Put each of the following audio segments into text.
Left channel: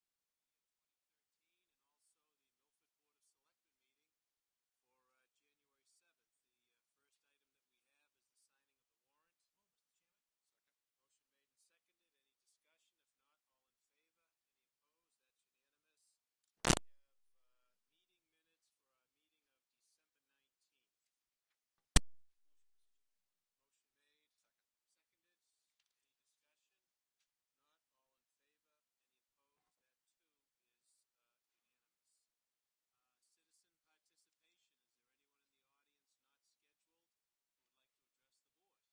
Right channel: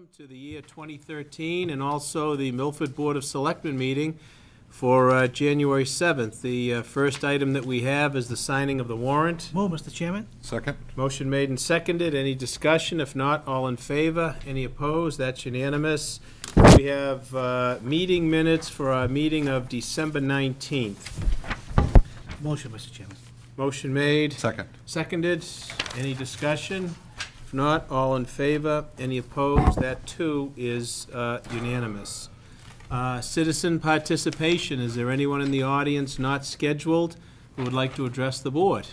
welcome to the year 2013 and also the Milford Board of Selectmen meeting for January 7th. The first item that we have is the signing of the warrant. Move, Mr. Chairman. Second. Motion made and seconded. Any discussion? If not, all in favor? Any opposed? That's unanimous. We have meeting minutes for our meeting of December 19th. Motion, Mr. Chairman. Motion made. Second. Seconded. Any discussion? If not, all in favor? Any opposed? That too is unanimous. Citizen participation. Is there anyone in the audience not scheduled who would like to address the board?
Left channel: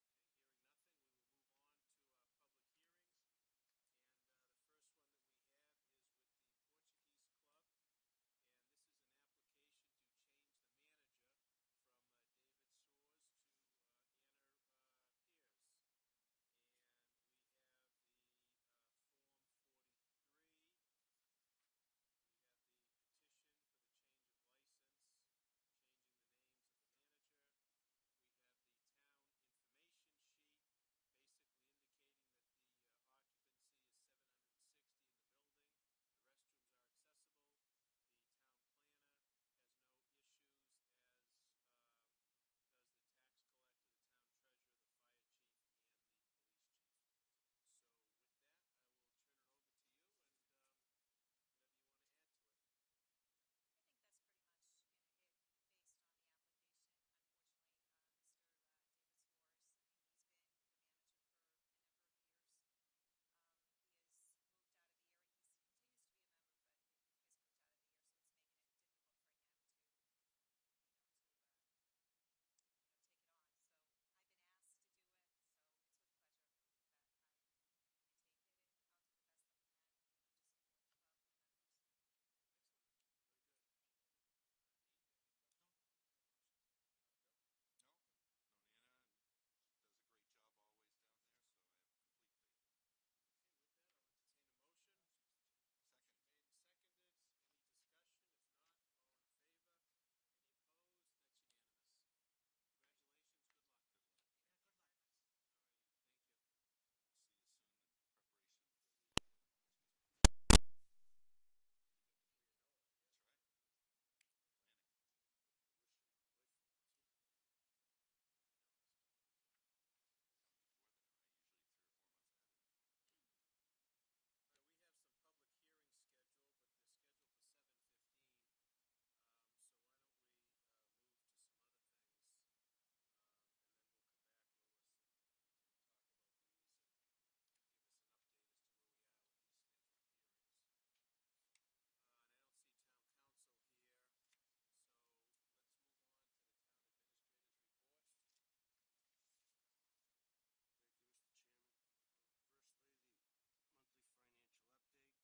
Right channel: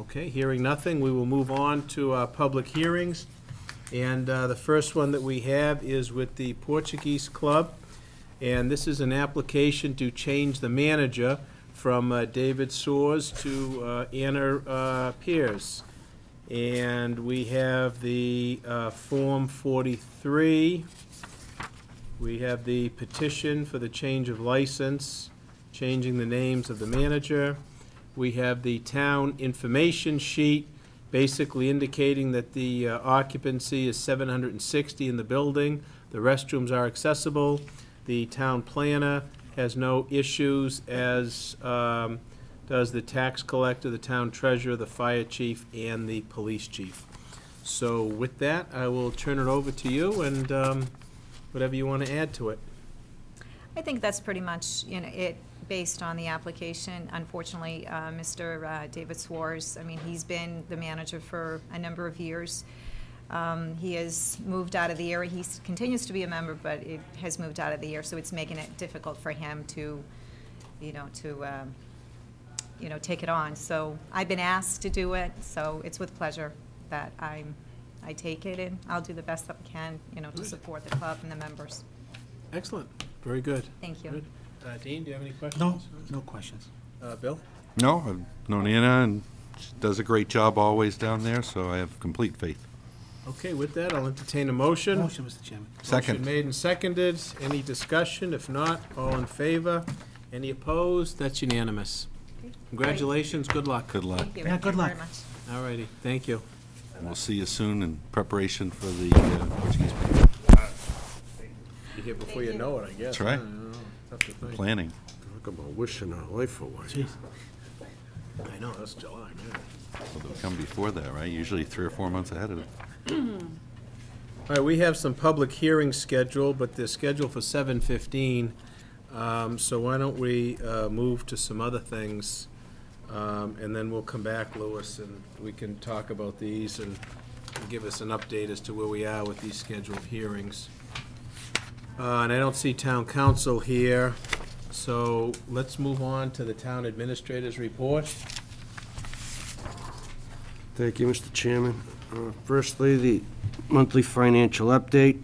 Okay, hearing nothing, we will move on to public hearings. And the first one that we have is with the Portuguese Club. And this is an application to change the manager from David Soares to Anna Pierce. And we have the Form 43. We have the petition for the change of license, changing the names of the manager. We have the town information sheet, basically indicating that the occupancy is 760 in the building. The restrooms are accessible. The town planner has no issues, as does the tax collector, the town treasurer, the fire chief, and the police chief. So with that, I will turn it over to you and whatever you want to add to it. I think that's pretty much, it based on the application. Unfortunately, Mr. David Soares, I mean, he's been the manager for a number of years. He has moved out of the area. He continues to be a member, but it has moved out of the area, so it's making it difficult for him to, take it on. So I've been asked to do it, so it's with pleasure that I take it, and I'll do the best that I can, to support the club and the members. Excellent. Very good. Thank you. Good. Dean, do you have any questions? No, no questions. Bill? No, I've known Anna, and she does a great job always down there, so I have complete faith. Okay, with that, I'll entertain a motion. Motion, Mr. Chairman. Second. Motion made and seconded. Any discussion? If not, all in favor? Any opposed? That's unanimous. Congratulations. Good luck. Good luck. Thank you. Yeah, good Thank you luck. very much. All righty. Thank you. And we'll see you soon in preparation for the Portuguese Be here before you know it, I guess. That's right. I don't know. Tough to think. planning. Talk about wishing our life away. Jeez. I know, that's July, man. So they'll come before that, right? Usually 3 or 4 months ahead of it. All right, we have some public hearings scheduled, but they're scheduled for 7:15. So why don't we move to some other things, and then we'll come back, Louis, and we can talk about these and give us an update as to where we are with these scheduled hearings. And I don't see town council here, so let's move on to the town administrator's report. Thank you, Mr. Chairman. Firstly, the monthly financial update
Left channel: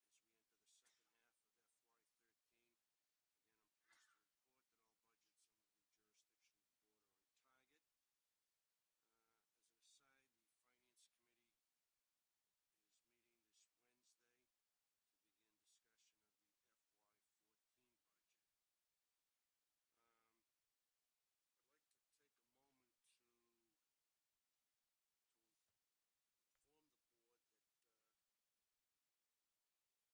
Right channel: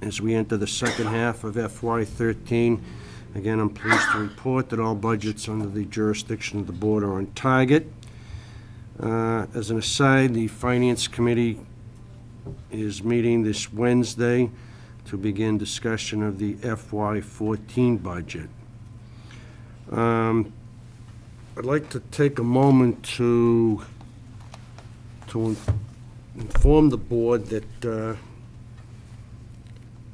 as we enter the second half of FY13. Again, I'm pleased to report that all budgets under the jurisdiction of the board are on target. As an aside, the Finance Committee is meeting this Wednesday to begin discussion of the FY14 budget. I'd like to take a moment to inform the board that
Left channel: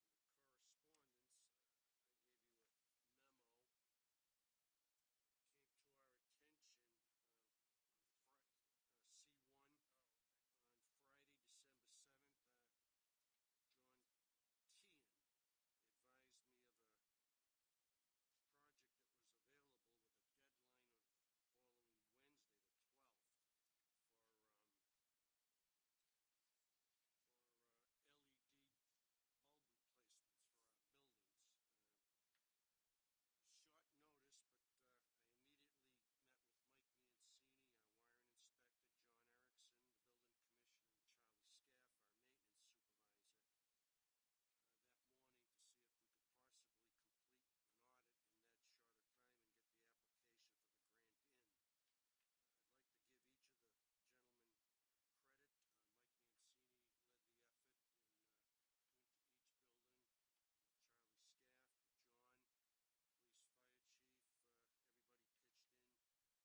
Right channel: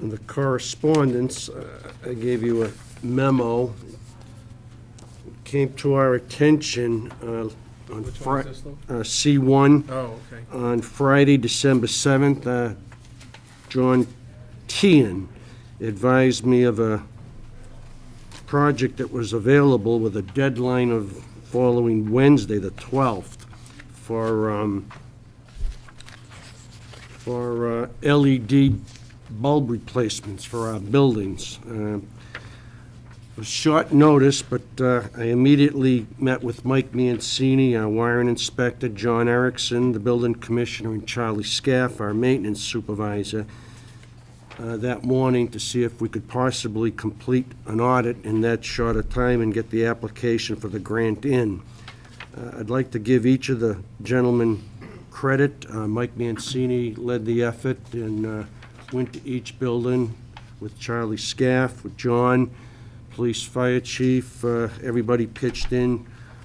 in the correspondence, I gave you a memo. It came to our attention on Which one is this, Lou? C1 Oh, okay. on Friday, December 7th. John Tian advised me of a project that was available with a deadline of following Wednesday, the 12th, for LED bulb replacements for our buildings. It was short notice, but I immediately met with Mike Mancini, our wiring inspector, John Erickson, the building commissioner, and Charlie Scaff, our maintenance supervisor, that morning to see if we could possibly complete an audit in that short a time and get the application for the grant in. I'd like to give each of the gentlemen credit. Mike Mancini led the effort and went to each building with Charlie Scaff, with John, police, fire chief, everybody pitched in.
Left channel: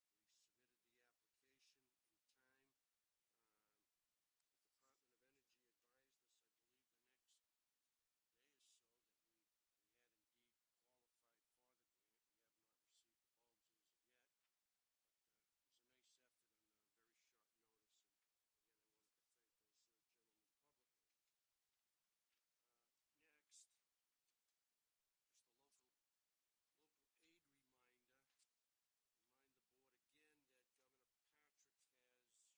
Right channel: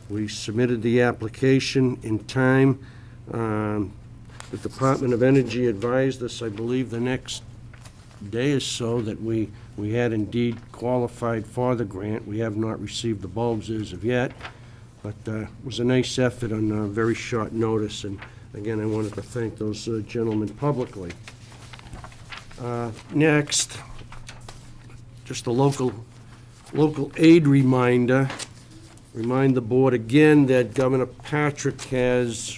We submitted the application in time. The Department of Energy advised us, I believe, the next day or so that we had indeed qualified for the grant. We have not received the bulbs as of yet, but it was a nice effort on very short notice, and again, I wanted to thank those gentlemen publicly. Next, just a local aid reminder. Remind the board again that Governor Patrick has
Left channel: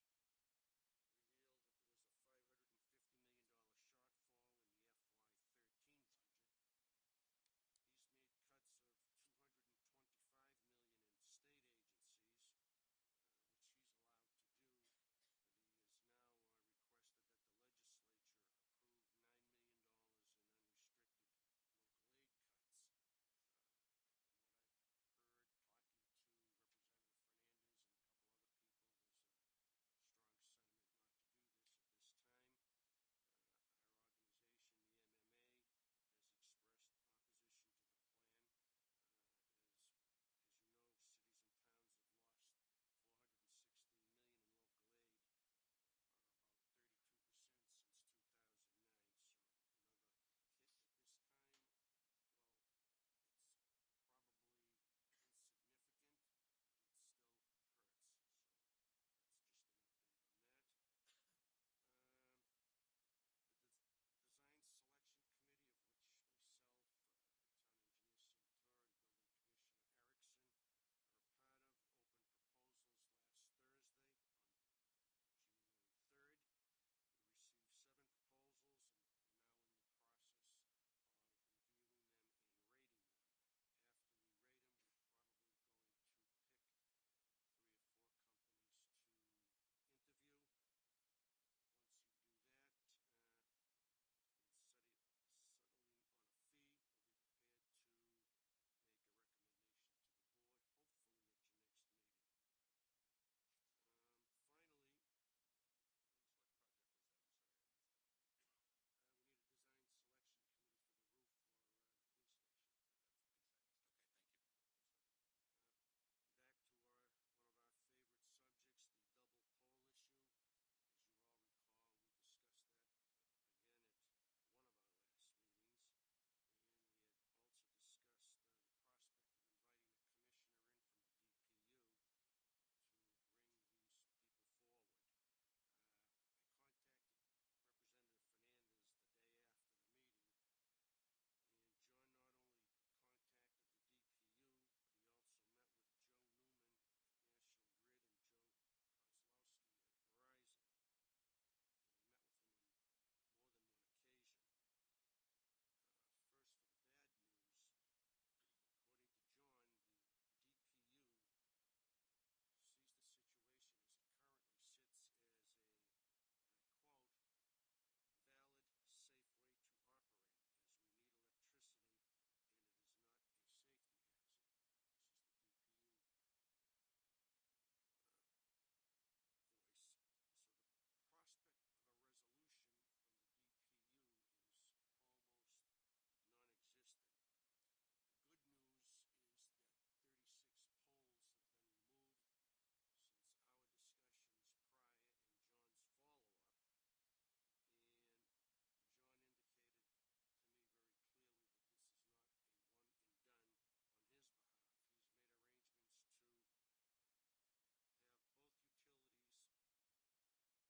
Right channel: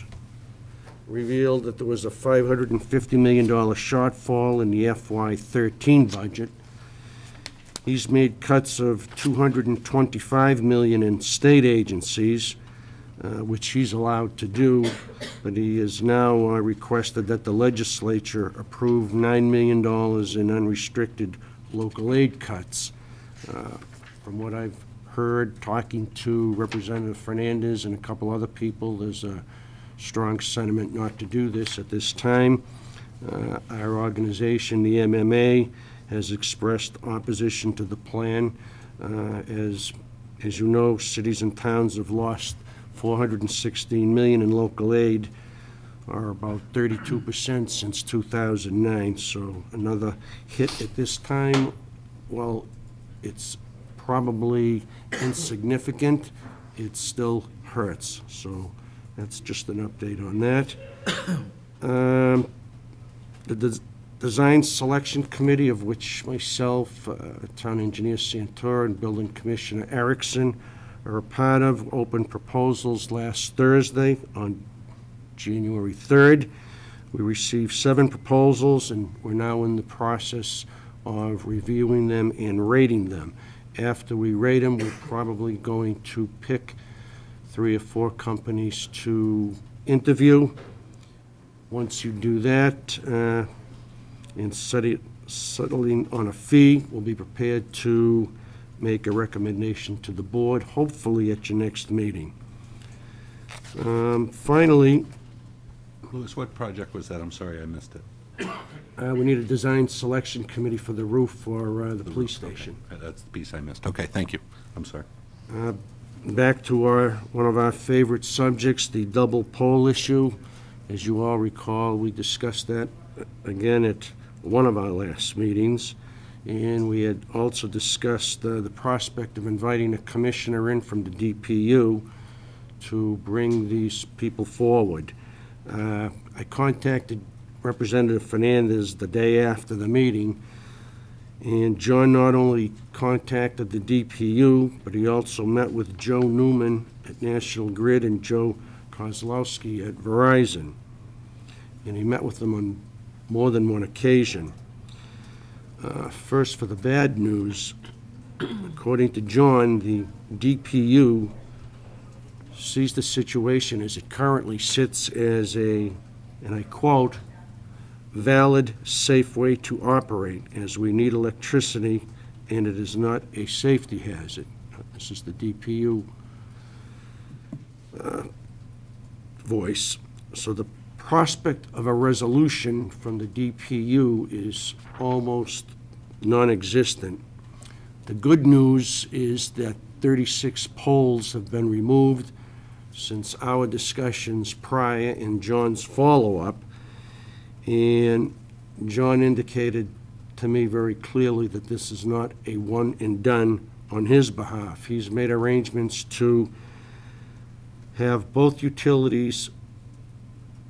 revealed that there was a $550 million shortfall in the FY13 budget. He's made cuts of $225 million in state agencies, which he's allowed to do, but he has now requested that the legislature approve $9 million in unrestricted local aid cuts. From what I've heard, talking to Representative Fernandez and a couple other people, there's a strong sentiment not to do this at this time. Our organization, the MMA, has expressed opposition to the plan. As you know, cities and towns have lost $416 million in local aid, or about 32% since 2009. So another hit at this time. Well, it's probably insignificant. It still hurts. So that's just an update on that. The Design Selection Committee, of which myself, Town Engineer Santora, and Building Commissioner Erickson are a part of, opened proposals last Thursday on January 3rd. We received 7 proposals, and we're now in the process of reviewing them and rating them. After we rate them, we're probably going to pick 3 or 4 companies to interview. Once you do that, and settling on a fee, we'll be prepared to make a recommendation to the board, hopefully at your next meeting. Finally, Louis, what project was that? I'm sorry, I missed it. we need a design selection committee for the roof for the police station. Okay. That's the piece I missed. Okay, thank you. I'm sorry. Back to one of our favorite subjects, the double pole issue. As you all recall, we discussed that again at one of our last meetings, and we had also discussed the prospect of inviting a commissioner in from the DPU to bring these people forward. I contacted Representative Fernandez the day after the meeting, and John not only contacted the DPU, but he also met with Joe Newman at National Grid and Joe Kozlowski at Verizon. And he met with them on more than one occasion. First, for the bad news, according to John, the DPU sees the situation as it currently sits as a, and I quote, valid, safe way to operate, as we need electricity and it is not a safety hazard. This is the DPU voice. So the prospect of a resolution from the DPU is almost non-existent. The good news is that 36 poles have been removed since our discussions prior and John's follow-up, and John indicated to me very clearly that this is not a one and done on his behalf. He's made arrangements to have both utilities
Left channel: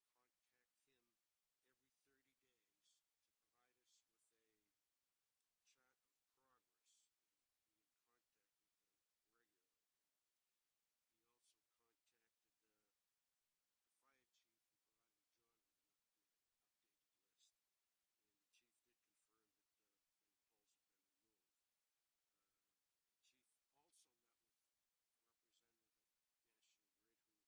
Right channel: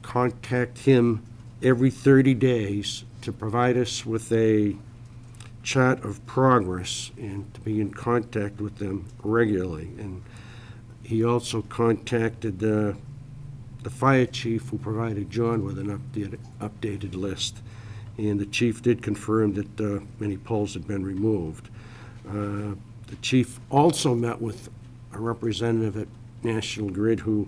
contact him every 30 days to provide us with a chart of progress and to be in contact with them regularly. And he also contacted the fire chief, who provided John with an updated list. And the chief did confirm that many poles had been removed. The chief also met with a representative at National Grid who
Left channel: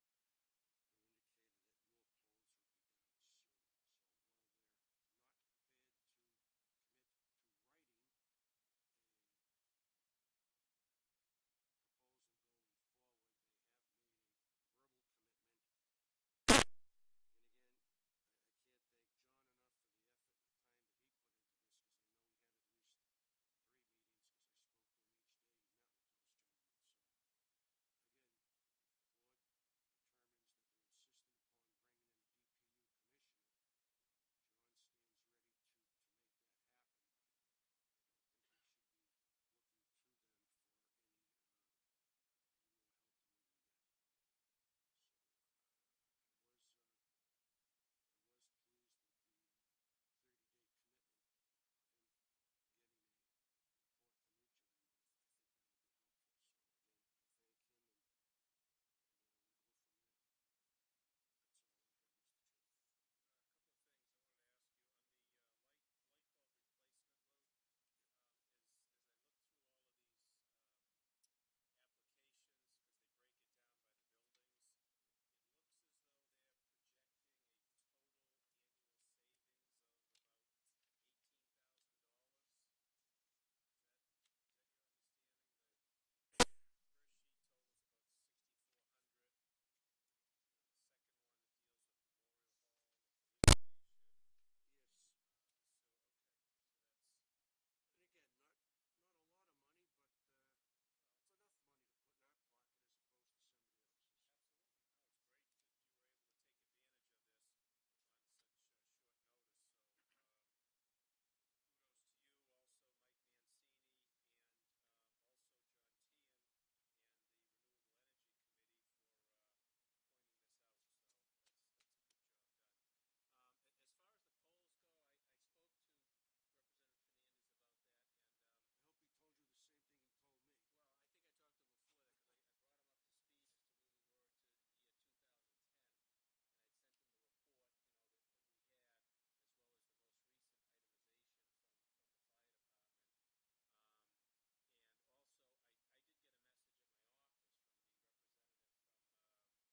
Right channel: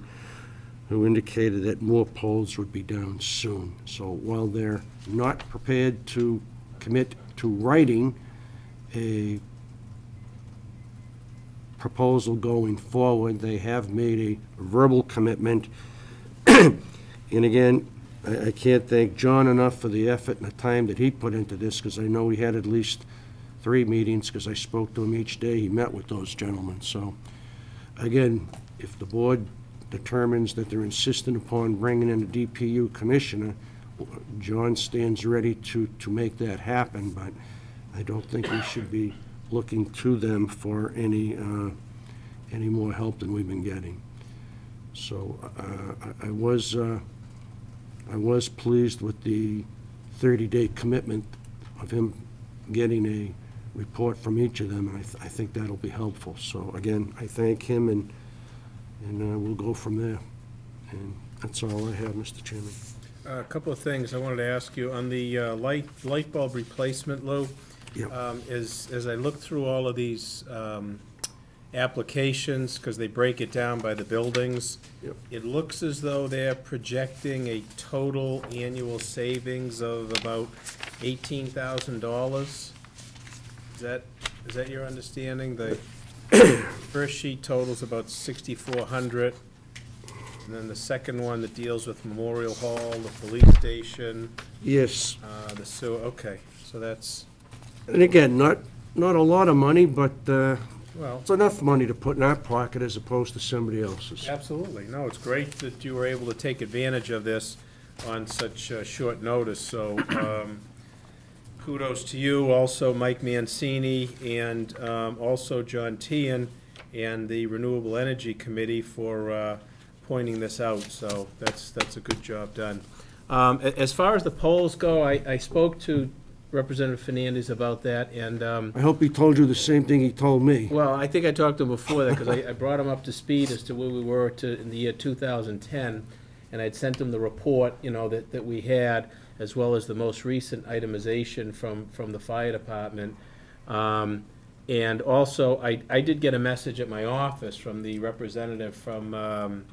indicated that more poles would be down soon. So while they're not prepared to commit to writing a proposal going forward, they have made a verbal commitment. And again, I can't thank John enough for the effort and the time that he put into this, because I know he had at least 3 meetings, because I spoke to him each day he met with those gentlemen. So again, if the board determines that they're insistent upon bringing in a DPU commissioner, John stands ready to make that happen, but I don't think we should be looking to them for any more help than we've been getting. So I was pleased with the 30-day commitment of him getting a report from each of them, and I think that'll be helpful. So again, I thank him, and we'll go from there. And that's all I have, Mr. Chairman. A couple of things I wanted to ask you. On the light bulb replacement, Lou, Yep. as I look through all of these applications, because they break it down by the buildings, Yep. it looks as though they're projecting a total annual savings of about $18,000. Is that your understanding? The first sheet totals about $6,400. And then the second one that deals with Memorial Hall, the police station, Yes, the sewer, okay, so that's, and again, not a lot of money, but well, it's enough money to put in our pocket as opposed to somebody else's. absolutely. No, it's great that you were able to take advantage of this on such short notice, so kudos to you, also Mike Mancini, and also John Tehan, and the Renewable Energy Committee for pointing this out, so that's a good job done. As far as the polls go, I spoke to Representative Fernandez about that, and, I hope he told you the same thing he told me. well, I think I talked to him before that, because I brought him up to speed as to where we were in the year 2010, and I'd sent him the report, that we had, as well as the most recent itemization from the fire department. And also, I did get a message at my office from the representative from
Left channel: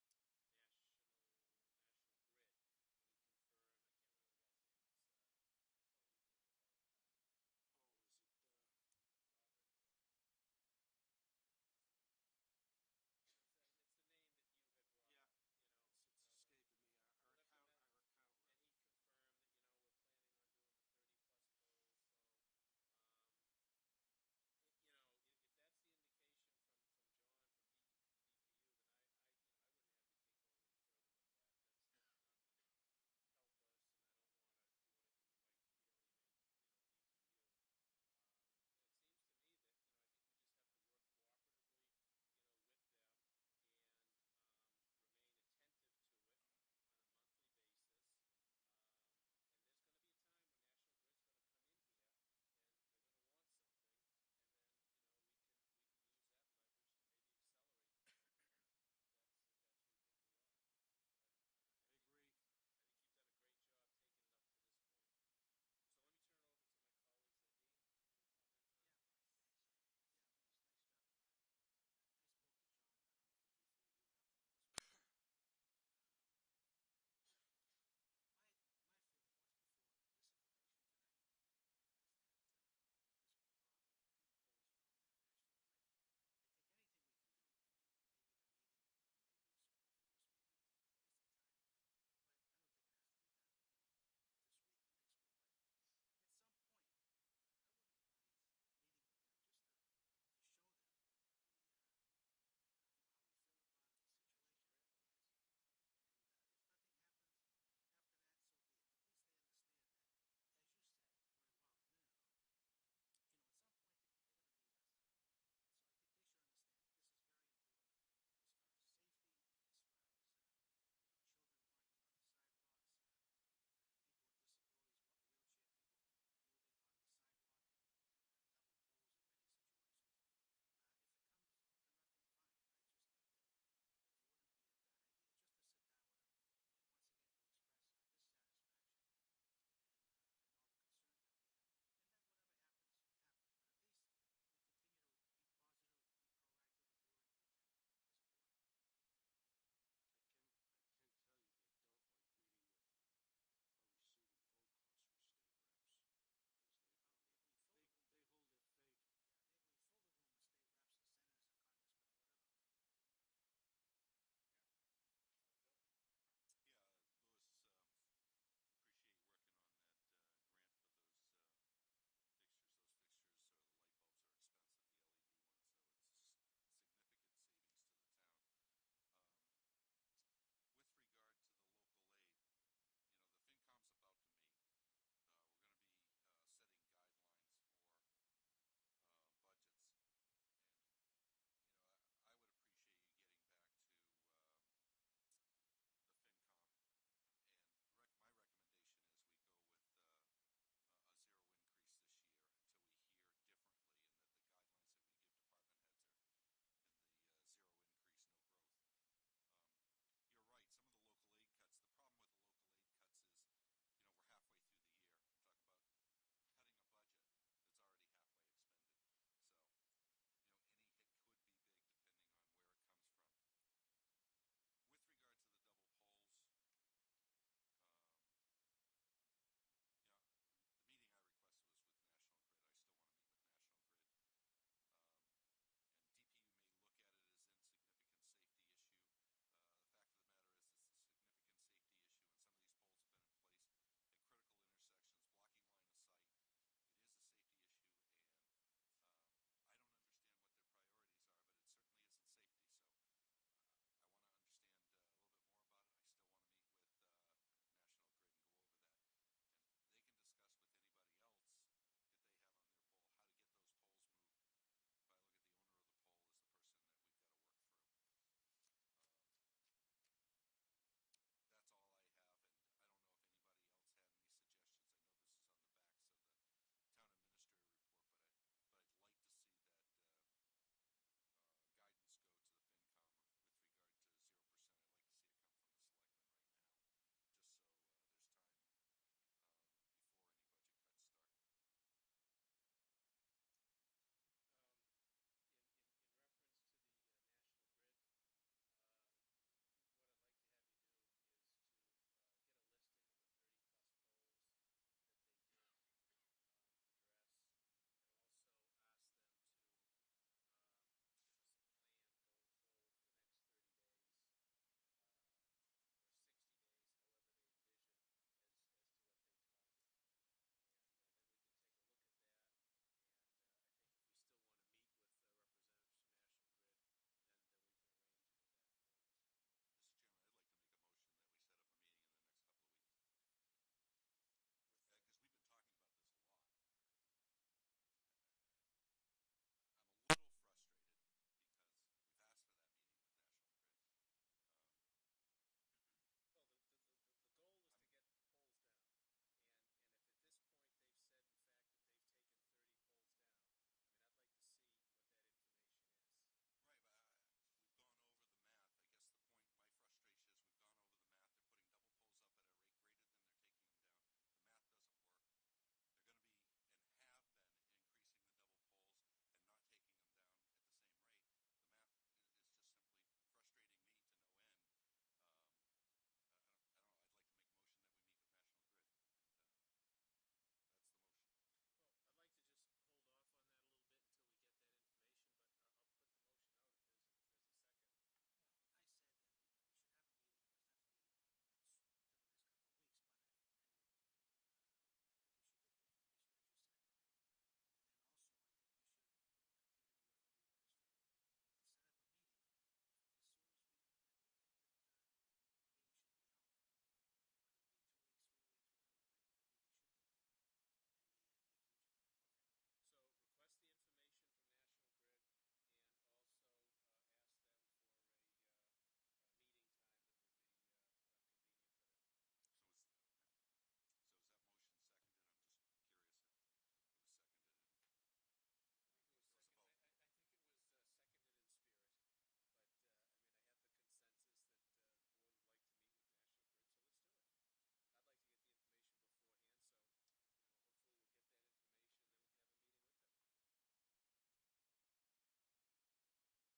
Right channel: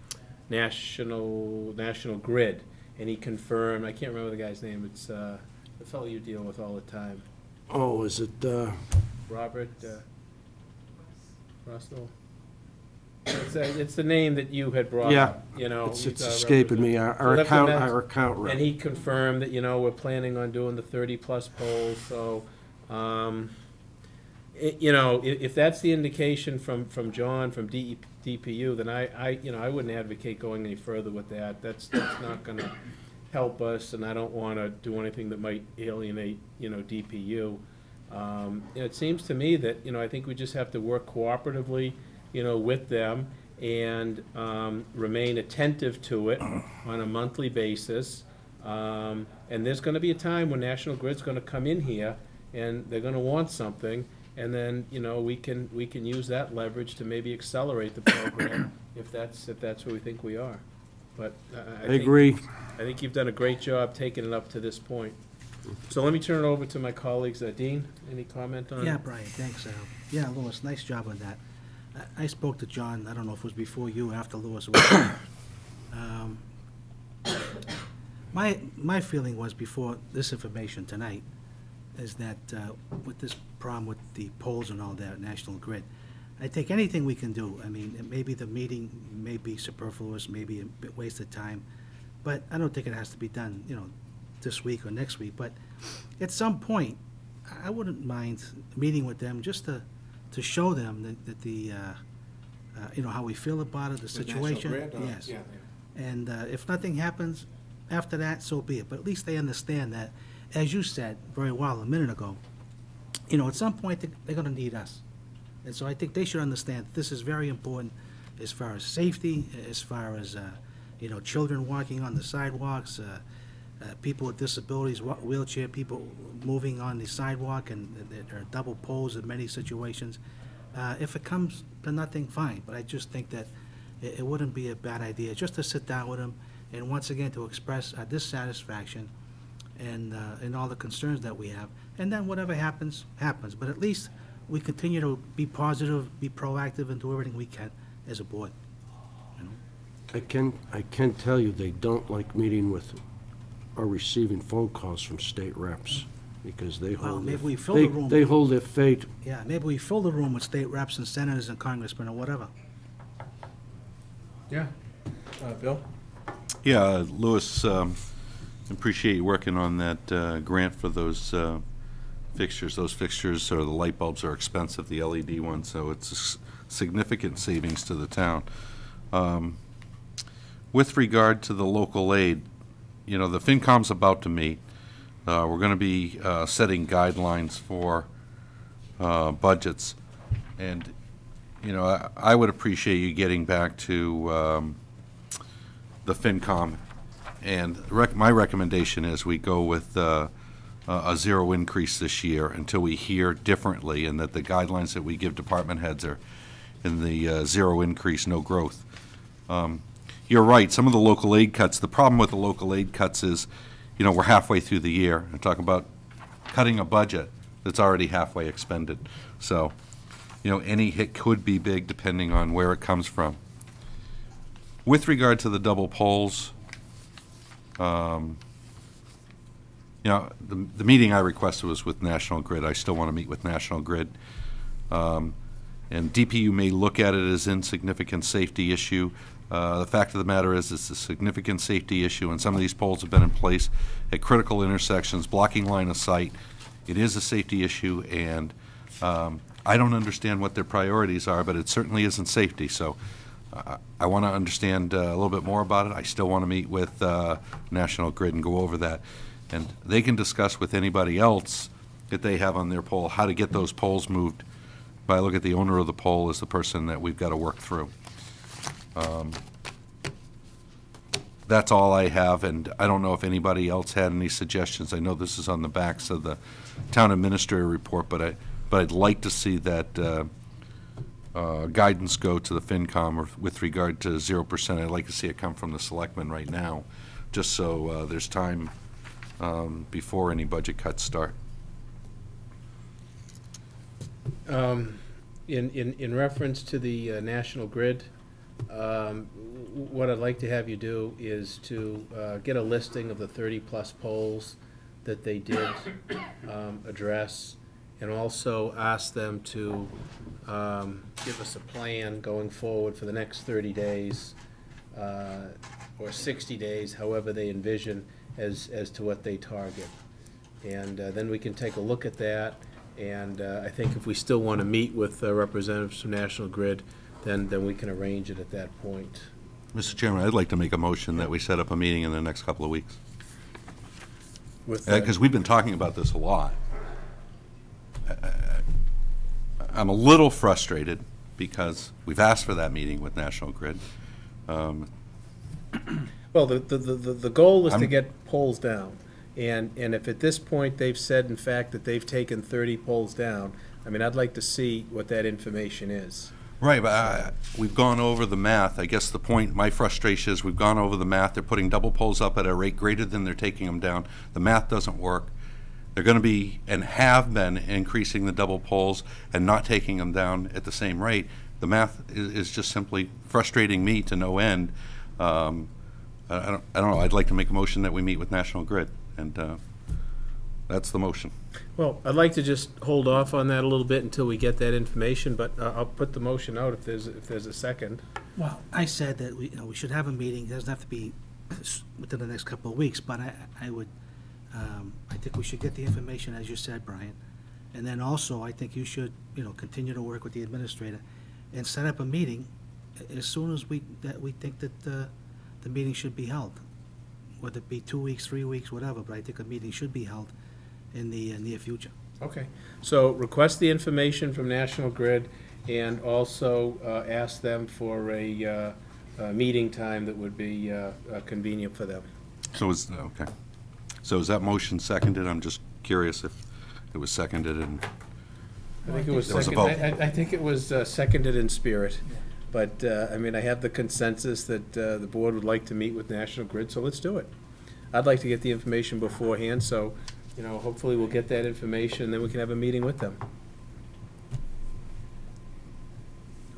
National Grid, and he confirmed, I can't remember the guy's name, it's the fellow you deal with all the time. Oh, is it, Robert Russell? It's the name that you had brought Yeah, up, it's he's escaping me, our left a account, mess- our account rep. And he confirmed that, we're planning on doing the 30-plus polls, so, if that's the indication from John, from DPU, then I wouldn't advocate going any further with that. That's not gonna help us, and I don't wanna do anything that might alienate, DPU. It seems to me that, I think we just have to work cooperatively, with them, and remain attentive to it on a monthly basis. And there's gonna be a time when National Grid's gonna come in here, and they're gonna want something, and then, we can use that leverage to maybe accelerate the program if that's where we think we are. But I agree. I think you've done a great job taking it up to this point. So let me turn it over to my colleagues. Dean, any comment on? Yeah, Brian, thanks. Yeah, Louis, nice job on that. I spoke to John, I don't know if it was before you or after Louis was there. My feeling was before this information tonight is that with this problem with the polls and all that, National Grid, I think anything we can do, I mean, maybe the meeting may be superfluous, maybe a bit wasted time, but I don't think it has to be done, this week or next week, but at some point, I wouldn't mind meeting with them just to show them that the, how we feel about it, the situation. Yes. And if nothing happens after that, so be it. But at least they understand that, as you said very well a minute ago, at some point they're going to need us. And so I think they should understand this is very important as far as safety, as far as, children walking on the sidewalks, people with disabilities, wheelchair people moving on the sidewalk, and there are double poles in many situations. If it comes to nothing, fine, but I just think that it wouldn't be a bad idea just to sit down with them and once again to express our dissatisfaction and all the concerns that we have. And then whatever happens, happens. But at least we continue to be positive, be proactive, and do everything we can as a board. I can tell you they don't like meeting with or receiving phone calls from state reps, because they Well, hold maybe their, we fill the room. they hold their fate. Yeah, maybe we fill the room with state reps and senators and congressmen or whatever. Yeah. Bill? Yeah, Louis, appreciate you working on that grant for those fixtures. Those fixtures, or the light bulbs, are expensive, the LED ones, so it's a significant savings to the town. With regard to the local aid, you know, the FinCom's about to meet. We're going to be setting guidelines for budgets. And, you know, I would appreciate you getting back to the FinCom. And my recommendation is we go with a zero increase this year until we hear differently, and that the guidelines that we give department heads are in the zero increase, no growth. You're right, some of the local aid cuts, the problem with the local aid cuts is, you know, we're halfway through the year and talking about cutting a budget that's already halfway expended. So, you know, any hit could be big depending on where it comes from. With regard to the double polls, you know, the meeting I requested was with National Grid. I still want to meet with National Grid. And DPU may look at it as insignificant safety issue. The fact of the matter is it's a significant safety issue, and some of these poles have been in place at critical intersections, blocking line of sight. It is a safety issue, and I don't understand what their priorities are, but it certainly isn't safety. So I want to understand a little bit more about it. I still want to meet with National Grid and go over that. And they can discuss with anybody else that they have on their pole how to get those poles moved. But I look at the owner of the pole as the person that we've got to work through. That's all I have, and I don't know if anybody else had any suggestions. I know this is on the backs of the town administrator report, but I'd like to see that guidance go to the FinCom with regard to 0%. I'd like to see it come from the selectmen right now, just so there's time before any budget cuts start. In reference to the National Grid, what I'd like to have you do is to get a listing of the 30-plus poles that they did address, and also ask them to give us a plan going forward for the next 30 days or 60 days, however they envision, as to what they target. And then we can take a look at that, and I think if we still want to meet with representatives from National Grid, then we can arrange it at that point. Mr. Chairman, I'd like to make a motion that we set up a meeting in the next couple of weeks. Because we've been talking about this a lot. I'm a little frustrated because we've asked for that meeting with National Grid. Well, the goal is to get poles down. And if at this point they've said, in fact, that they've taken 30 poles down, I mean, I'd like to see what that information is. Right, but we've gone over the math. I guess the point, my frustration is we've gone over the math. They're putting double poles up at a rate greater than they're taking them down. The math doesn't work. They're going to be, and have been, increasing the double poles and not taking them down at the same rate. The math is just simply frustrating me to no end. I don't know. I'd like to make a motion that we meet with National Grid, and that's the motion. Well, I'd like to just hold off on that a little bit until we get that information, but I'll put the motion out if there's a second. Well, I said that we should have a meeting. It doesn't have to be within the next couple of weeks, but I think we should get the information, as you said, Brian. And then also, I think you should, continue to work with the administrator and set up a meeting as soon as we think that the meeting should be held. Whether it be 2 weeks, 3 weeks, whatever, but I think a meeting should be held in the near future. Okay. So request the information from National Grid, and also ask them for a meeting time that would be convenient for them. So okay. So is that motion seconded? I'm just curious if it was seconded and I think it was there was a seconded. vote. I think it was seconded in spirit. But, I mean, I have the consensus that the board would like to meet with National Grid, so let's do it. I'd like to get the information beforehand, so, hopefully we'll get that information, and then we can have a meeting with them.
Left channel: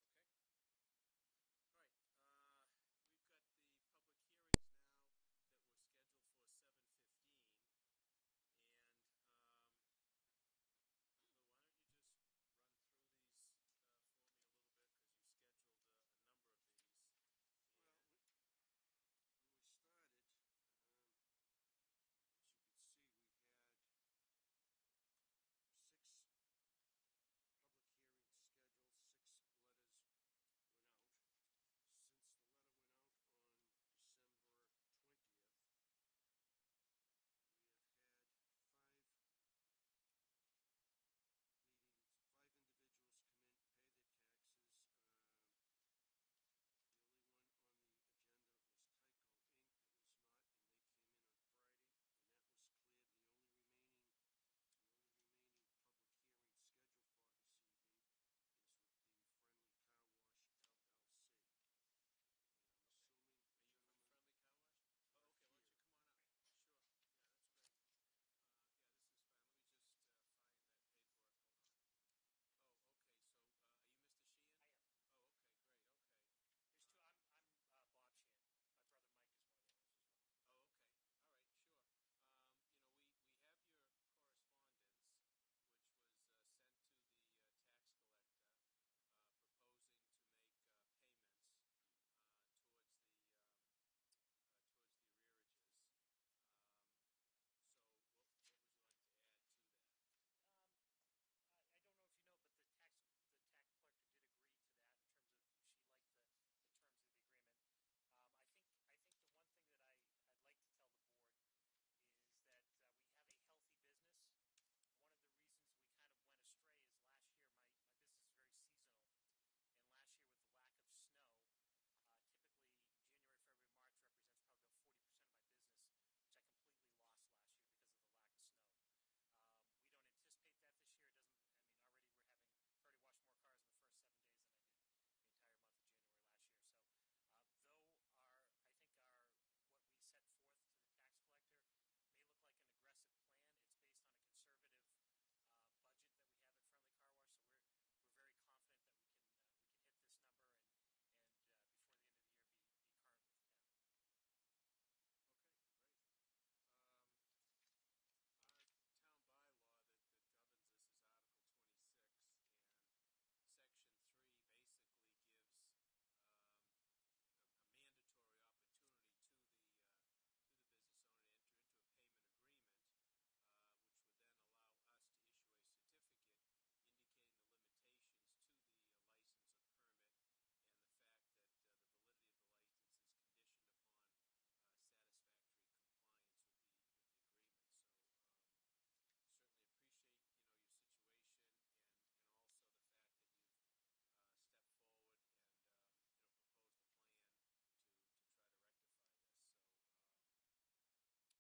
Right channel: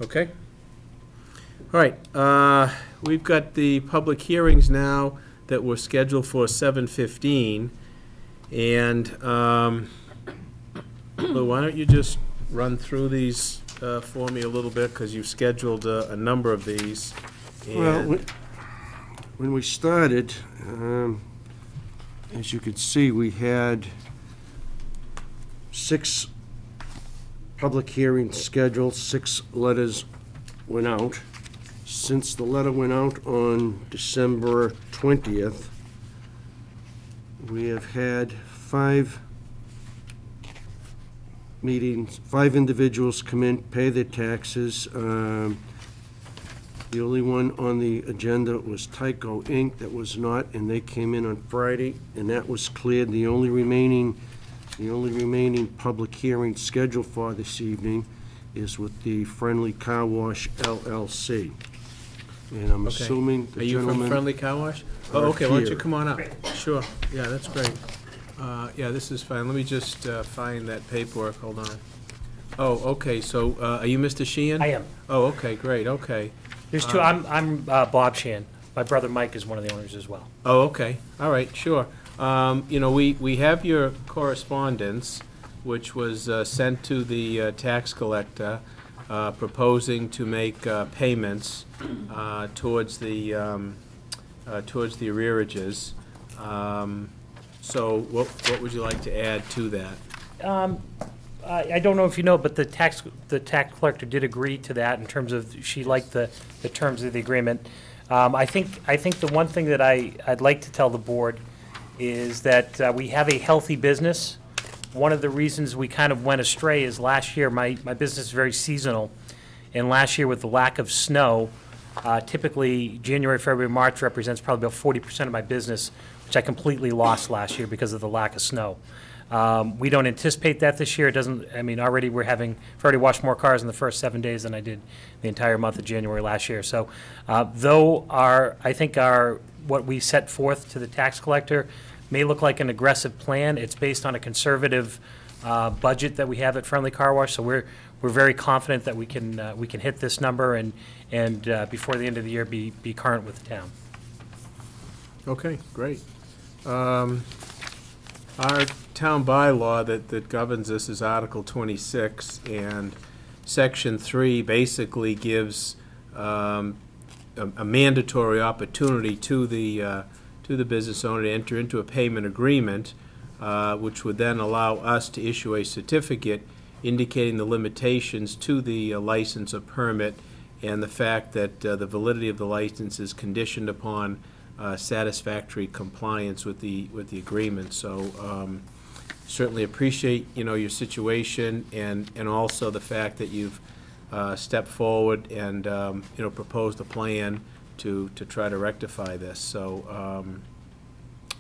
Okay? All right, we've got the public hearings now that were scheduled for 7:15, and, Lou, why don't you just run through these for me a little bit, because you've scheduled a number of these. Well, when we started, as you can see, we had 6 public hearings scheduled, 6 letters went out. Since the letter went out on December 20th, We have had 5 meetings, 5 individuals come in, pay their taxes. The only one on the agenda was Tyco Inc. that was not, and they came in on Friday, and that was cleared. The only remaining public hearing scheduled for this evening is with the Friendly Car Wash LLC. And I'm Okay. assuming Are the you from gentlemen... Friendly Car Wash? Oh, are okay, why don't you here. come on up? Sure, yeah, that's great. Yeah, this is fine, let me just find that paperwork, hold on. Oh, okay, so, are you Mr. Sheehan? I am. Oh, okay, great, okay. There's two. I'm Bob Sheehan. My brother Mike is one of the owners as well. Oh, okay, all right, sure. You know, we have your correspondence, which was sent to the tax collector, proposing to make payments towards the arrearages. So what would you like to add to that? I don't know if you know, but the tax collector did agree to that in terms of she liked the terms of the agreement. I think the one thing that I'd like to tell the board is that we have a healthy business. One of the reasons we kind of went astray is last year, my business is very seasonal, and last year with the lack of snow, typically January, February, March represents probably about 40% of my business, which I completely lost last year because of the lack of snow. We don't anticipate that this year. It doesn't, I mean, already I've already washed more cars in the first 7 days than I did the entire month of January last year. So, though I think what we set forth to the tax collector may look like an aggressive plan, it's based on a conservative budget that we have at Friendly Car Wash. So we're very confident that we can hit this number and before the end of the year be current with the town. Okay, great. Our town bylaw that governs this is Article 26, and Section 3 basically gives a mandatory opportunity to the business owner to enter into a payment agreement, which would then allow us to issue a certificate indicating the limitations to the license or permit, and the fact that the validity of the license is conditioned upon satisfactory compliance with the agreement. So certainly appreciate, you know, your situation, and also the fact that you've stepped forward and you know, proposed a plan to try to rectify this. So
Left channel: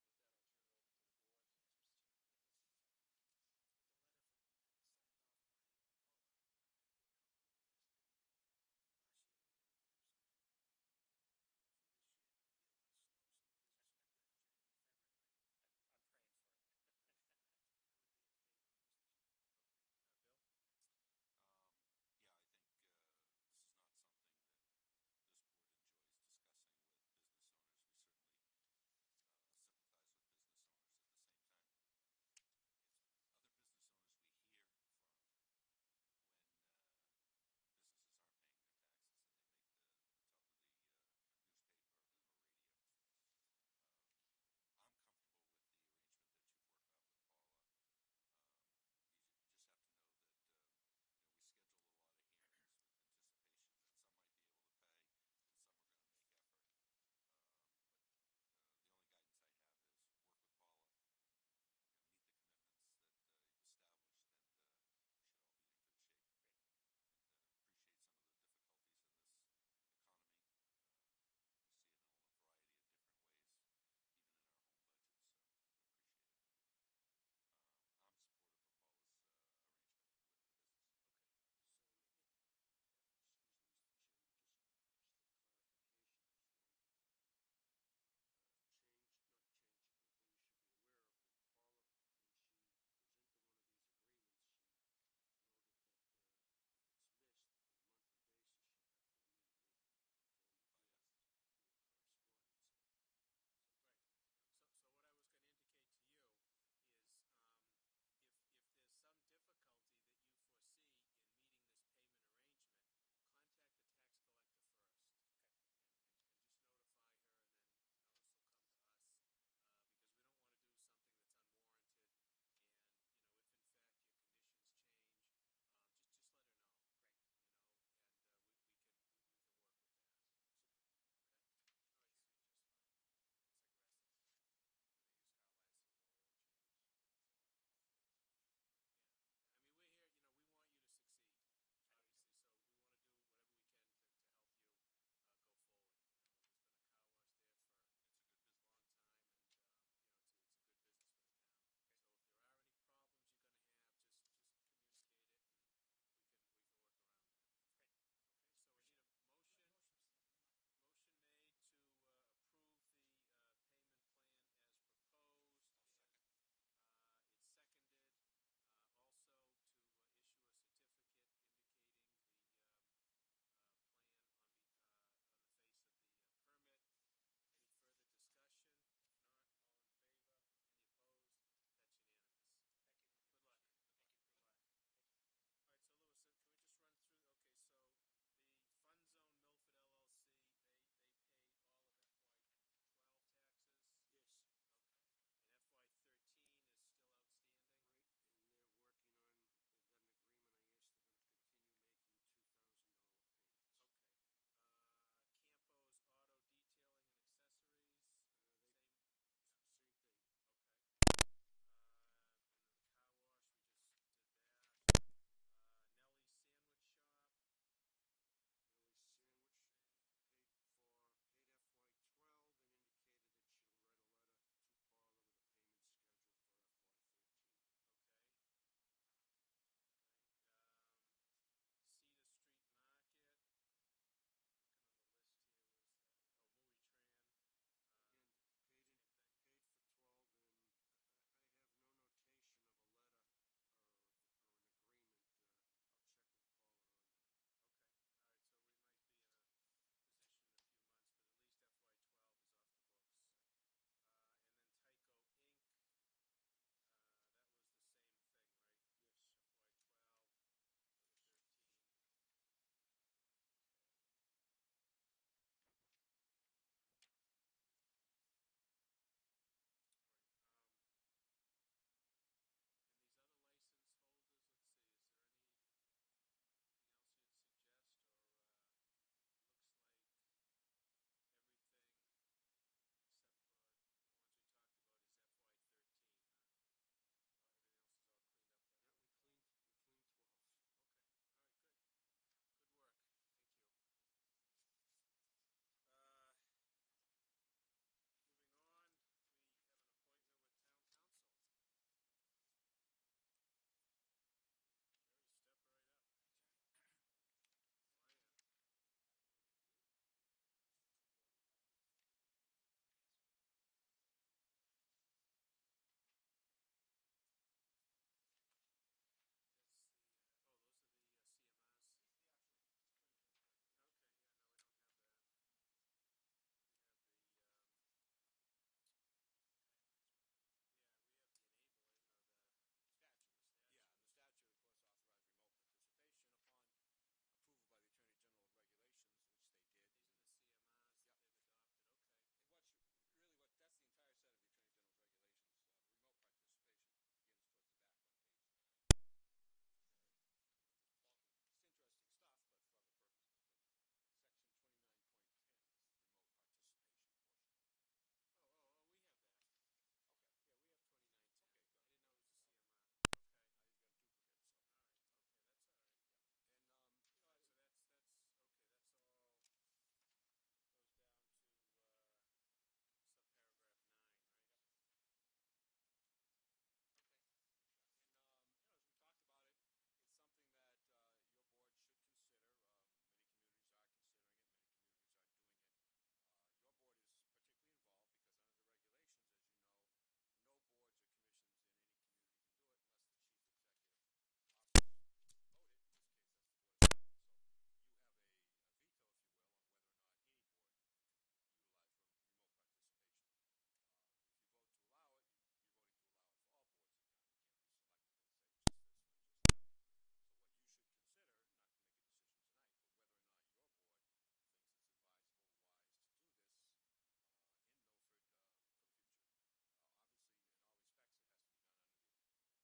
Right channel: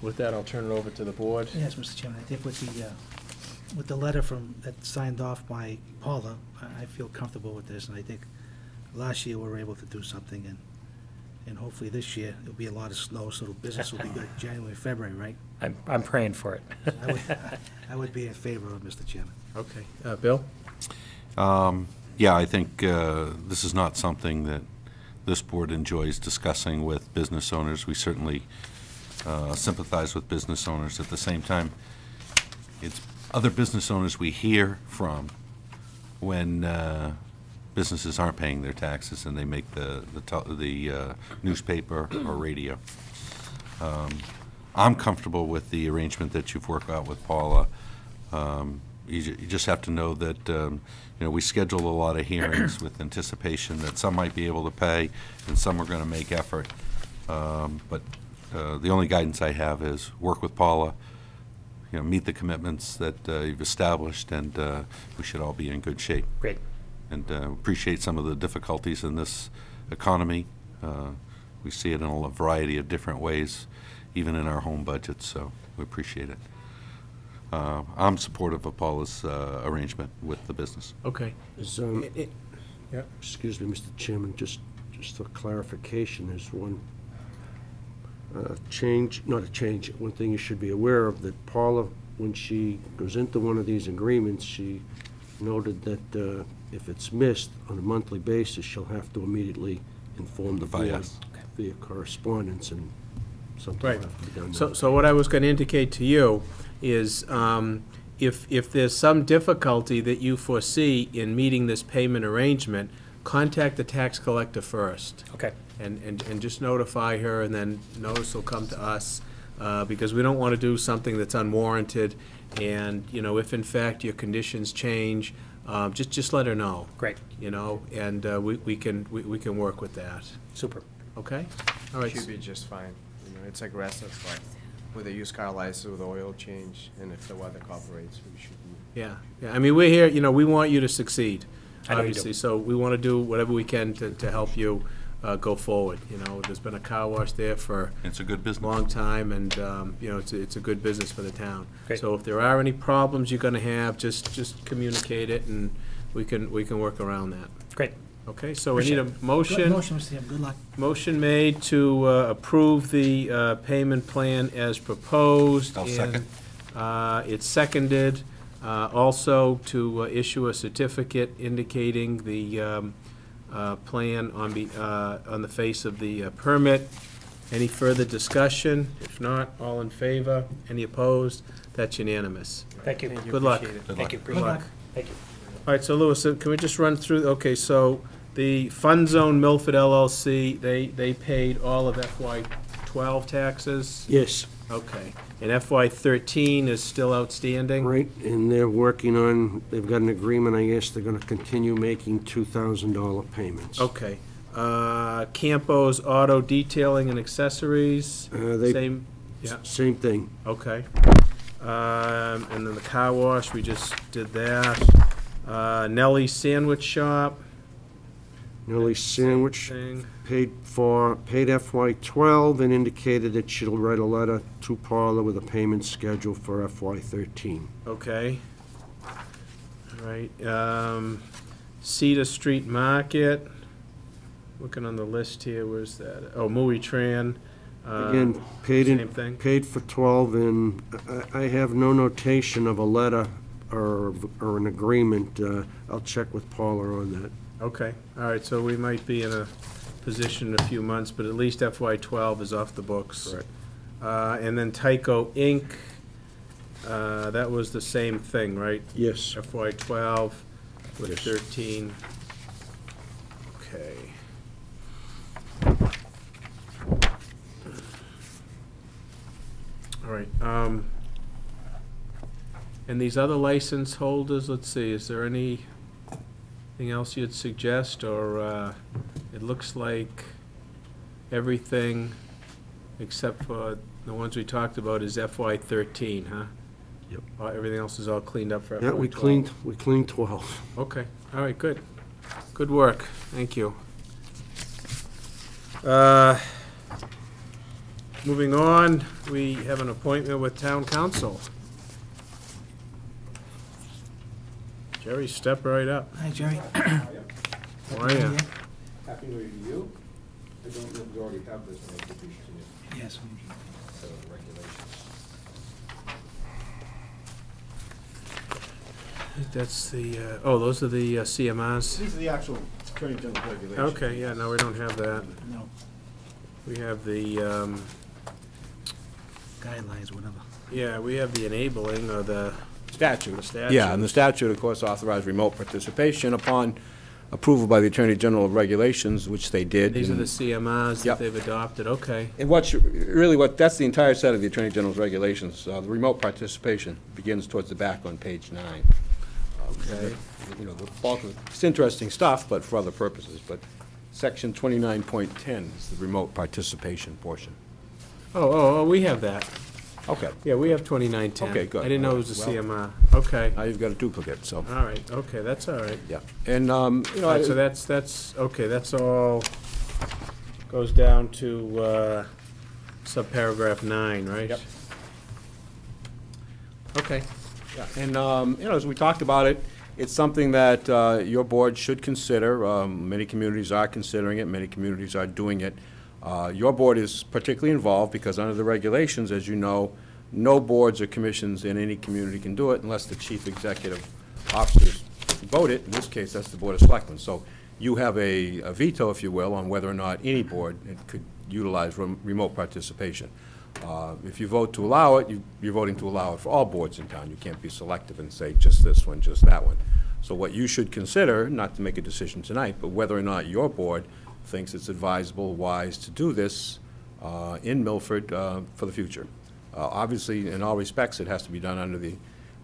with that, I'll turn it over to the board. Yes, Mr. Chairman, I think with the letter that's signed off by Paula, I feel comfortable with this, and I think last year we were able to do something, and hopefully this year there'll be a lot of snow, so the business will be good January, February, right? I'm praying for it. I would be in favor of, Mr. Chairman. Okay, Bill? Yeah, I think this is not something that this board enjoys discussing with business owners. We certainly sympathize with business owners. At the same time, it's other business owners we hear from when businesses aren't paying their taxes and they make the newspaper or radio. I'm comfortable with the arrangement that you've worked out with Paula. You just have to know that you know, we schedule a lot of hearings with anticipation that some might be able to pay and some are going to make effort. But the only guidance I have is work with Paula, you know, meet the commitments that you've established, and we should all be in good shape. Great. And appreciate some of the difficulties in this economy. We see it in a variety of different ways, even in our home budgets, so we appreciate it. I'm supportive of Paula's arrangement with the business. Okay. Yeah. Excuse me, Mr. Chairman, just for clarification, there's one change, not a change, one thing you should be aware of, that Paula, when she goes into one of these agreements, she noted that if it's missed on a monthly basis, she'll have to immediately inform the board via correspondence, and something will have to be done. So what I was going to indicate to you is if there's some difficulty that you foresee in meeting this payment arrangement, contact the tax collector first. Okay. And just notify her, and then notice will come to us, because we don't want to do something that's unwarranted. And, you know, if in fact your conditions change, just let her know. Great. You know, and we can work with that. Super. Okay? All right. Should be just fine. You know, it's aggressive, but with a used car license with oil change, and if the weather cooperates, we should. Yeah, I mean, we're here, you know, we want you to succeed, I know you do. obviously, so we want to do whatever we can to help you go forward, you know. There's been a car wash there for It's a good a business. long time, and, you know, it's a good business for the town. Great. So if there are any problems you're gonna have, just communicate it, and we can work around that. Great. Okay, so we need a motion. Motion, Mr. Chairman, good luck. Motion made to approve the payment plan as proposed. I'll second. And it's seconded, also to issue a certificate indicating the plan on the face of the permit. Any further discussion? If not, all in favor? Any opposed? That's unanimous. Thank you. Good luck. Appreciate it. Good Thank you. luck. Good Appreciate luck. it. Thank you. All right, so Louis, can we just run through, okay, so the Fund Zone Milford LLC, they paid all of FY '12 taxes? Yes, Okay, and FY '13 is still outstanding? right, and they're working on, they've got an agreement, I guess they're gonna continue making $2,000 payments. Okay, Campo's Auto Detailing and Accessories, They- same, yeah, Same thing. okay. And then the car wash, we just did that. Nellie's Sandwich Shop, Nellie Sandwich thing, paid FY '12 and indicated that she'll write a letter to Paula with a payment schedule for FY '13. okay. All right, Cedar Street Market, looking on the list here, where's that? Oh, Mui Tran. Again, paid Same thing? paid for 12, and I have no notation of a letter or an agreement. I'll check with Paula on that. Okay, all right, so we might be in a position in a few months, but at least FY '12 is off the books. Correct. And then Tyco Inc., that was the same thing, right? Yes. FY '12 with Yes. 13. Okay. All right, and these other license holders, let's see, is there anything else you'd suggest, or, it looks like everything except for the ones we talked about is FY '13, huh? Yep. Everything else is all cleaned up for FY Yeah, '12? we cleaned 12. Okay, all right, good. Good work, thank you. Moving on, we have an appointment with town council. Jerry, step right up. Hi, Jerry. How are you? Happy New Year to you. I don't know if we already have this, and I think we should Yes. set of regulations. That's the, oh, those are the CMRs? These are the actual Attorney General regulations. Okay, yeah, no, we don't have that. No, We have the, guidelines, whatever. yeah, we have the enabling, or the Statute. statute. Yeah, and the statute, of course, authorized remote participation upon approval by the Attorney General of Regulations, which they did. These are and- the CMRs that Yep. they've adopted, okay. And that's the entire set of the Attorney General's regulations. The remote participation begins towards the back on page 9. Okay. You know, the bulk of, it's interesting stuff, but for other purposes. But section 29.10 is the remote participation portion. Oh, we have that. Okay. Yeah, we have 2910. Okay, good. I didn't know it was a Well- CMR. Okay, Now you've got a duplicate, so, all right, okay, that's all right. yeah. And, you All know, right, so that's, okay, that's all, goes down to subparagraph 9, right? Yep. Okay, yeah, and, you know, as we talked about it, it's something that your board should consider. Many communities are considering it, many communities are doing it. Your board is particularly involved because under the regulations, as you know, no boards or commissions in any community can do it unless the chief executive officers vote it. In this case, that's the Board of Selectmen. So you have a veto, if you will, on whether or not any board could utilize remote participation. If you vote to allow it, you're voting to allow it for all boards in town. You can't be selective and say just this one, just that one. So what you should consider, not to make a decision tonight, but whether or not your board thinks it's advisable, wise to do this in Milford for the future. Obviously, in all respects, it has to be done under the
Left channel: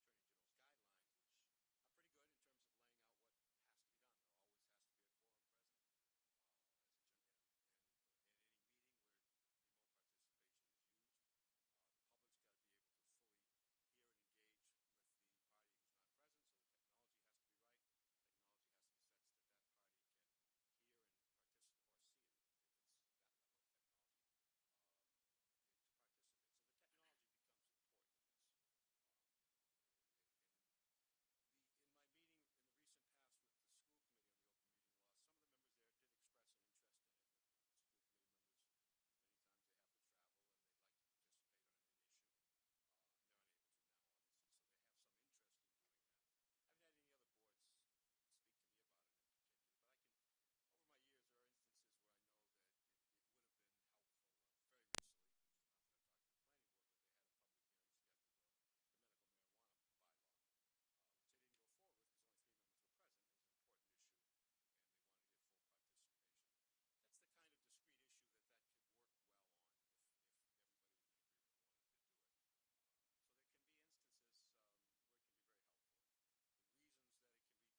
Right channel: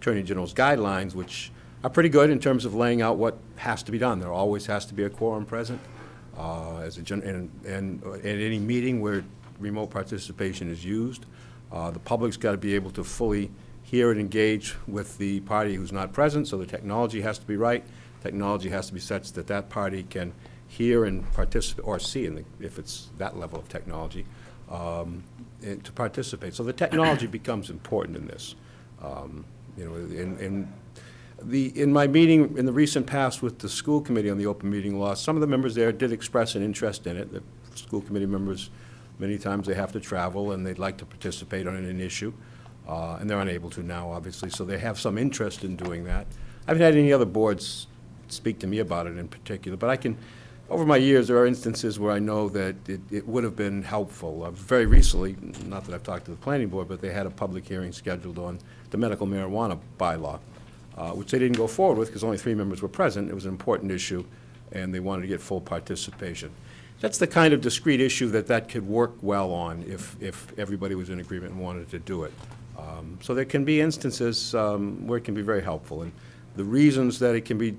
Attorney General's guidelines, which are pretty good in terms of laying out what has to be done. There always has to be a quorum present and at any meeting where remote participation is used. The public's got to be able to fully hear and engage with the party who's not present, so the technology has to be right. Technology has to be such that that party can hear and participate, or see, if it's that level of technology, and to participate. So the technology becomes important in this. You know, in my meeting in the recent past with the school committee on the open meeting law, some of the members there did express an interest in it. The school committee members, many times they have to travel and they'd like to participate on an issue, and they're unable to now, obviously, so they have some interest in doing that. I haven't had any other boards speak to me about it in particular, but I can, over my years, there are instances where I know that it would have been helpful. Very recently, not that I've talked to the planning board, but they had a public hearing scheduled on the medical marijuana bylaw, which they didn't go forward with because only 3 members were present. It was an important issue, and they wanted to get full participation. That's the kind of discrete issue that could work well on if everybody was in agreement and wanted to do it. So there can be instances where it can be very helpful. And the reasons that it can be,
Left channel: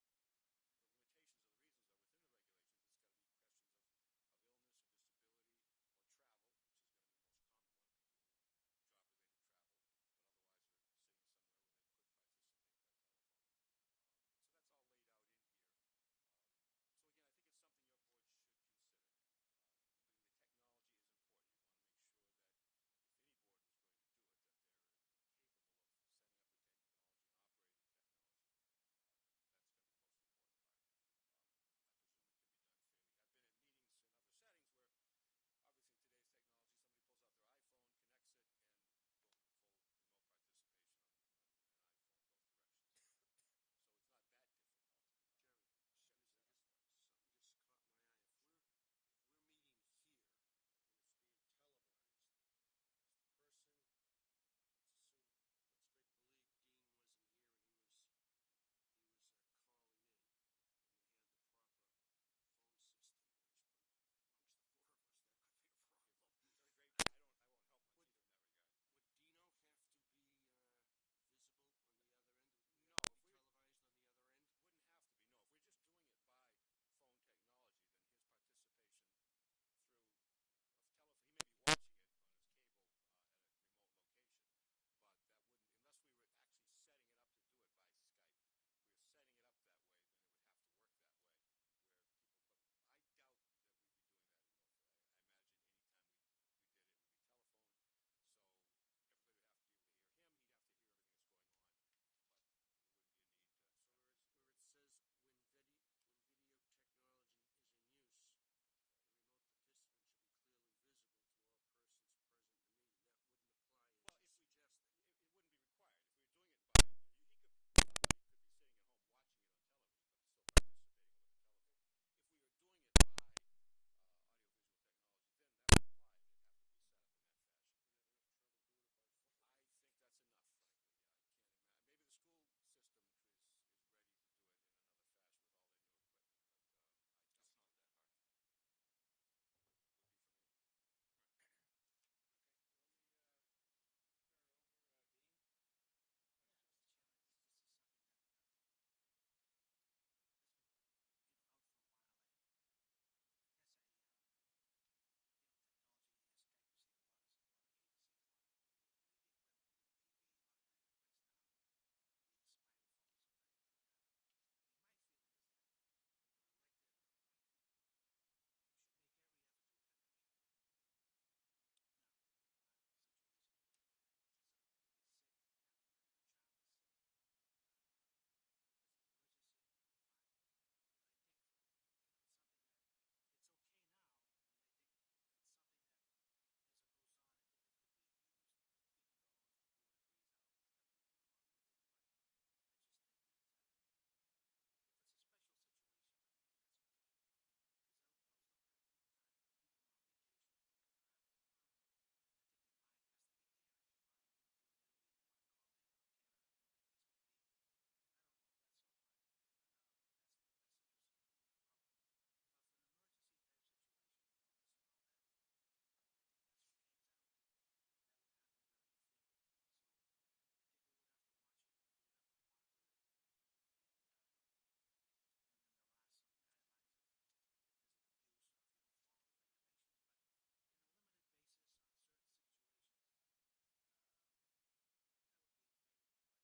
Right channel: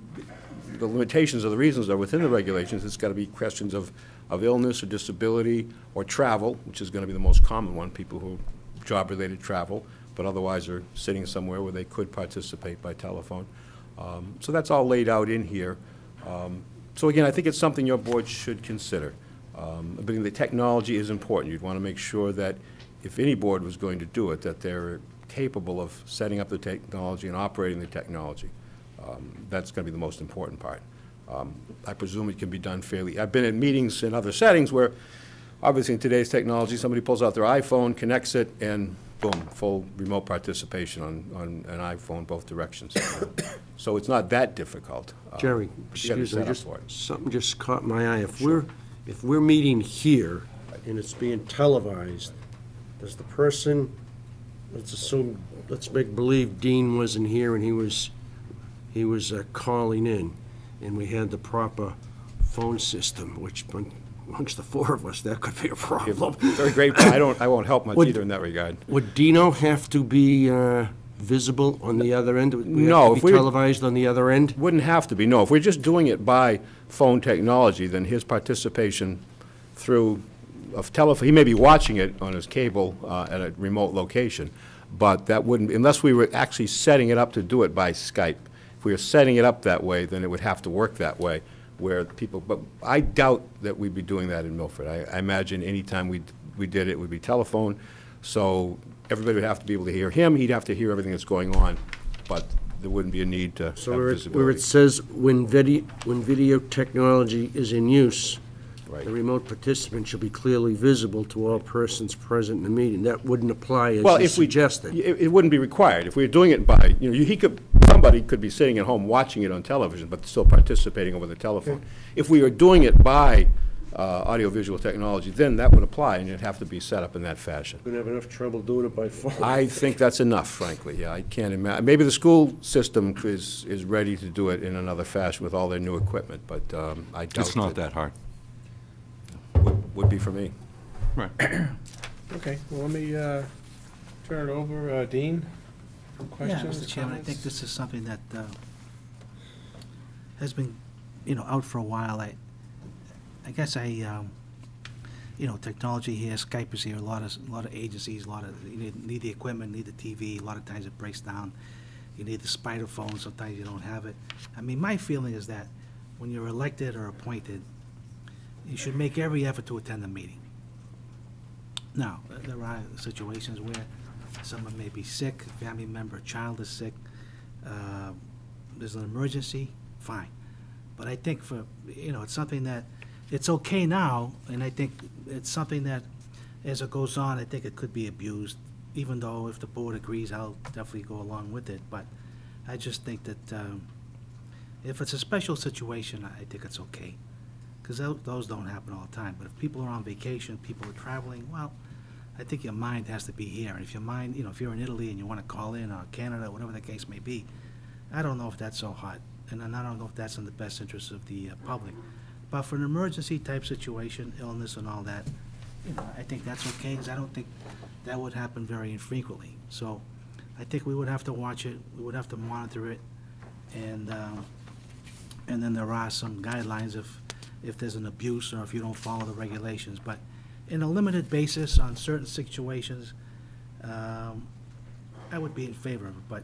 the limitations of the reasons are within the regulations. It's got to be questions of illness or disability or travel, which is going to be the most common one, people who job-related travel, but otherwise are sitting somewhere where they could participate by telephone. So that's all laid out in here. So again, I think it's something your board should consider. But the technology is important. You'd want to make sure that if any board was going to do it, that they're capable of setting up the technology and operating the technology. That's going to be the most important part. I presume it can be done fairly. I've been in meetings in other settings where, obviously in today's technology, somebody pulls out their iPhone, connects it, and boom, full remote participation on an iPhone both directions. So it's not that difficult. Jerry, but you gotta excuse me, set up just, for it. something just caught my eye. If we're meeting here and it's being televised, does the person, let's assume, let's make believe Dean wasn't here and he was calling in, and we had the proper phone system, which amongst the 4 of us, that could be a problem. Very great. I won't help much either in that regard. Would Dino have to be visible on the other end? Would we No, have if to we be were- televised on the other end? Wouldn't have to be, no. If we're just doing it by phone technology, then his participation through a telephone, he may be watching it on his cable at a remote location, but that wouldn't, unless we were actually setting it up to do it by Skype. If we were setting it up that way, then it would have to work that way, where people, but I doubt that we'd be doing that in Milford. I imagine any time we did it would be telephone, so everybody would have to be able to hear him, he'd have to hear everything that's going on, but there wouldn't be a need to have So where visibility. it says when video technology is in use, Right. the remote participant shall be clearly visible to all persons present in the meeting. That wouldn't apply as Well, you if we suggested. it wouldn't be required. If we were doing it by, somebody could be sitting at home watching it on television, but still participating over the telephone. If we were doing it by audiovisual technology, then that would apply, and it'd have to be set up in that fashion. We're gonna have enough trouble doing it by phone. I think that's enough, frankly, yeah, I can't imagine, maybe the school system is ready to do it in another fashion with all their new equipment, but I doubt It's not that hard. would be for me. Right. Okay, well, let me turn it over. Dean, questions? Yeah, Mr. Chairman, I think comments? this is something that has been, out for a while. I guess technology here, Skype is here, a lot of agencies, you need the equipment, need the TV, a lot of times it breaks down. You need the spider phone, sometimes you don't have it. I mean, my feeling is that when you're elected or appointed, you should make every effort to attend the meeting. Now, there are situations where someone may be sick, a family member, a child is sick, there's an emergency, fine. But I think it's something that, it's okay now, and I think it's something that, as it goes on, I think it could be abused, even though if the board agrees, I'll definitely go along with it. But I just think that if it's a special situation, I think it's okay. Because those don't happen all the time. But if people are on vacation, people are traveling, well, I think your mind has to be here. And if your mind, if you're in Italy and you want to call in, or Canada, whatever the case may be, I don't know if that's so hot. And I don't know if that's in the best interest of the public. But for an emergency type situation, illness and all that, I think that's okay, because I don't think that would happen very infrequently. So I think we would have to watch it, we would have to monitor it, and then there are some guidelines if there's an abuse or if you don't follow the regulations. But in a limited basis on certain situations, I would be in favor of it, but,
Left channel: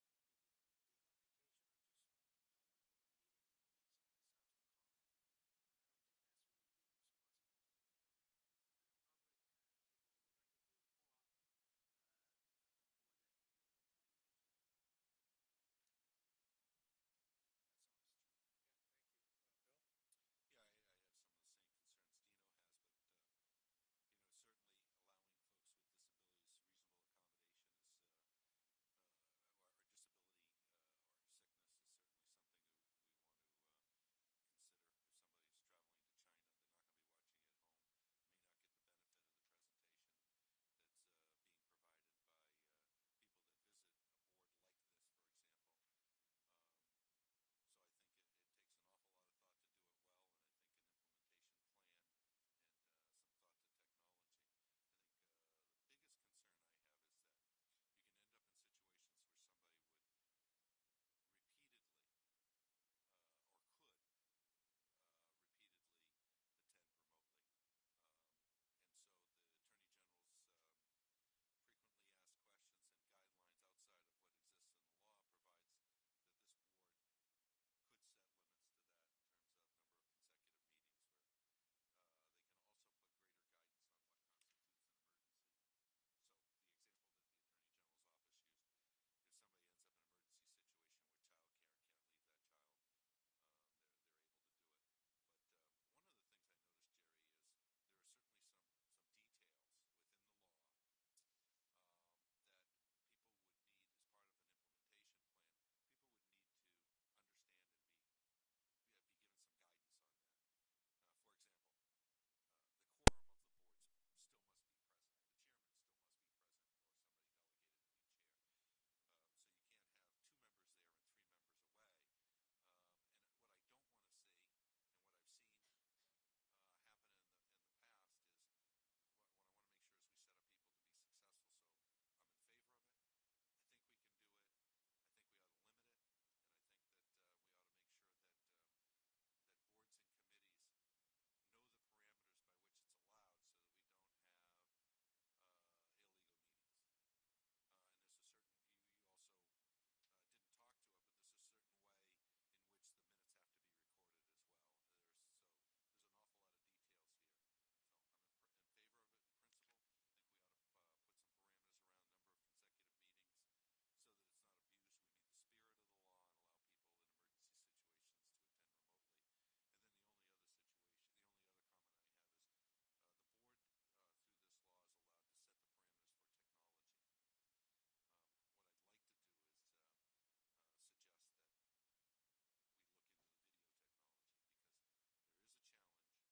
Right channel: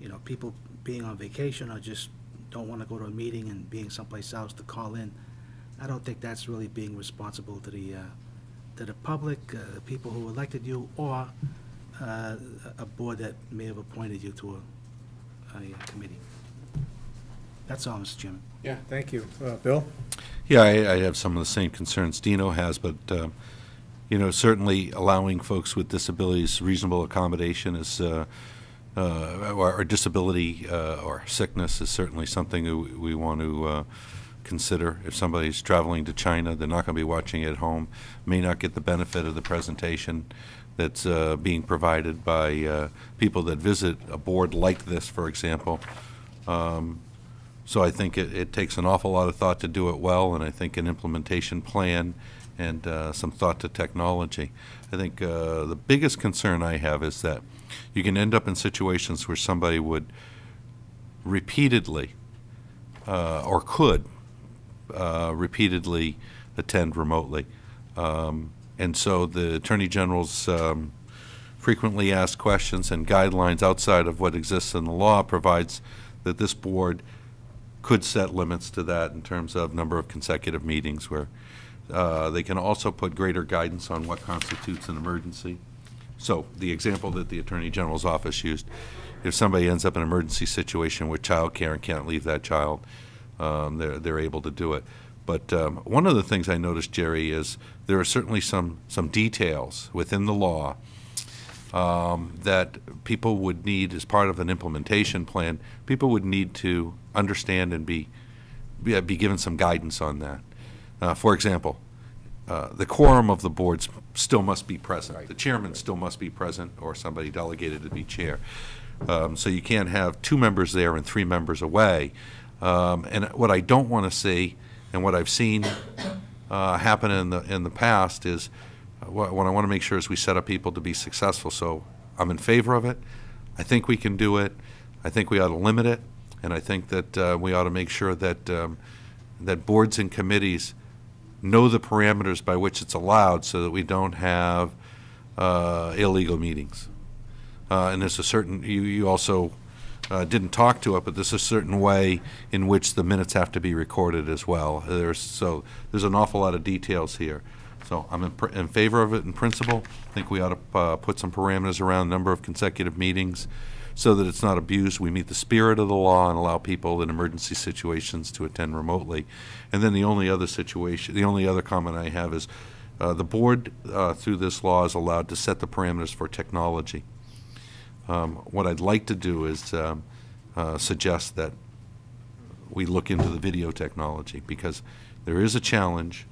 you know, people being on vacation or just don't want to go to a meeting and being someplace else to call in, I don't think that's really being responsible to the public, the people who elected you, or a board that may have appointed you to a committee. That's all, Mr. Chairman. Yeah, thank you. Bill? Yeah, I have some of the same concerns Dino has, but, you know, certainly allowing folks with disabilities reasonable accommodation is, or disability or sickness is certainly something we want to consider. If somebody's traveling to China, they're not going to be watching at home, may not get the benefit of the presentation that's being provided by people that visit a board like this, for example. So I think it takes an awful lot of thought to do it well, and I think an implementation plan and some thought to technology. I think the biggest concern I have is that you can end up in situations where somebody would repeatedly or could repeatedly attend remotely. And so the Attorney General's frequently asked questions and guidelines outside of what exists in the law provides that this board could set limits to that in terms of number of consecutive meetings, where they can also put greater guidance on what constitutes an emergency. So the example that the Attorney General's office used, if somebody ends up in an emergency situation with child care and can't leave that child, they're able to do it. But one of the things I noticed, Jerry, is there are certainly some details within the law that people would need as part of an implementation plan. People would need to understand and be given some guidance on that. For example, the quorum of the boards still must be present. Right. The chairman still must be present, or somebody delegated to be chair. So you can't have 2 members there and 3 members away. And what I don't want to see, and what I've seen happen in the past, is what I want to make sure is we set up people to be successful. So I'm in favor of it. I think we can do it. I think we ought to limit it, and I think that we ought to make sure that that boards and committees know the parameters by which it's allowed, so that we don't have illegal meetings. And there's a certain, you also didn't talk to it, but there's a certain way in which the minutes have to be recorded as well. There's an awful lot of details here. So I'm in favor of it in principle. I think we ought to put some parameters around number of consecutive meetings so that it's not abused. We meet the spirit of the law and allow people in emergency situations to attend remotely. And then the only other comment I have is the board, through this law, is allowed to set the parameters for technology. What I'd like to do is suggest that we look into the video technology, because there is a challenge,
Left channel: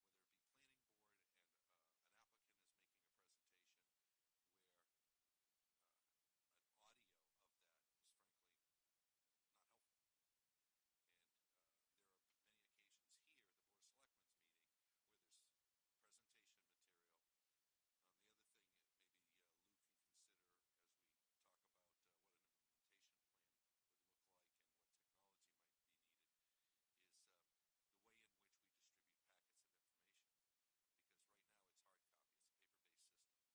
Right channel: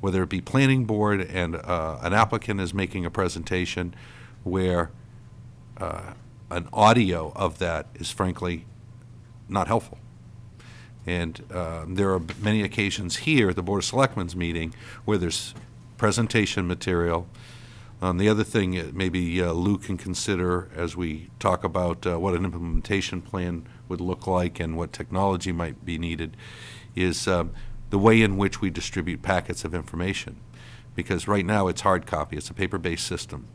whether it be planning board and an applicant is making a presentation where an audio of that is frankly not helpful. And there are many occasions here at the Board of Selectmen's meeting where there's presentation material. The other thing maybe Lou can consider as we talk about what an implementation plan would look like and what technology might be needed is the way in which we distribute packets of information. Because right now it's hard copy, it's a paper-based system.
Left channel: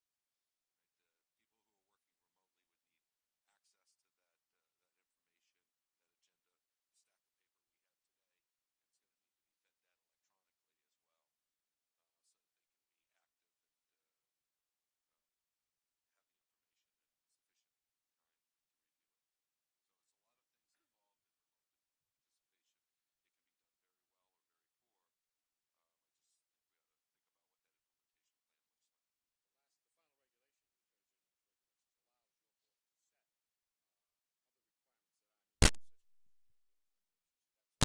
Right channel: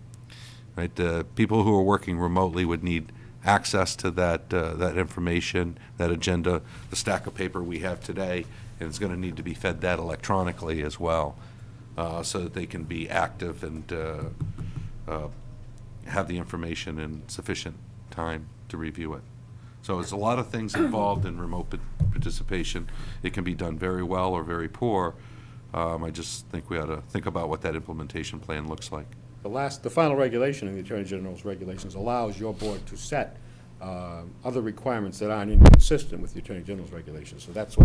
Right? People who are working remotely would need access to that information, that agenda, the stack of paper we have today, and it's going to need to be fed that electronically as well, so that they can be active and have the information in sufficient time to review it. So there's a lot of things involved in remote participation. It can be done very well or very poor. I just think we ought to think about what that implementation plan looks like. The final regulation in the Attorney General's regulations allows your board to set other requirements that aren't inconsistent with the Attorney General's regulations. So that's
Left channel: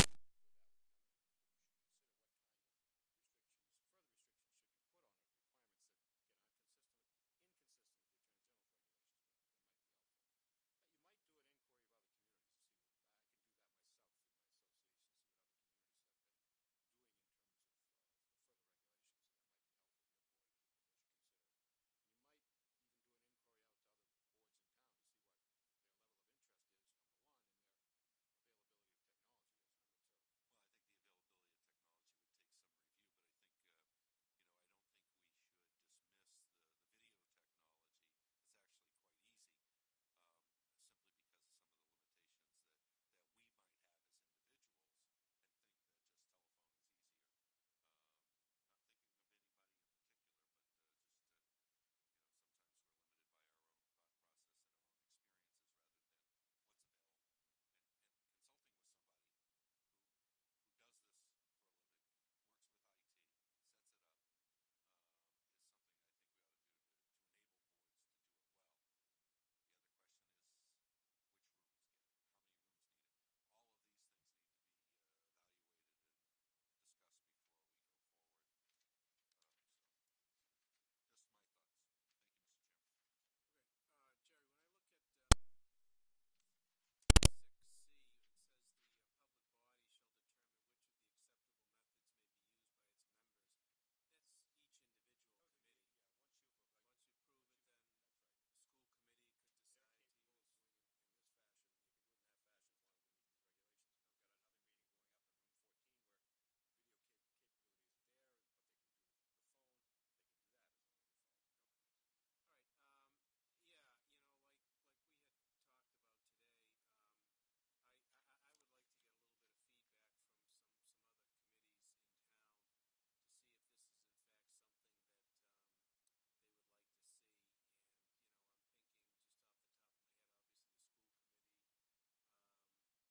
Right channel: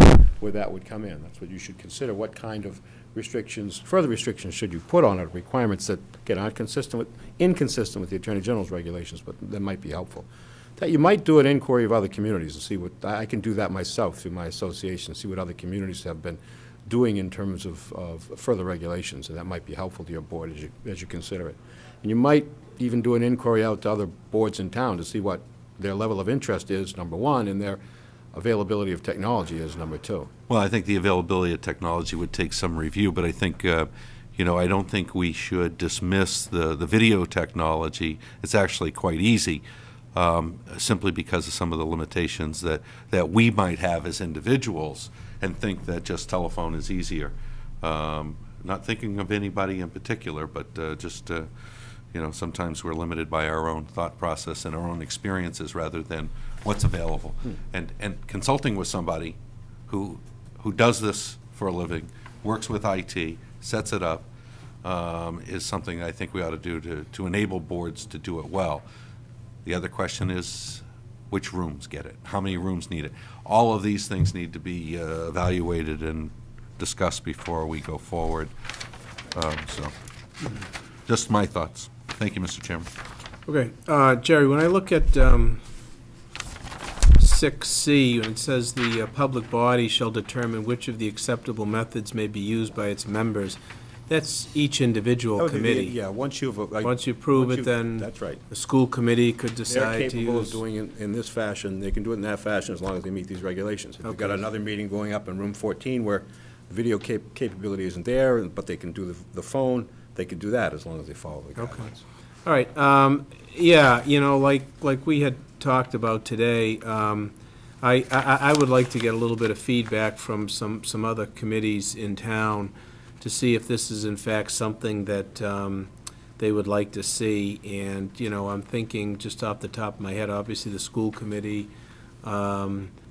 where that would come in. That's what you should consider. What kind of restrictions, further restrictions should you put on it? Requirements that, again, aren't inconsistent with the Attorney General's regulations, but that might be helpful. That you might do an inquiry of other communities and see what, I can do that myself through my association, see what other communities have been doing in terms of further regulations, and that might be helpful to your board as you consider it. And you might even do an inquiry out to other boards in town to see what their level of interest is, number one, and their availability of technology is number two. Well, I think the availability of technology would take some review, but I think I don't think we should dismiss the video technology. It's actually quite easy, simply because of some of the limitations that we might have as individuals, and think that just telephone is easier. Not thinking of anybody in particular, but just, sometimes we're limited by our own thought process and our own experiences rather than what's available. And consulting with somebody who does this for a living, works with IT, sets it up, is something I think we ought to do to enable boards to do it well. The other question is, which rooms get it? How many rooms need it? All of these things need to be evaluated and discussed before we go forward. So, just my thoughts. Thank you, Mr. Chairman. Okay, Jerry, when I look at 6C, when it says the public body shall determine which of the acceptable methods may be used by its members, that's each individual committee. Yeah, once you've. Once you prove it, then That's right. the school committee could They're decide to capable of use. doing it in this fashion, they can do it in that fashion as long as they meet these regulations. If you've got Okay. another meeting going up in room 14 where the video capability isn't there, but they can do the phone, they can do that as long as they follow the Okay. guidelines. All right, yeah, like we had talked about today, I would like to get a little bit of feedback from some other committees in town to see if this is in fact something that they would like to see. And, I'm thinking just off the top of my head, obviously the school committee,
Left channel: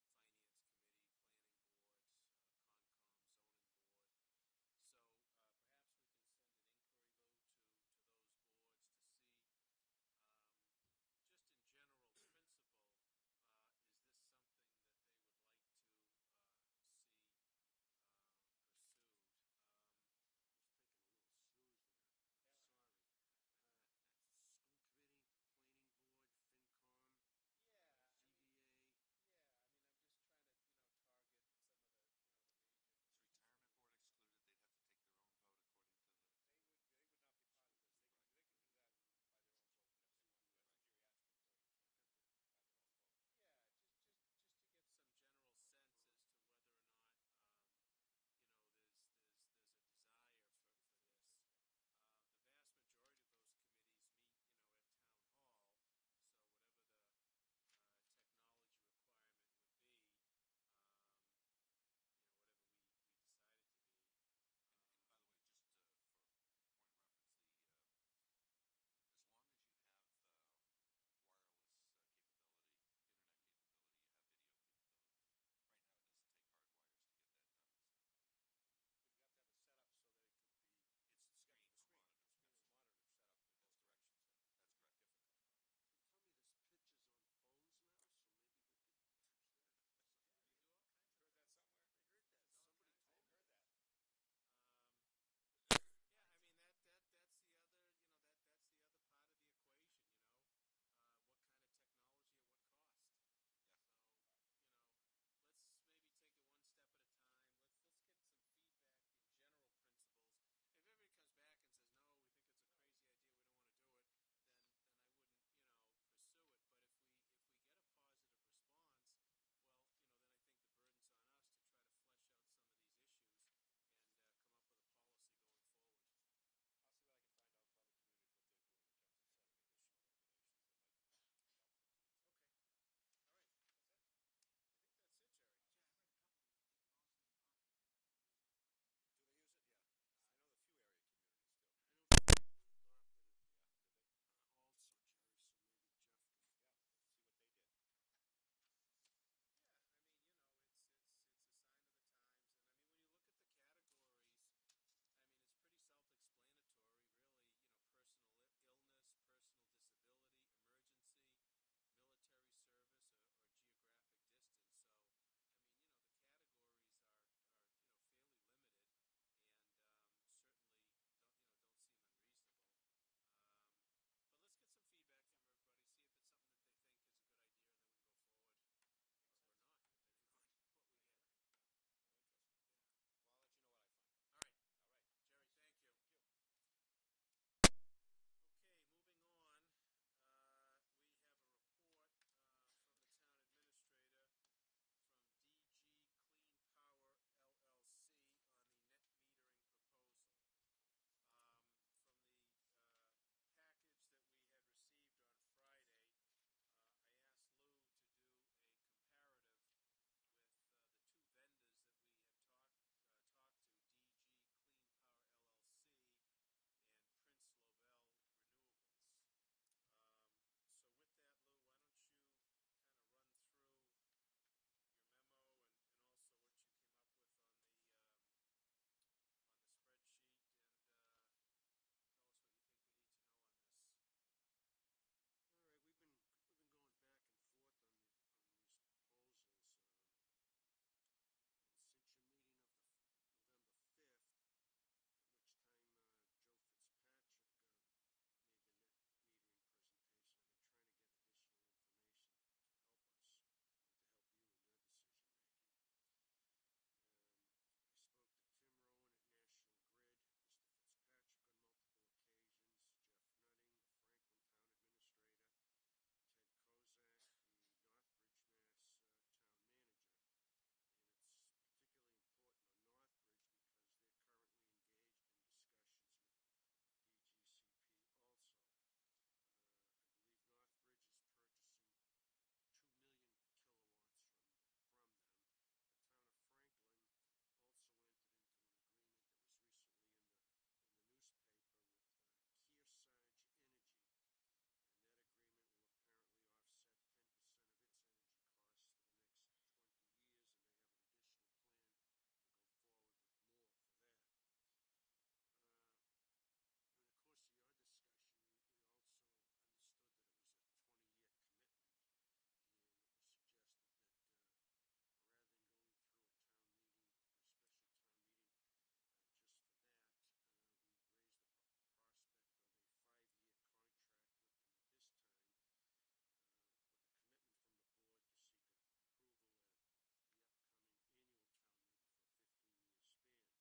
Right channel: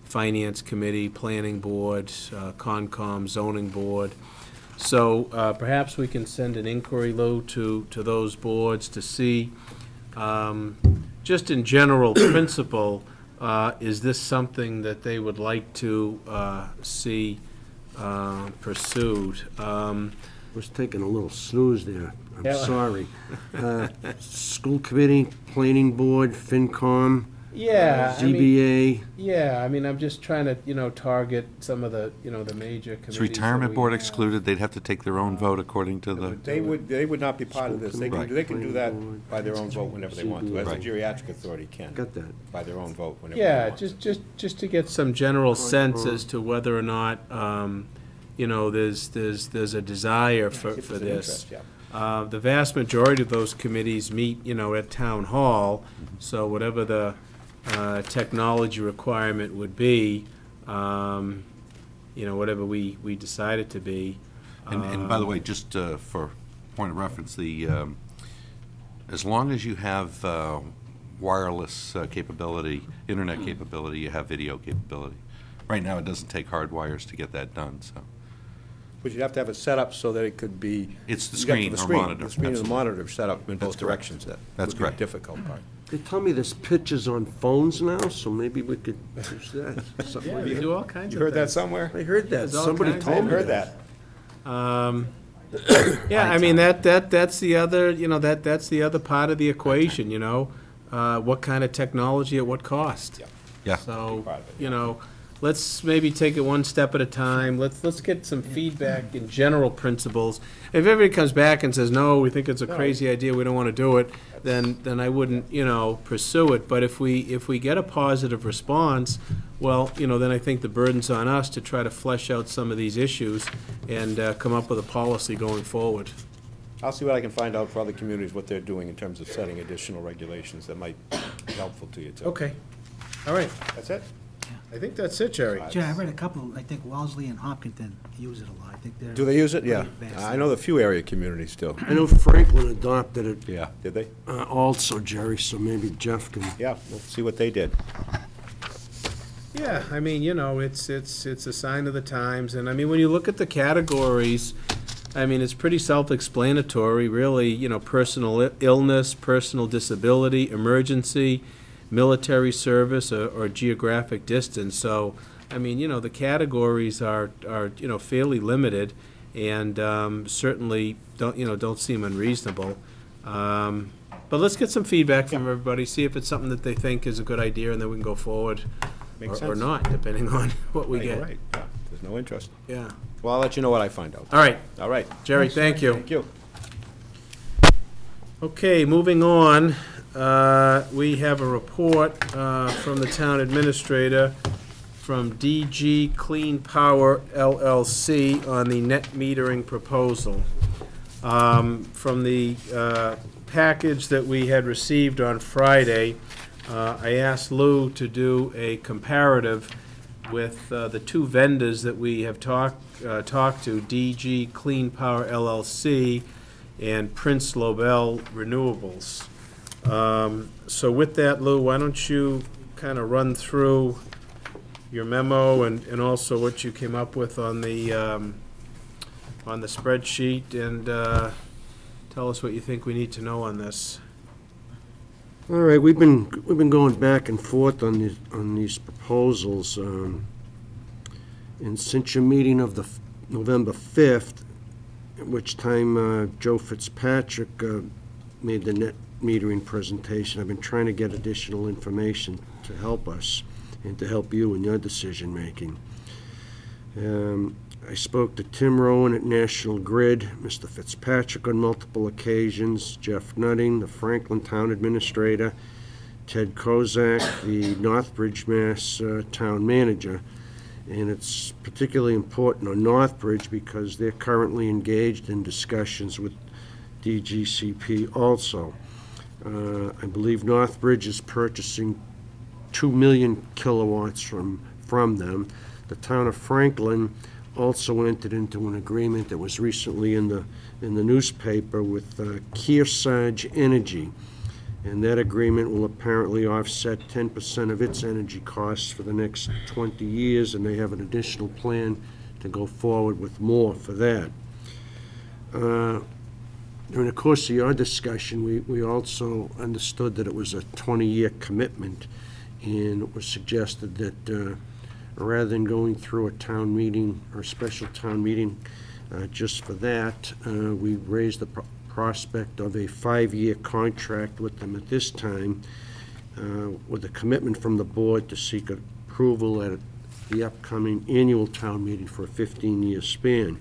finance committee, planning board, Concom, zoning board. So perhaps we can send an inquiry, Lou, to those boards to see, just in general principle, is this something that they would like to see pursued? Was taking a little snooze there. Yeah. I'm sorry. School committee, planning board, FinCom, Yeah, ZBA. I'm just trying to, target some of the, the major committees. Is that retirement we board have. excluded? They'd have to take their own vote according to the, They would not be part of this. They Right. can do that by their own vote whenever they want to, as the Right. geriatric authority can. Got that. By their own vote whenever they Yeah, want. just to get some general sense as to whether or not, there's a desire for If there's an this. interest, yeah. The vast majority of those committees meet, at town hall, so whatever the technology requirement would be, whatever we decide it to be. and by the way, just for point of reference, as long as you have wireless capability, internet capability, you have video capability. Right now, it doesn't take hard wires to get that done, so. But you'd have to have it set up so that it could be. It's the you got screen the or monitor. The screen and the Absolutely. monitor set up in both correct. directions. That That's would be correct. the difficult part. They tell me there's pictures on phones now, so maybe we could use that. Something Yeah, like we that. do all kinds You of heard that things. somewhere? I heard that. There's all Somebody kinds. told me Heard that. that. Yeah, that's the other, that's the other part of the equation, what kind of technology at what cost? Yeah. Yeah. So, Part of it, let's maybe take it one step at a time. Let's get some feedback in general principles. If everybody comes back and says, no, we think it's a crazy idea, we don't want to do it, then I wouldn't, pursue it. But if we get a positive response, well, then I think the burden's on us to try to flesh out some of these issues and come up with a policy going forward. I'll see what I can find out for other communities, what they're doing in terms of setting additional regulations that might be helpful to you, too. Okay. All right. That's it? I think that's it, Jerry. Jerry, I read a couple, I think Wellesley and Hopkinton use it a lot. I think they're. Do they use it? Yeah. pretty advanced. I know the few area communities do. I know Franklin adopted it Yeah. Did they? also, Jerry, so maybe Jeff can. Yeah, we'll see what they did. Yeah, it's a sign of the times, and when you look at the categories, it's pretty self-explanatory, really, personal illness, personal disability, emergency, military service, or geographic distance. So, the categories are fairly limited, and certainly don't seem unreasonable. But let's get some feedback from everybody, see if it's something that they think is a good idea, and then we can go forward. Makes Or sense. not, depending on what we Yeah, you're get. right. Yeah, there's no interest. Yeah. Well, I'll let you know what I find out. All right, All right. Jerry, thank you. Thank you. Okay, moving on, we have a report from the town administrator from DG Clean Power LLC on the net metering proposal. From the package that we had received on Friday, I asked Lou to do a comparative with the two vendors that we have talked to, DG Clean Power LLC and Prince Lobel Renewables. So with that, Lou, why don't you kind of run through your memo and also what you came up with on the spreadsheet, and tell us what you think we need to know on this. All right, we've been going back and forth on these proposals, and since your meeting of the November 5th, at which time Joe Fitzpatrick made the net metering presentation, I've been trying to get additional information to help us and to help you in your decision making. I spoke to Tim Rowan at National Grid, Mr. Fitzpatrick on multiple occasions, Jeff Nutting, the Franklin Town Administrator, Ted Kozak, the Northbridge, Mass. Town Manager. And it's particularly important on Northbridge because they're currently engaged in discussions with DGCP also. I believe Northbridge is purchasing 2 million kilowatts from them. The town of Franklin also entered into an agreement that was recently in the newspaper with Kearsarge Energy, and that agreement will apparently offset 10% of its energy costs for the next 20 years, and they have an additional plan to go forward with more for that. During the course of your discussion, we also understood that it was a 20-year commitment, and it was suggested that rather than going through a town meeting or a special town meeting just for that, we raised the prospect of a 5-year contract with them at this time, with a commitment from the board to seek approval at the upcoming annual town meeting for a 15-year span.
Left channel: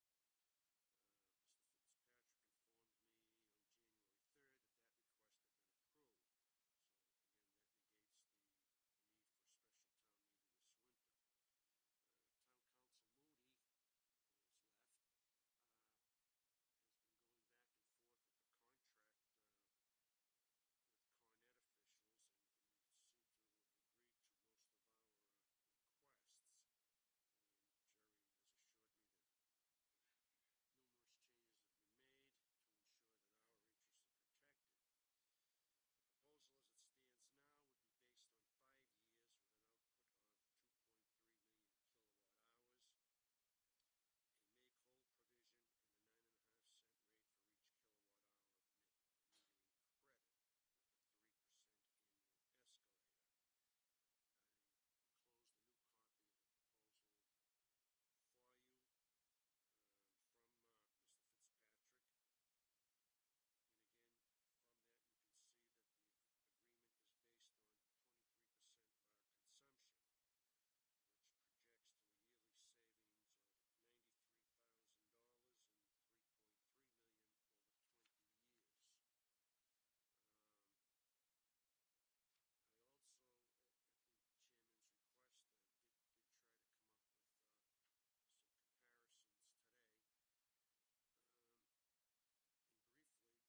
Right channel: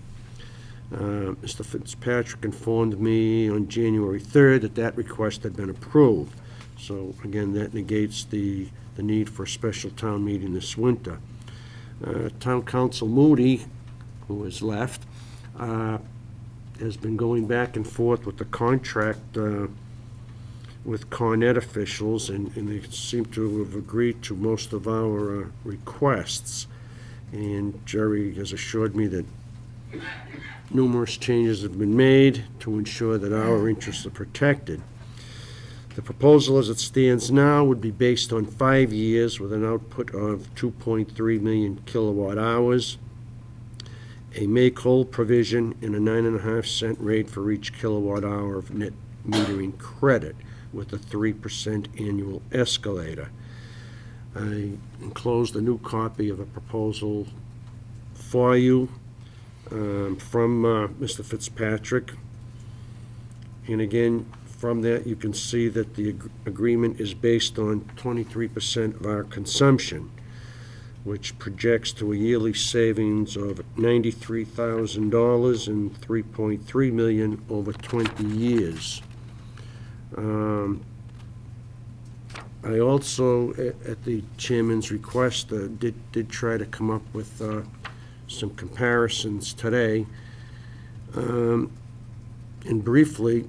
Mr. Fitzpatrick informed me on January 3rd that request had been approved. So again, that negates the need for a special town meeting this winter. Town Council Moody, who has left, has been going back and forth with the contract with Con Ed officials, and they seem to have agreed to most of our requests. And Jerry has assured me that numerous changes have been made to ensure that our interests are protected. The proposal as it stands now would be based on 5 years with an output of 2.3 million kilowatt hours, a make-whole provision, and a 9.5-cent rate for each kilowatt hour of net metering credit with a 3% annual escalator. I enclosed a new copy of a proposal for you from Mr. Fitzpatrick. And again, from that, you can see that the agreement is based on 23% of our consumption, which projects to a yearly savings of $93,000 and $3.3 million over 20 years. I also, at the chairman's request, did try to come up with some comparisons today. And briefly,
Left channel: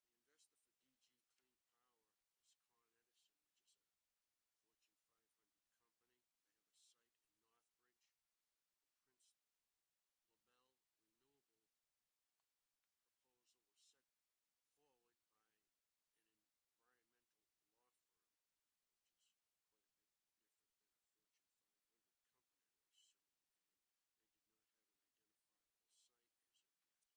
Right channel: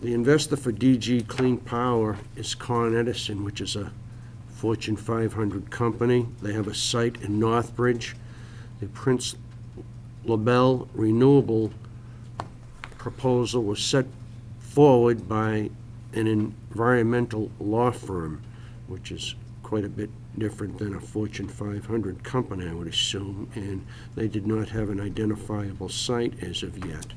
the investor for DG Clean Power is Con Edison, which is a Fortune 500 company. They have a site in Northbridge. The Prince Lobel Renewable proposal was set forward by an environmental law firm, which is quite a bit different than a Fortune 500 company, I would assume, and they did not have an identifiable site as of yet.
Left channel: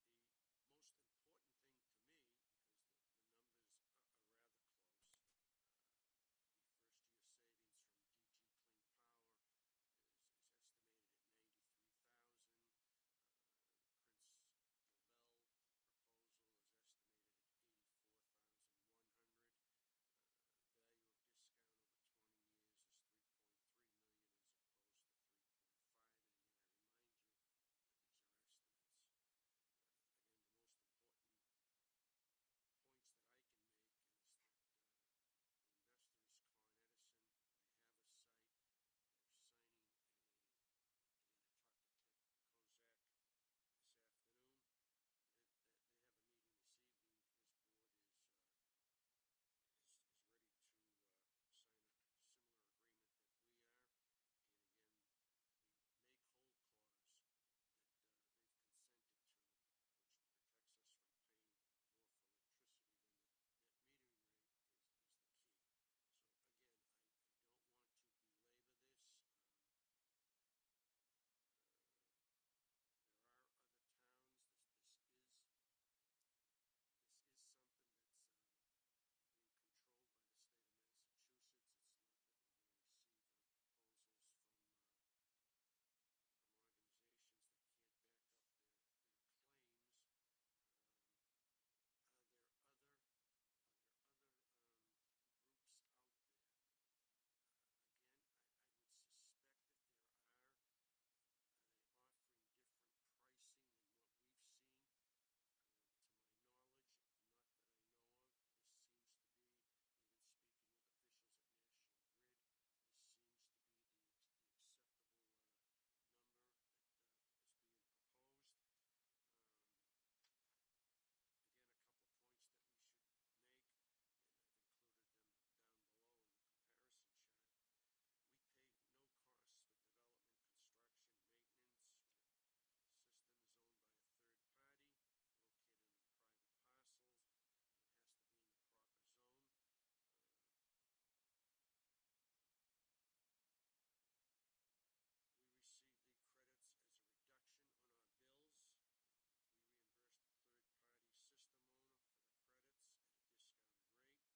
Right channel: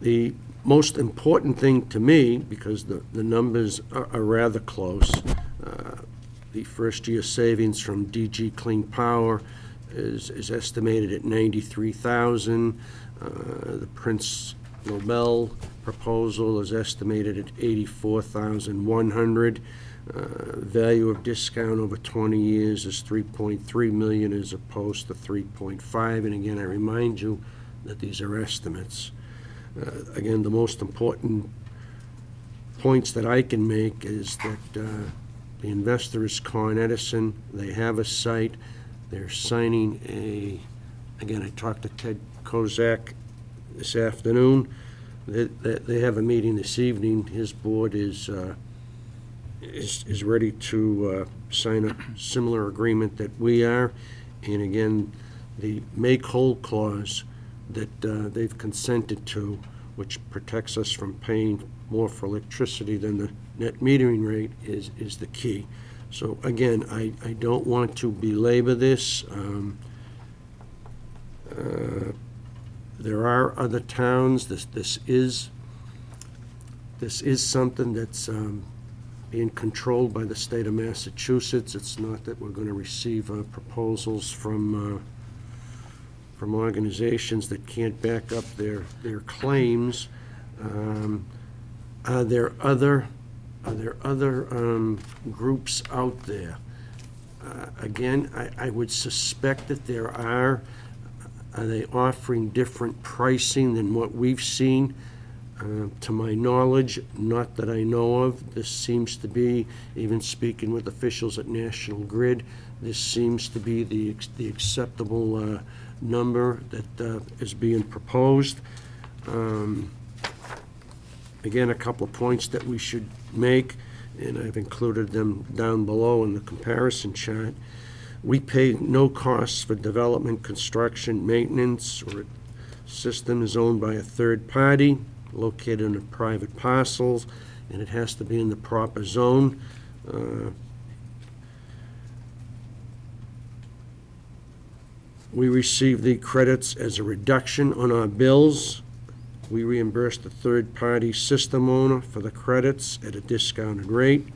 The most important thing to me, because the numbers are rather close, the first-year savings from DG Clean Power is estimated at $93,000. The Prince Lobel proposal is estimated at $84,100. Value of discount over 20 years is $3.3 million as opposed to $3.5. And again, I remind you that these are estimates. Again, the most important points that I can make is that the investor is Con Edison. They have a site. They're signing a Again, I talked to Ted Kozak this afternoon. They have a meeting this evening. His board is ready to sign a similar agreement that we are. And again, the make whole clause that they've consented to, which protects us from paying more for electricity than the net metering rate, is the key. So again, I don't want to belabor this. There are other towns. This is something that's being controlled by the state of Massachusetts. It's not that we're going to receive proposals from organizations that can't back up their claims. Are there other groups out there? Again, I would suspect that there are. Are they offering different pricing than what we've seen? To my knowledge, not that I know of. This seems to be, even speaking with officials at National Grid, this seems to be the acceptable number that is being proposed. Again, a couple of points that we should make, and I've included them down below in the comparison chart. We pay no costs for development, construction, maintenance, or a system is owned by a third party, located in a private parcels, and it has to be in the proper zone. We receive the credits as a reduction on our bills. We reimburse the third-party system owner for the credits at a discounted rate.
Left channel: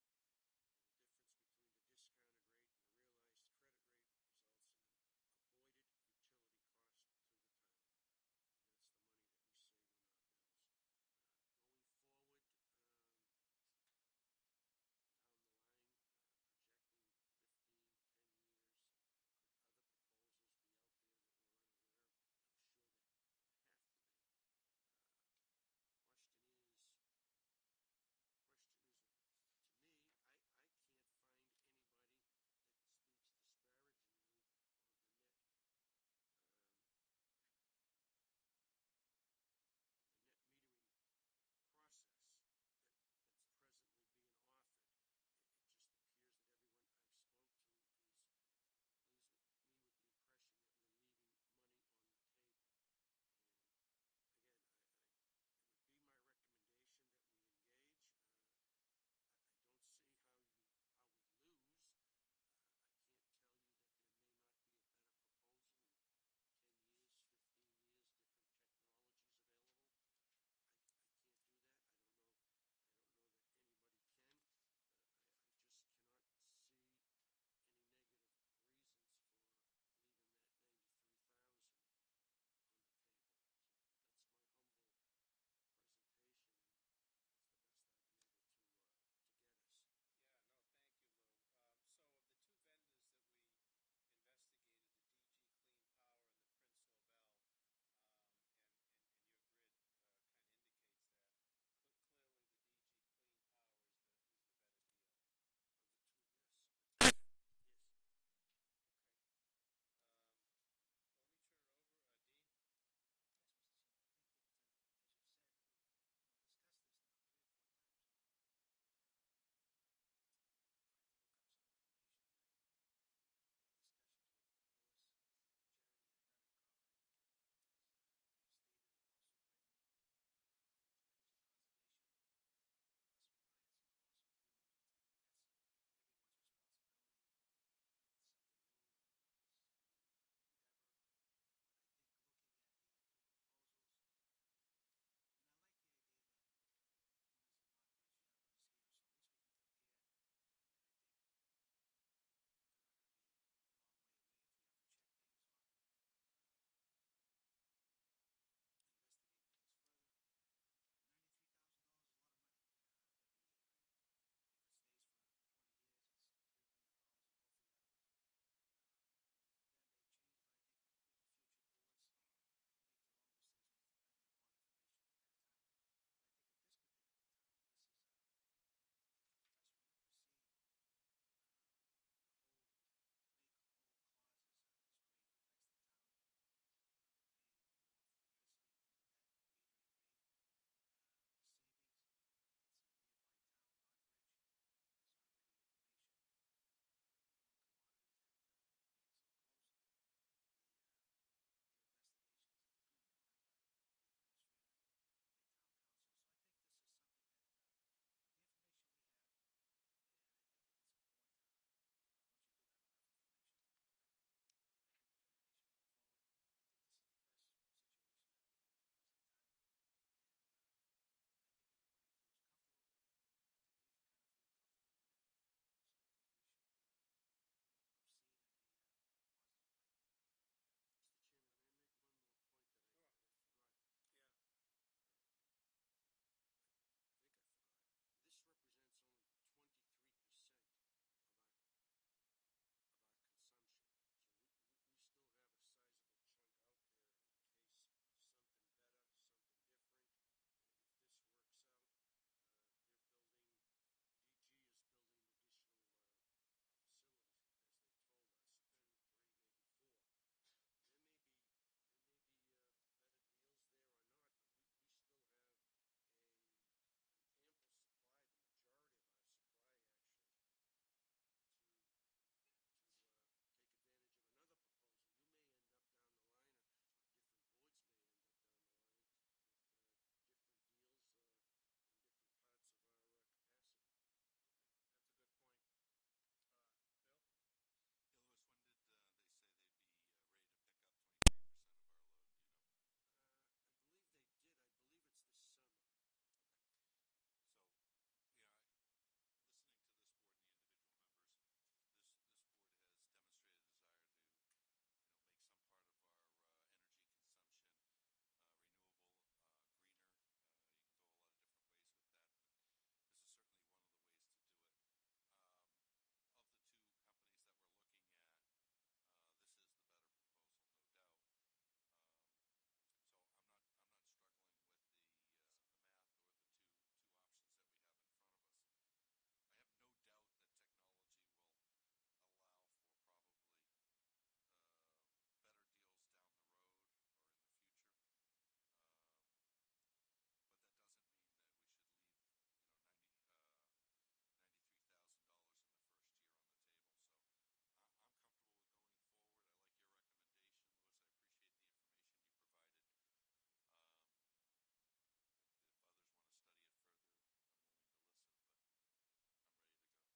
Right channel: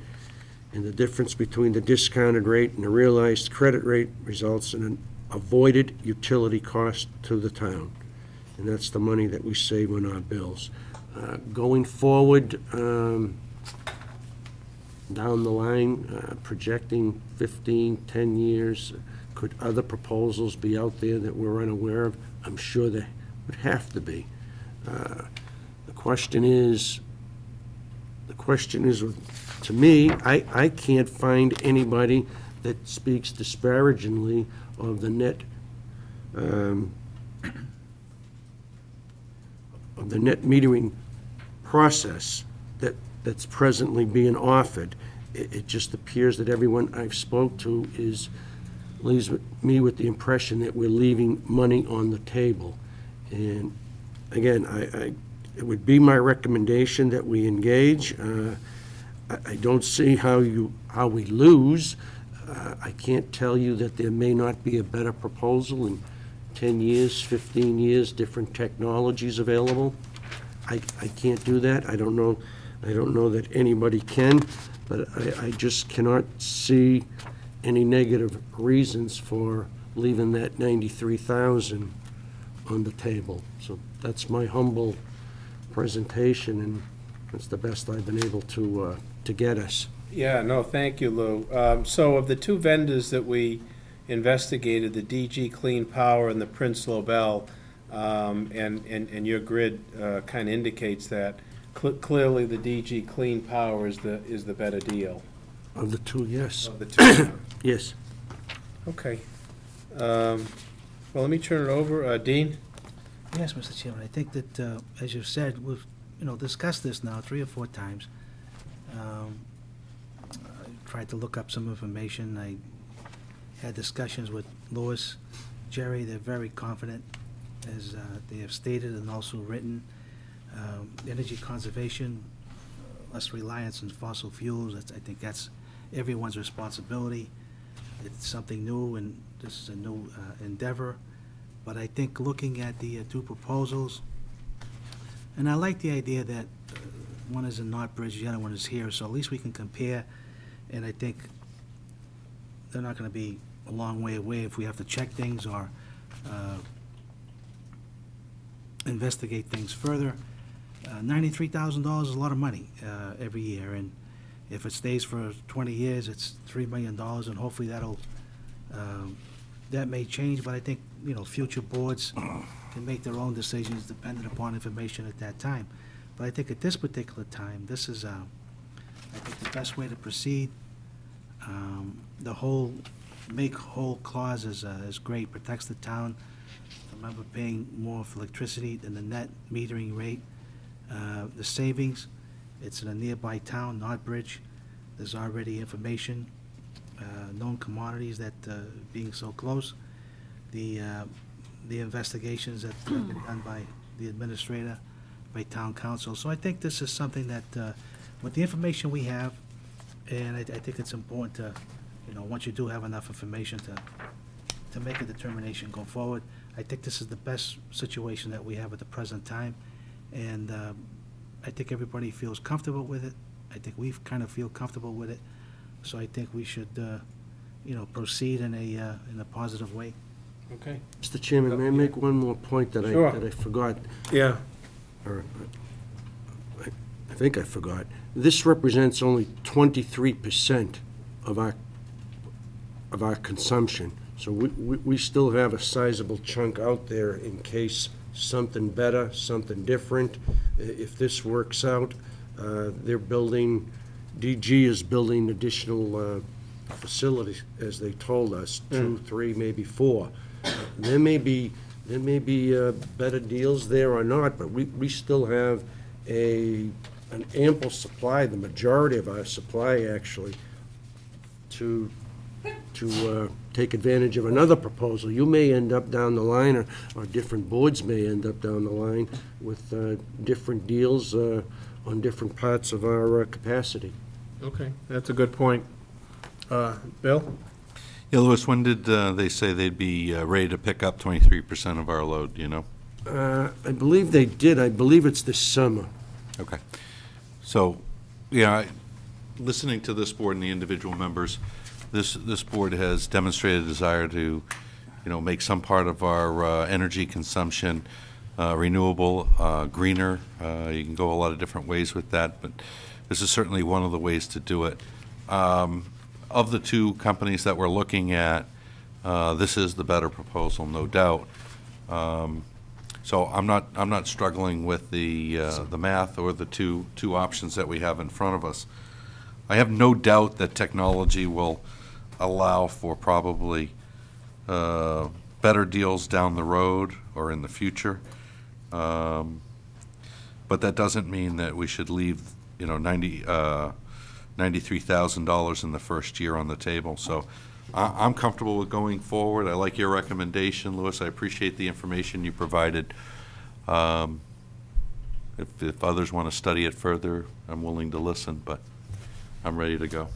And the difference between the discounted rate and the realized credit rate results in an avoided utility cost to the town. And that's the money that we save on our bills. Going forward, down the line, projecting 15, 10 years, could other proposals be out there that we're unaware of? I'm sure there would have to be. The question is, to me, I can't find anybody that speaks disparagingly of the net metering process that's presently being offered. It just appears that everyone I've spoke to leaves me with the impression that we're leaving money on the table. And again, it would be my recommendation that we engage. I don't see how we lose. I can't tell you that there may not be a better proposal in 10 years, 15 years, different technologies available. I can't do that. I don't know that anybody can, but I just cannot see any negative reasons for leaving that 93,000 on the table. So that's my humble presentation, and that's the best I've been able to get us. Yeah, no, thank you, Lou. So of the two vendors that we investigated, the DG Clean Power and the Prince Lobel, and your grid kind of indicates that clearly the DG Clean Power is the better deal. Of the two, yes. Of the two. Yes. Okay. Well, let me turn it over. Dean? Yes, Mr. Chairman, I think that, as you've said, we've, discussed this now 3 or 4 times. I tried to look up some information. I had discussions with Louis, Jerry. They're very confident, as they have stated and also written. Energy conservation, less reliance on fossil fuels. I think that's everyone's responsibility. It's something new, and this is a new endeavor. But I think looking at the 2 proposals, and I like the idea that one is in Northbridge, the other one is here, so at least we can compare. And I think they're not going to be a long way away if we have to check things or investigate things further. $93,000 is a lot of money every year, and if it stays for 20 years, it's $3 million, and hopefully that may change. But I think future boards can make their own decisions dependent upon information at that time. But I think at this particular time, this is I think the best way to proceed. The whole make whole clause is great, protects the town remember paying more for electricity than the net metering rate. The savings, it's in a nearby town, Northbridge. There's already information, known commodities that, being so close. The investigations that have been done by the administrator, by town council. So I think this is something that, with the information we have, and I think it's important to, once you do have enough information to make a determination go forward. I think this is the best situation that we have at the present time, and I think everybody feels comfortable with it. I think we kind of feel comfortable with it, so I think we should, proceed in a positive way. Okay. Mr. Chairman, may I make one more point that Sure. I forgot? Yeah. Or I think I forgot. This represents only 23% of our consumption. So we still have a sizable chunk out there in case something better, something different. If this works out, DG is building additional facilities, as they told us, 2, 3, maybe 4. There may be better deals there or not, but we still have an ample supply, the majority of our supply actually, to take advantage of another proposal. You may end up down the line, or different boards may end up down the line with different deals on different parts of our capacity. Okay, that's a good point. Bill? Yeah, Louis, when did they say they'd be ready to pick up 23% of our load, do you know? I believe they did. I believe it's this summer. Okay. So, yeah, listening to this board and the individual members, this board has demonstrated a desire to, make some part of our energy consumption renewable, greener. You can go a lot of different ways with that, but this is certainly one of the ways to do it. Of the two companies that we're looking at, this is the better proposal, no doubt. So I'm not struggling with the math or the two options that we have in front of us. I have no doubt that technology will allow for probably better deals down the road or in the future. But that doesn't mean that we should leave, $93,000 in the first year on the table. So I'm comfortable with going forward. I like your recommendation, Louis. I appreciate the information you provided. If others want to study it further, I'm willing to listen, but I'm ready to go.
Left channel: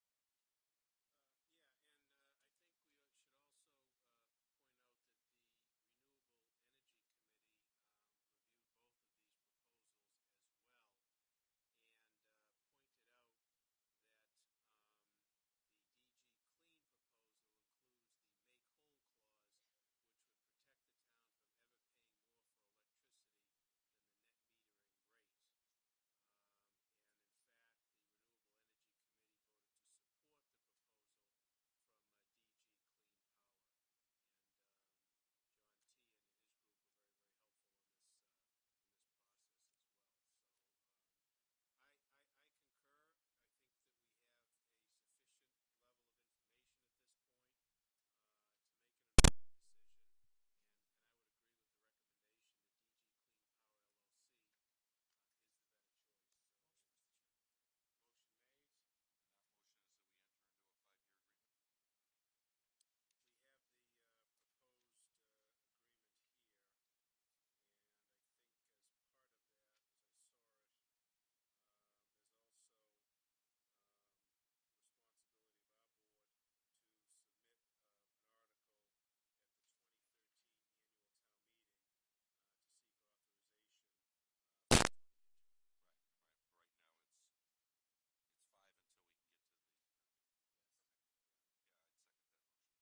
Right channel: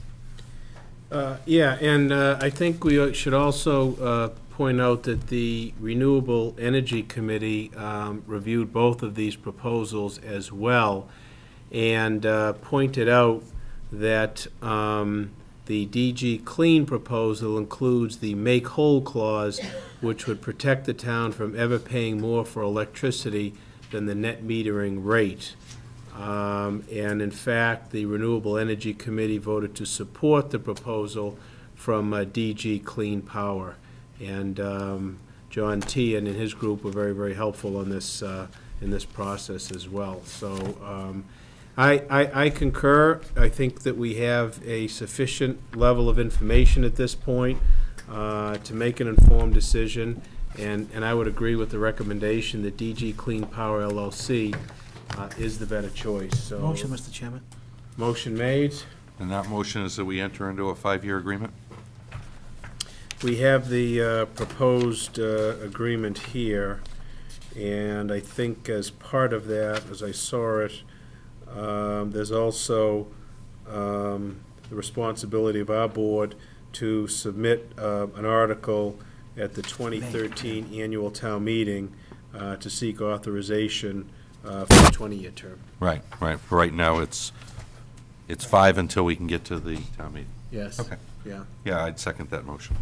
Yeah, and I think we should also point out that the Renewable Energy Committee reviewed both of these proposals as well, and pointed out that the DG Clean proposal includes the make-whole clause, which would protect the town from ever paying more for electricity than the net metering rate. And in fact, the Renewable Energy Committee voted to support the proposal from DG Clean Power. And John T. and his group were very, very helpful on this in this process as well. So I concur. I think that we have a sufficient level of information at this point to make an informed decision, and I would agree with the recommendation that DG Clean Power LLC is the better choice. So Motion, Mr. Chairman. motion made. And that motion is that we enter into a 5-year agreement? We have the proposed agreement here, and I think as part of that, as I saw it, there's also the responsibility of our board to submit an article at the 2013 annual town meeting to seek authorization for a 20-year term. Right. For right now, it's 5 until we can get to the town meeting. Yes. Okay. Yeah. Yeah, I'd second that motion.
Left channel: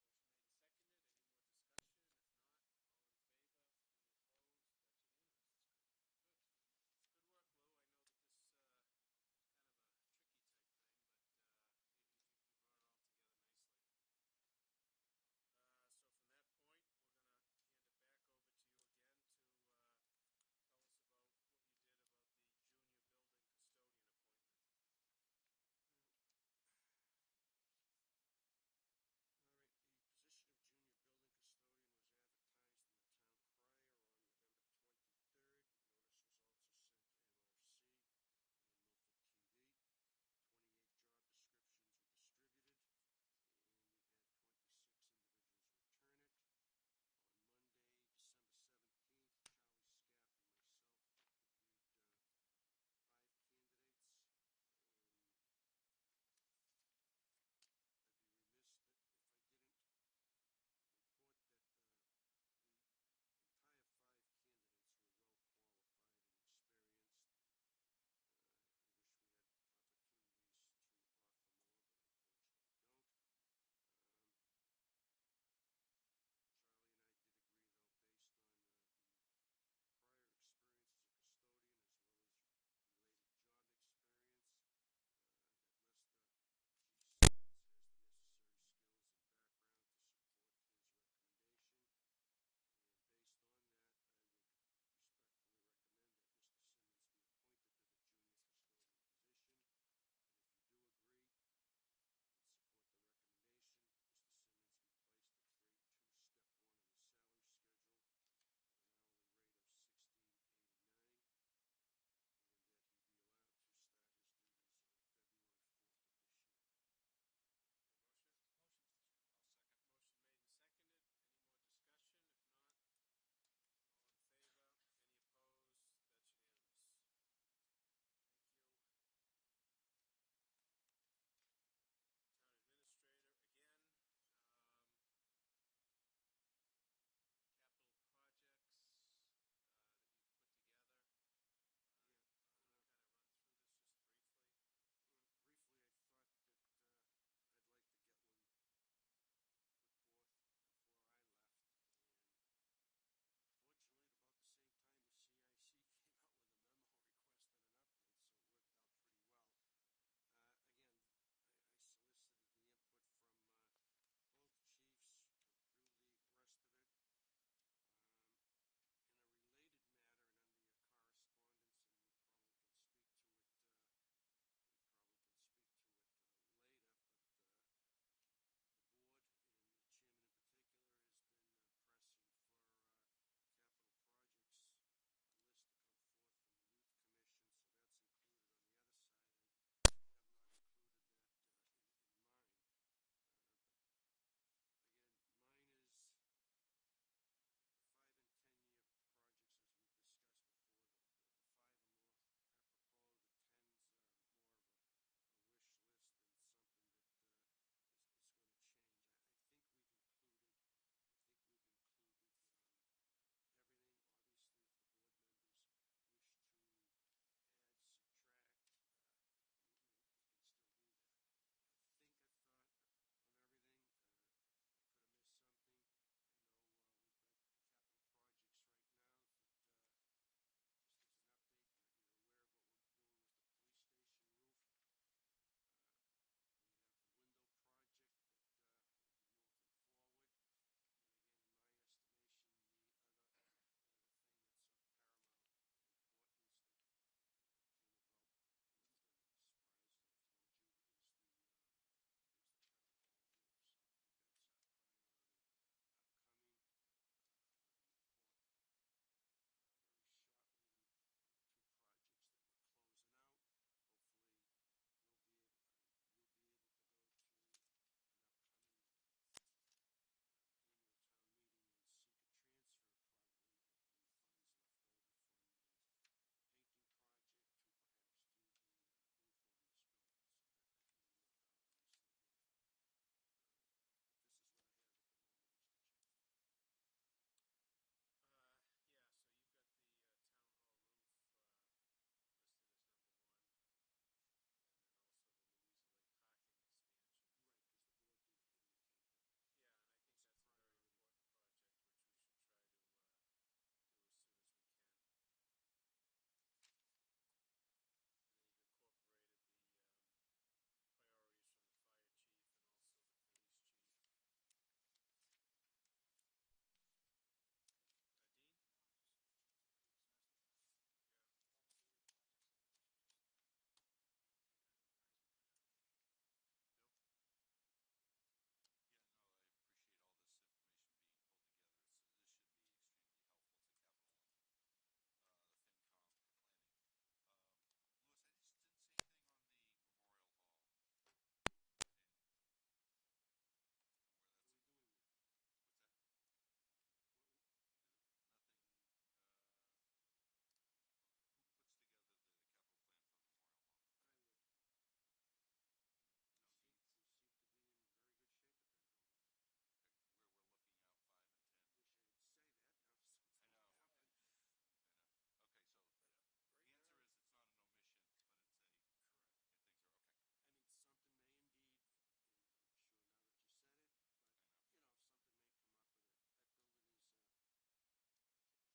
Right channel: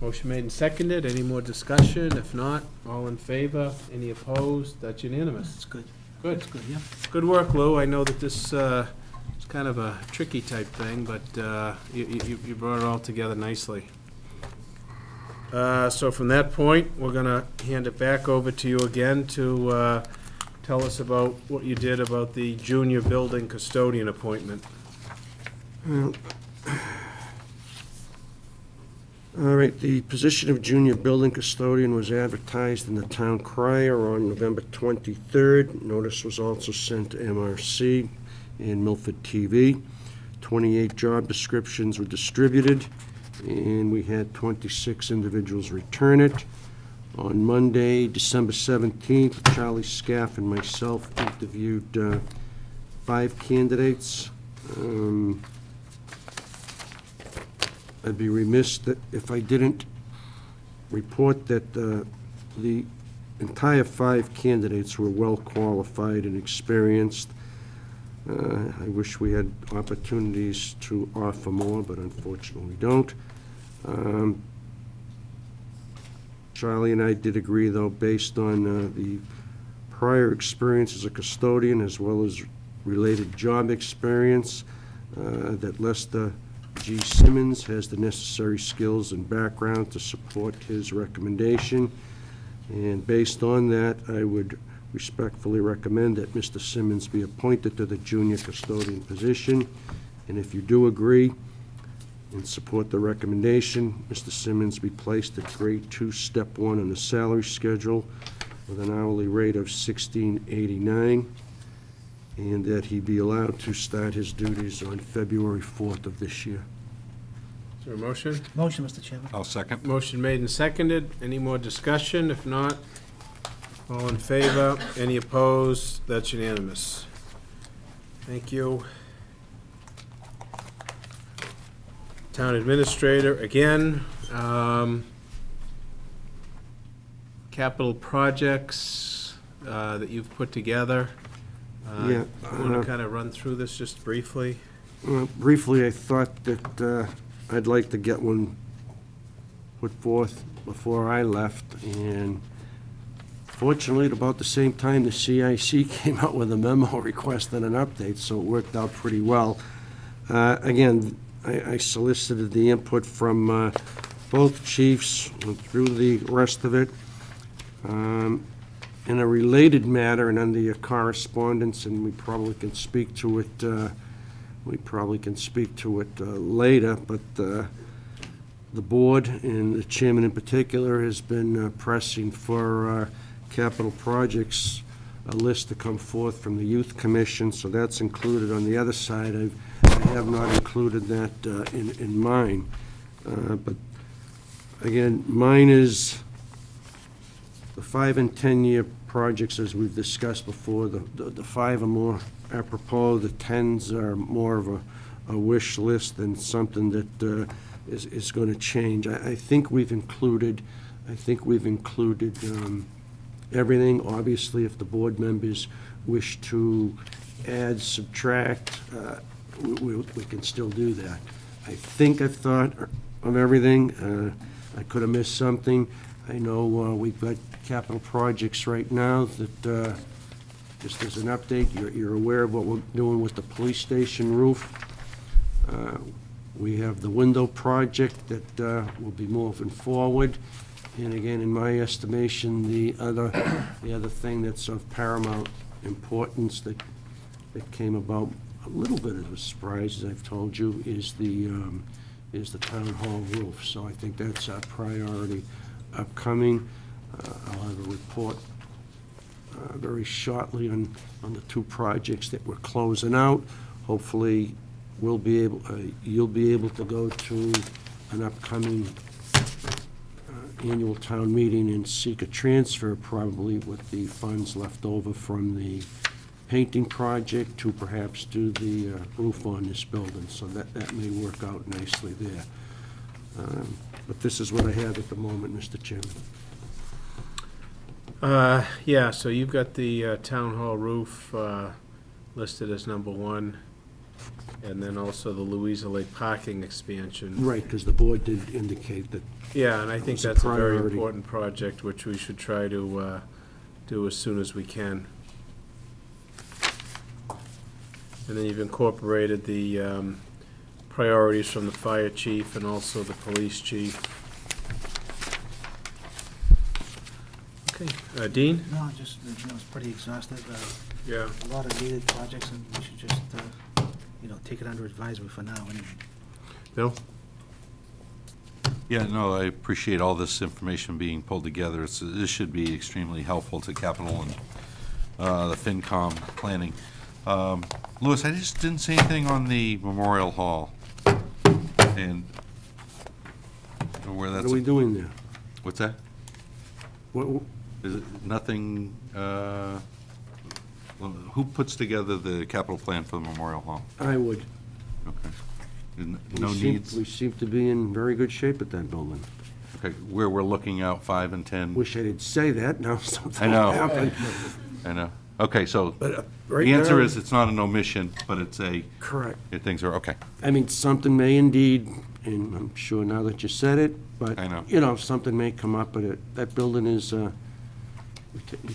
Motion made and seconded. Any more discussion? If not, all in favor? Any opposed? That's unanimous. That's good. Good. That's good, yeah. Good work, Lou. I know that this is kind of a tricky type thing, but you brought it all together nicely. So from that point, we're going to hand it back over to you again to tell us about what you did about the junior building custodian appointment. Well, All right, the position of junior building custodian was advertised in the town crier on November 23rd. Notice was also sent to MRC and Milford TV. 28 job descriptions were distributed, and we had 26 individuals return it. On Monday, December 17th, Charlie Scaff and myself interviewed 5 candidates. I'd be remiss that if I didn't report that the entire 5 candidates were well qualified and experienced. I wish we had opportunities to offer more, but unfortunately we don't. Charlie and I did agree, though, based on the prior experience as a custodian as well as related job experience, that Lester G. Simmons has the necessary skills and background to support his recommendation. And based on that, I would respectfully recommend that Mr. Simmons be appointed to the junior custodian position. And if you do agree and support the recommendation, Mr. Simmons be placed at grade 2, step 1 on the salary schedule with an hourly rate of $16.89, and that he be allowed to start his duties on February 4th of this year. Is there a motion? Motion, Mr. Chairman. I'll second. Motion made and seconded. Any more discussion? If not, all in favor? Any opposed? That's unanimous. Thank you. Town administrator, again. Capital projects that you've put together. Yeah, Want to kind of run through this just briefly? Briefly, I thought that I'd like to get one put forth before I left, and fortunately, at about the same time, the CIC came out with a memo requesting an update, so it worked out pretty well. Again, I solicited the input from both chiefs through the rest of it. In a related matter and under your correspondence, and we probably can speak to it, later, but the board and the chairman in particular has been pressing for capital projects, a list to come forth from the Youth Commission, so that's included on the other side. I have not included that in mine. But again, mine is the 5- and 10-year projects, as we've discussed before. The 5 are more apropos, the 10s are more of a wish list than something that is going to change. I think we've included everything. Obviously, if the board members wish to add, subtract, we can still do that. I think I've thought of everything. I could have missed something. I know we've got capital projects right now that, just as an update, you're aware of what we're doing with the police station roof. We have the window project that will be moving forward. And again, in my estimation, the other thing that's of paramount importance that came about a little bit of a surprise, as I've told you, is the town hall roof. So I think that's our priority upcoming. I'll have a report very shortly on the 2 projects that we're closing out. Hopefully, you'll be able to go to an upcoming annual town meeting and seek a transfer, probably with the funds left over from the painting project, to perhaps do the roof on this building. So that may work out nicely there. But this is what I have at the moment, Mr. Chairman. Yeah, so you've got the town hall roof listed as number 1, and then also the Louisa Lake parking expansion. Right, because the board did indicate that. Yeah, and I think It's a that's a very priority. important project, which we should try to do as soon as we can. And then you've incorporated the priorities from the fire chief and also the police chief. Okay, Dean? No, just, it's pretty exhaustive. Yeah. A lot of needed projects, and we should just, take it under advisement for now, anyway. Bill? Yeah, no, I appreciate all this information being pulled together. This should be extremely helpful to capital and the FinCom planning. Louis, I just didn't see anything on the Memorial Hall. And where that's. What are we doing there? What's that? What, Is it nothing, who puts together the capital plan for the Memorial Hall? I would. Okay. No needs? We seem to be in very good shape at that building. Okay, where we're looking out 5 and 10? Wish I didn't say that, now I something know. happened. I know. Okay, so But right the answer now- is it's not an omission, but it's a, Correct. things are, okay. I mean, something may indeed, and I'm sure now that you said it, but, I know. you know, something may come up, but that building is, we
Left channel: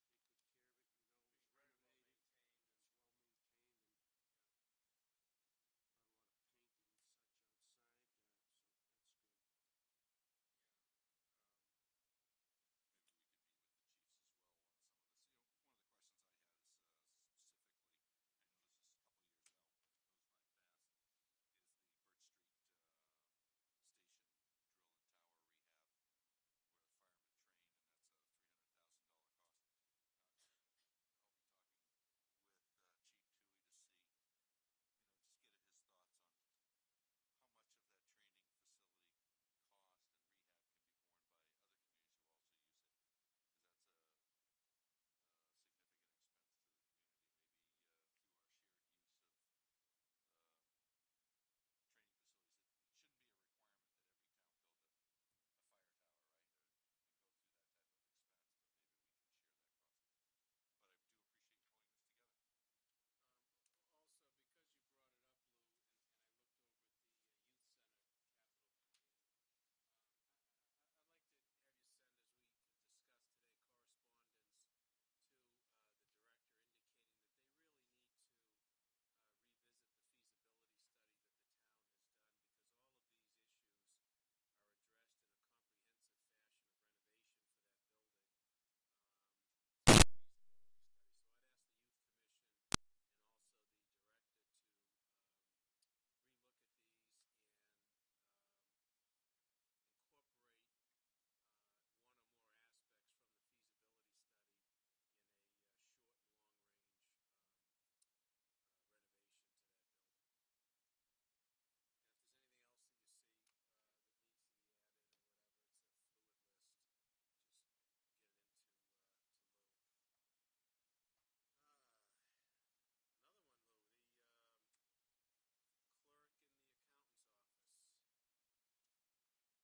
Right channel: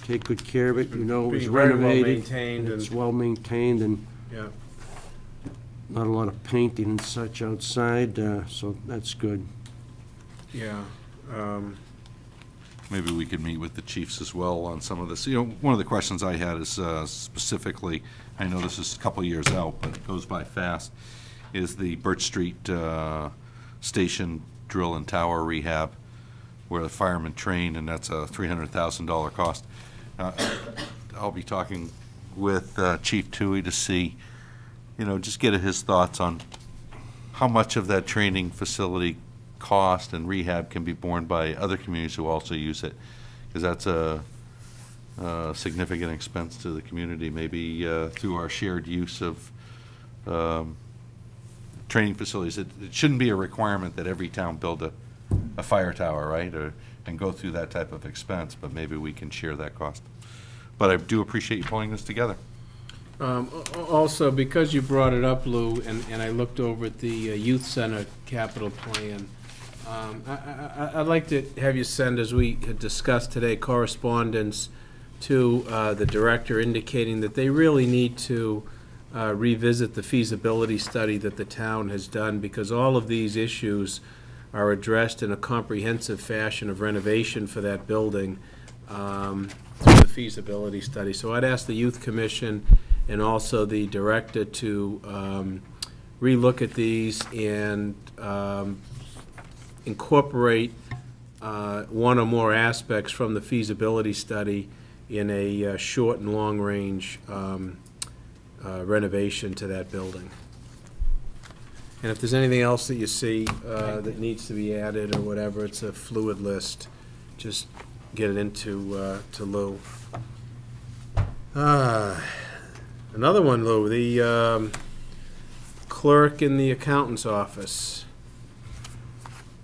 take good care of it, you know, it was Being very well renovated. maintained It's and- well maintained and Yeah. not a lot of painting and such outside, so that's good. Yeah. Maybe we could meet with the chiefs as well on some of this. You know, one of the questions I had is specifically, I know this is a couple of years out, but it goes by fast, is the Birch Street Station drill and tower rehab where the firemen train, and that's a $300,000 cost. I'll be talking with Chief Toohey to see, you know, just get his thoughts on how much of that training facility cost and rehab can be borne by other communities who also use it, because that's a significant expense to the community, maybe through our shared use of training facilities. It shouldn't be a requirement that every town build a fire tower, right, and go through that type of expense, but maybe we can share that cost. But I do appreciate you pulling this together. Also, because you brought it up, Lou, and I looked over at the youth center capital plan, I'd like to have you send, as we had discussed today, correspondence to the director indicating that they really need to revisit the feasibility study that the town has done, because all of these issues are addressed in a comprehensive fashion of renovation for that building through the feasibility study. So I'd ask the Youth Commission and also the director to relook at these and incorporate one or more aspects from the feasibility study in a short and long-range renovation to that building. And if there's anything else that you see that needs to be added or whatever, it's a fluid list, just get it into to Lou. Another one, Lou, the clerk in the accountant's office.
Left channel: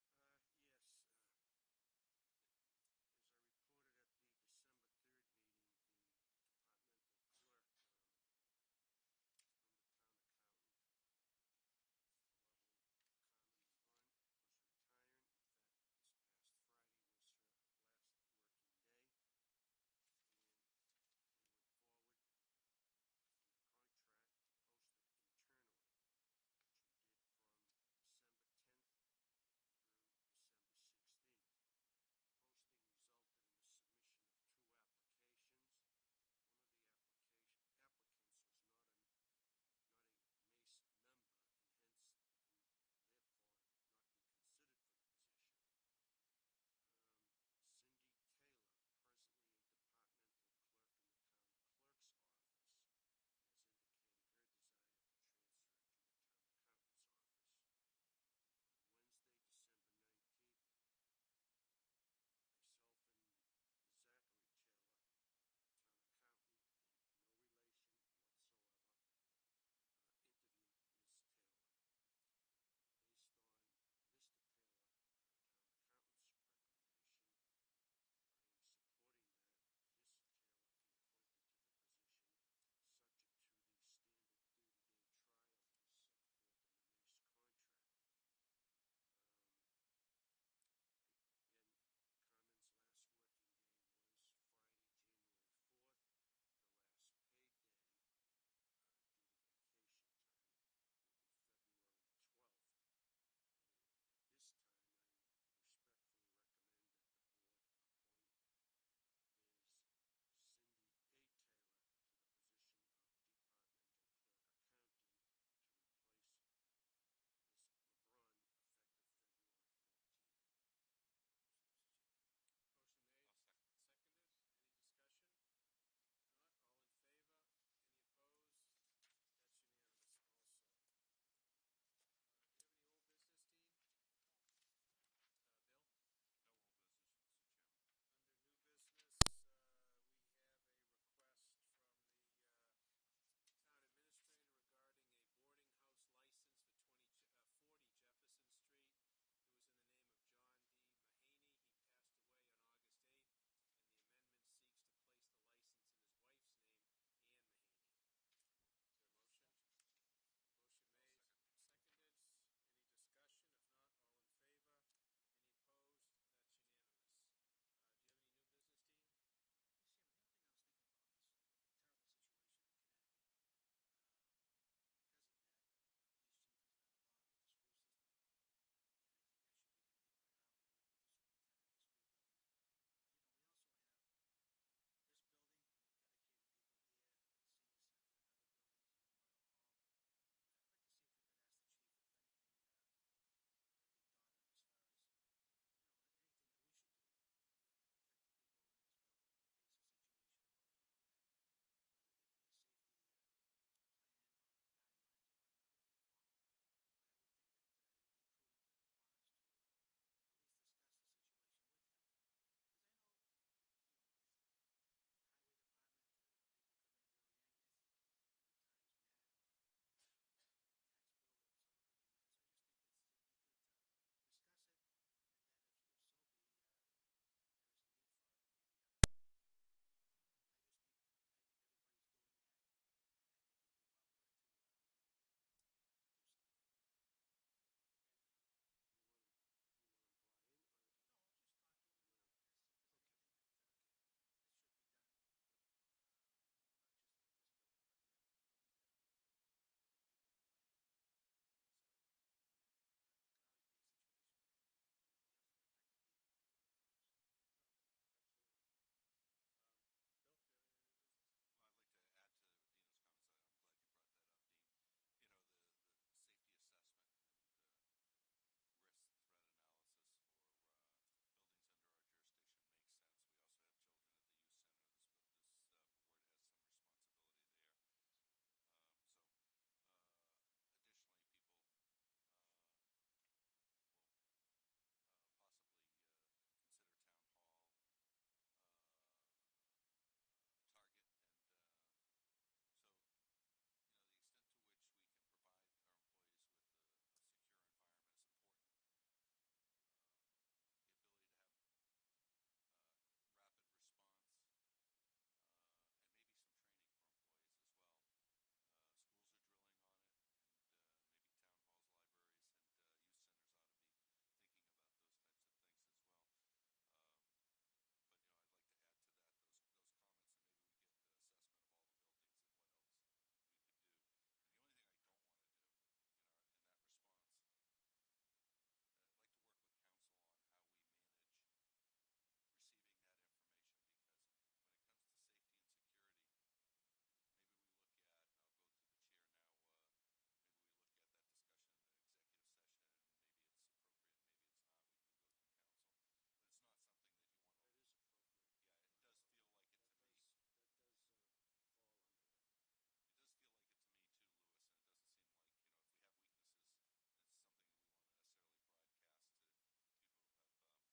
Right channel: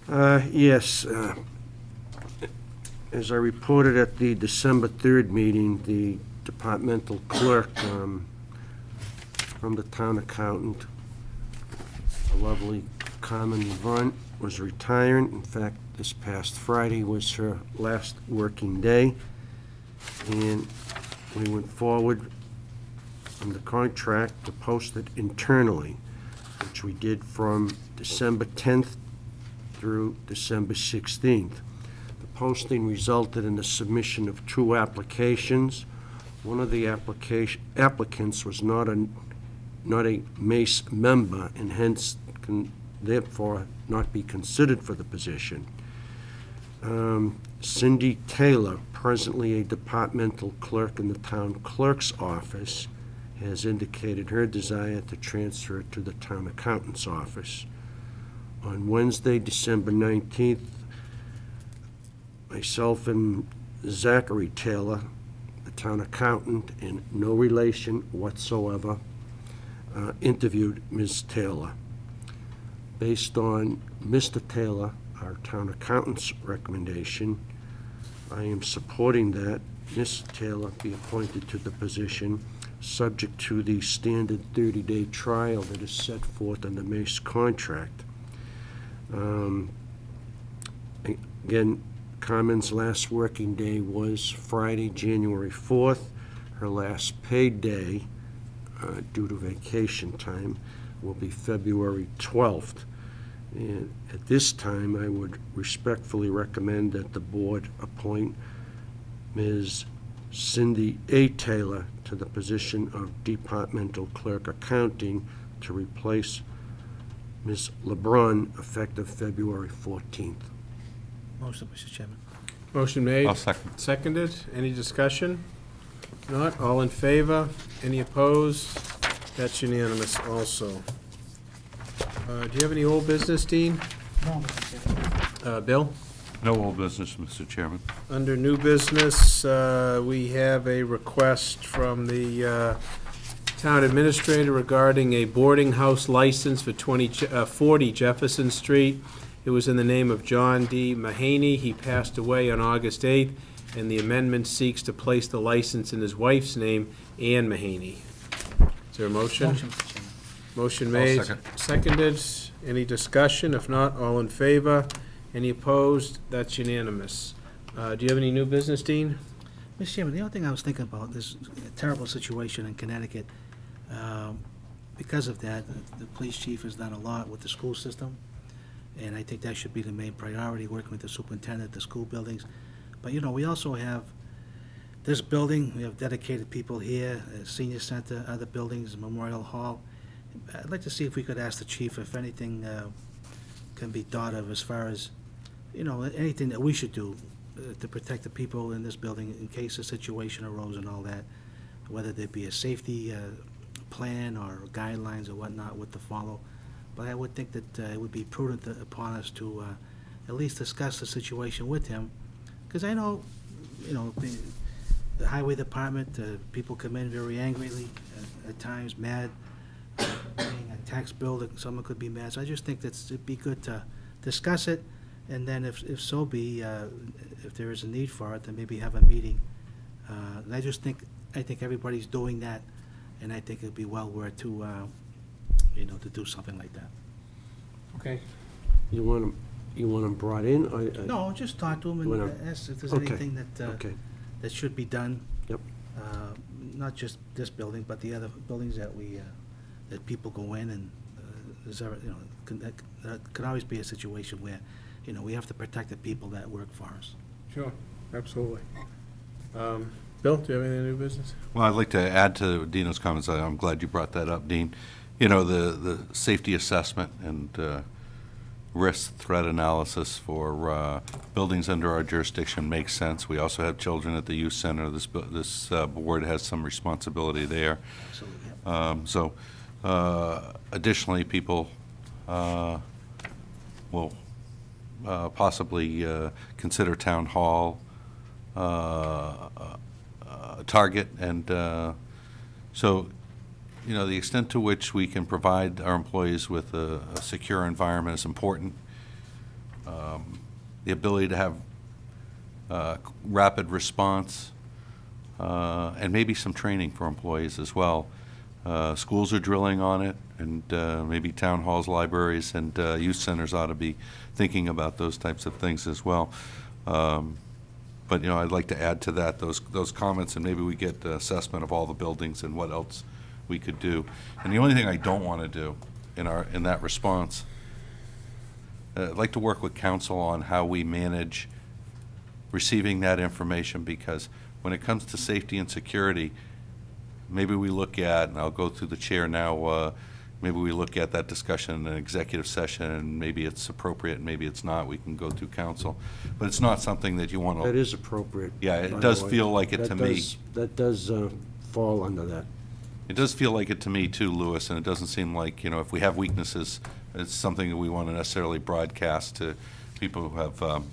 Yes, as I reported at the December 3rd meeting, the departmental clerk from the town accountant, a lovely Carmen Brunt, was retiring. In fact, this past Friday was her last working day, and we went forward on the contract to post it internally, which we did from December 10th through December 16th. The posting resulted in the submission of 2 applications. One of the applicants was not a MACE member and hence can therefore not be considered for the position. Cindy Taylor, presently a departmental clerk in the town clerk's office, has indicated her desire to transfer to the town accountant's office. On Wednesday, December 19th, myself and Zachary Taylor, the town accountant, in no relation whatsoever, interviewed Ms. Taylor. Based on Mr. Taylor, our town accountant's recommendation, I am supporting that Ms. Taylor be appointed to the position, subject to the standard 30-day trial that is set forth in the MACE contract. Again, Carmen's last working day was Friday, January 4th. Her last paid day, due to vacation time, will be February 12th. And at this time, I would respectfully recommend that the board appoint Ms. Cindy A. Taylor to the position of Departmental Clerk Accounting to replace Ms. LeBrun, effective February 14th. Motion, Mr. Chairman. Motion made. I'll second. Seconded. Any discussion? Not, all in favor? Any opposed? That's unanimous also. Do you have any old business, Dean? No, Mr. Chairman. Bill? No old business, Mr. Chairman. Under new business, we have a request from the town administrator regarding a boarding house license for 40 Jefferson Street. It was in the name of John D. Mahaney. He passed away on August 8th, and the amendment seeks to place the license in his wife's name, Ann Mahaney. Is there a motion? Motion, Mr. Chairman. Motion made. second. Seconded. Any discussion? If not, all in favor? Any opposed? That's unanimous. Do you have any new business, Dean? Mr. Chairman, the only thing I was thinking about, this terrible situation in Connecticut. Because of that, the police chief has done a lot with the school system, and I think that should be the main priority, working with the superintendent, the school buildings. But, you know, we also have this building, we have dedicated people here, senior center, other buildings, Memorial Hall. I'd like to see if we could ask the chief if anything can be thought of as far as, you know, anything that we should do to protect the people in this building in case a situation arose and all that, whether there be a safety plan or guidelines or whatnot with to follow. But I would think that it would be prudent upon us to at least discuss the situation with him, because I know, you know, the highway department, people come in very angrily, at times mad, paying a tax bill that someone could be mad. So I just think that it'd be good to discuss it, and then if so be, if there is a need for it, then maybe have a meeting. And I think everybody's doing that, and I think it'd be well worth to, you know, to do something like that. Okay. You want him brought in? No, just talk to them Wanna- and ask if there's Okay. anything that, Okay, that should be done. Yep. Not just this building, but the other buildings that that people go in, and is there, you know, that could always be a situation where, you know, we have to protect the people that work for us. Sure, absolutely. Bill, do you have any new business? Well, I'd like to add to Dino's comments. I'm glad you brought that up, Dean. You know, the safety assessment and risk threat analysis for buildings under our jurisdiction makes sense. We also have children at the youth center. This board has some responsibility there. Absolutely. Additionally, people will possibly consider town hall target, and so, you know, the extent to which we can provide our employees with a secure environment is important. The ability to have rapid response and maybe some training for employees as well. Schools are drilling on it, and maybe town halls, libraries, and youth centers ought to be thinking about those types of things as well. But, you know, I'd like to add to that those comments, and maybe we get the assessment of all the buildings and what else we could do. And the only thing I don't want to do in that response, I'd like to work with council on how we manage receiving that information, because when it comes to safety and security, maybe we look at, and I'll go through the chair now, maybe we look at that discussion in an executive session, and maybe it's appropriate, and maybe it's not. We can go through council. But it's not something that you want to... that is appropriate. Yeah, it by the does way. feel like it That to me. That does fall under that. It does feel like it to me too, Louis, and it doesn't seem like, you know, if we have weaknesses, it's something that we want to necessarily broadcast to people who have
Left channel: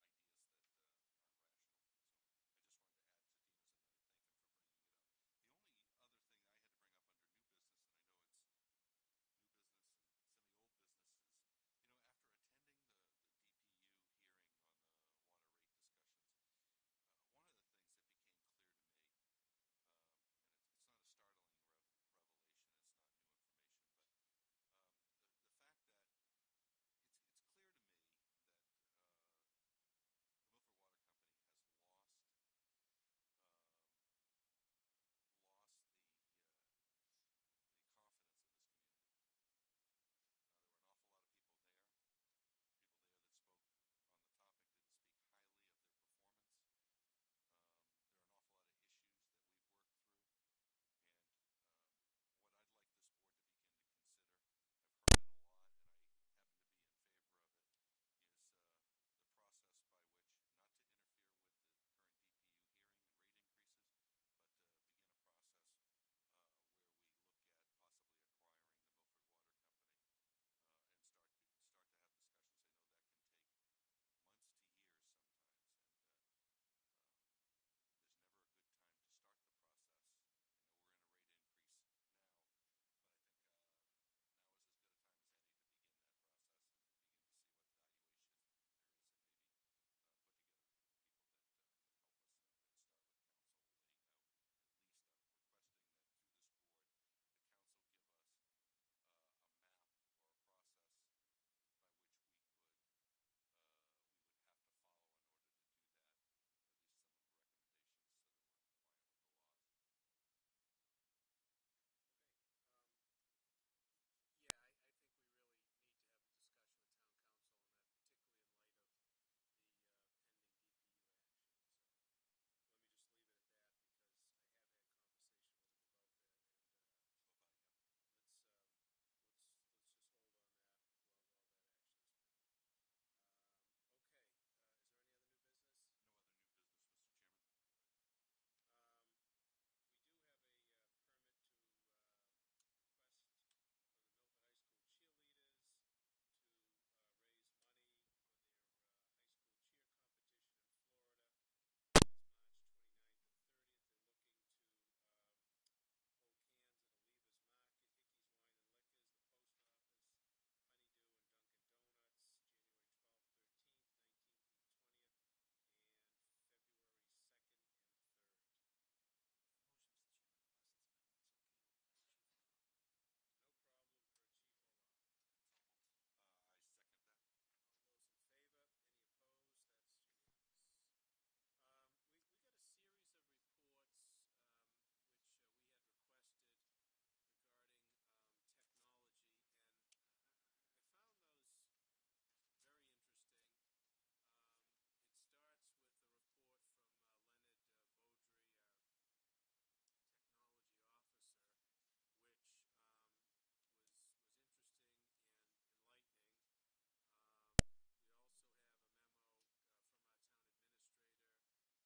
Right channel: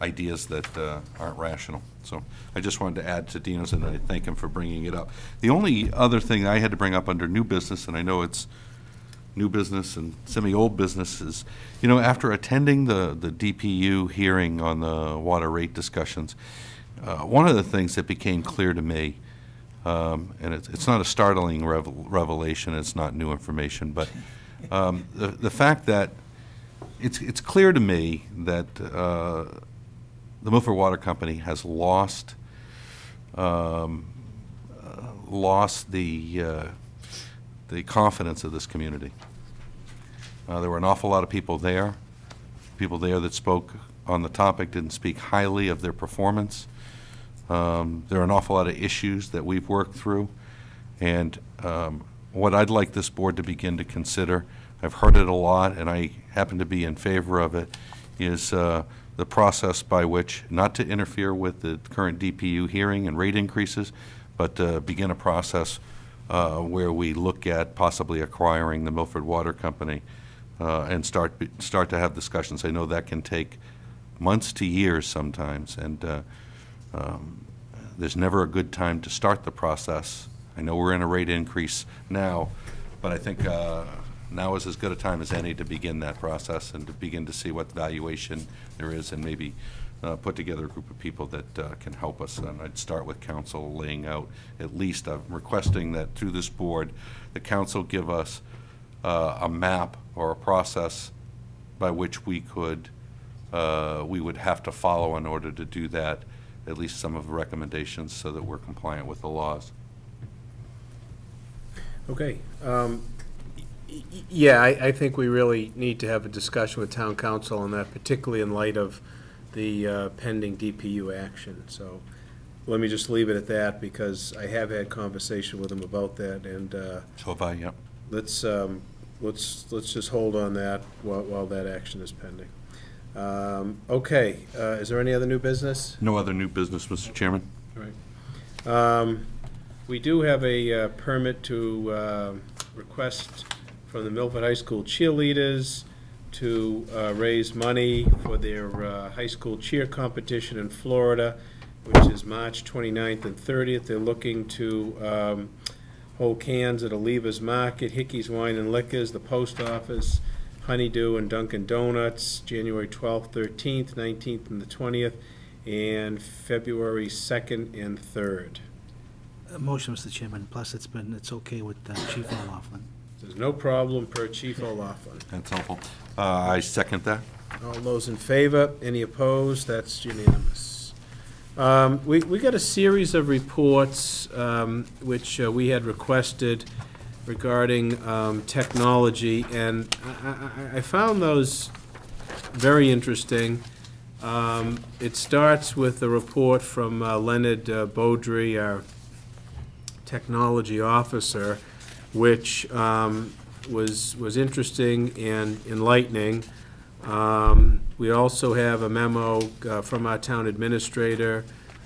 ideas that aren't rational. So I just wanted to add to Dino's, and I thank him for bringing it up. The only other thing I had to bring up under new business, and I know it's new business and semi-old business, is, you know, after attending the DPU hearing on the water rate discussions, one of the things that became clear to me, and it's not a startling revelation, it's not new information, but the fact that it's clear to me that the Milford Water Company has lost the confidence of this community. There were an awful lot of people there that spoke on the topic, didn't speak highly of their performance. There are an awful lot of issues that we've worked through, and what I'd like this board to begin to consider I've heard it a lot, and I happen to be in favor of it, is the process by which, not to interfere with the current DPU hearing and rate increases, but begin a process where we look at possibly acquiring the Milford Water Company and start to have discussions. I know that can take months to years sometimes, and there's never a good time to start the process. I know we're in a rate increase now, but I think now is as good a time as any to begin that process and to begin to see what valuation there is, and maybe put together a group of people that can help us. And I'd start with council laying out, at least I'm requesting that through this board, the council give us a map or a process by which we would have to follow in order to do that, at least some of the recommendations, so that we're compliant with the laws. Okay. Yeah, I think we really need to have a discussion with town council on that, particularly in light of the pending DPU action. So let me just leave it at that, because I have had conversation with them about that, and So have I, yeah. let's just hold on that while that action is pending. Okay, is there any other new business? No other new business, Mr. Chairman. All right. We do have a permit to request from the Milford High School cheerleaders to raise money for their high school cheer competition in Florida, which is March 29th and 30th. They're looking to hold cans at Oliva's Market, Hickey's Wine and Liquors, the Post Office, Honeydew, and Dunkin' Donuts, January 12th, 13th, 19th, and the 20th, and February 2nd and 3rd. Motion, Mr. Chairman, plus it's okay with Chief O'Laughlin. There's no problem per Chief O'Laughlin. That's helpful. I second that. All those in favor? Any opposed? That's unanimous. We got a series of reports which we had requested regarding technology, and I found those very interesting. It starts with a report from Leonard Beaudry, our technology officer, which was interesting and enlightening. We also have a memo from our town administrator,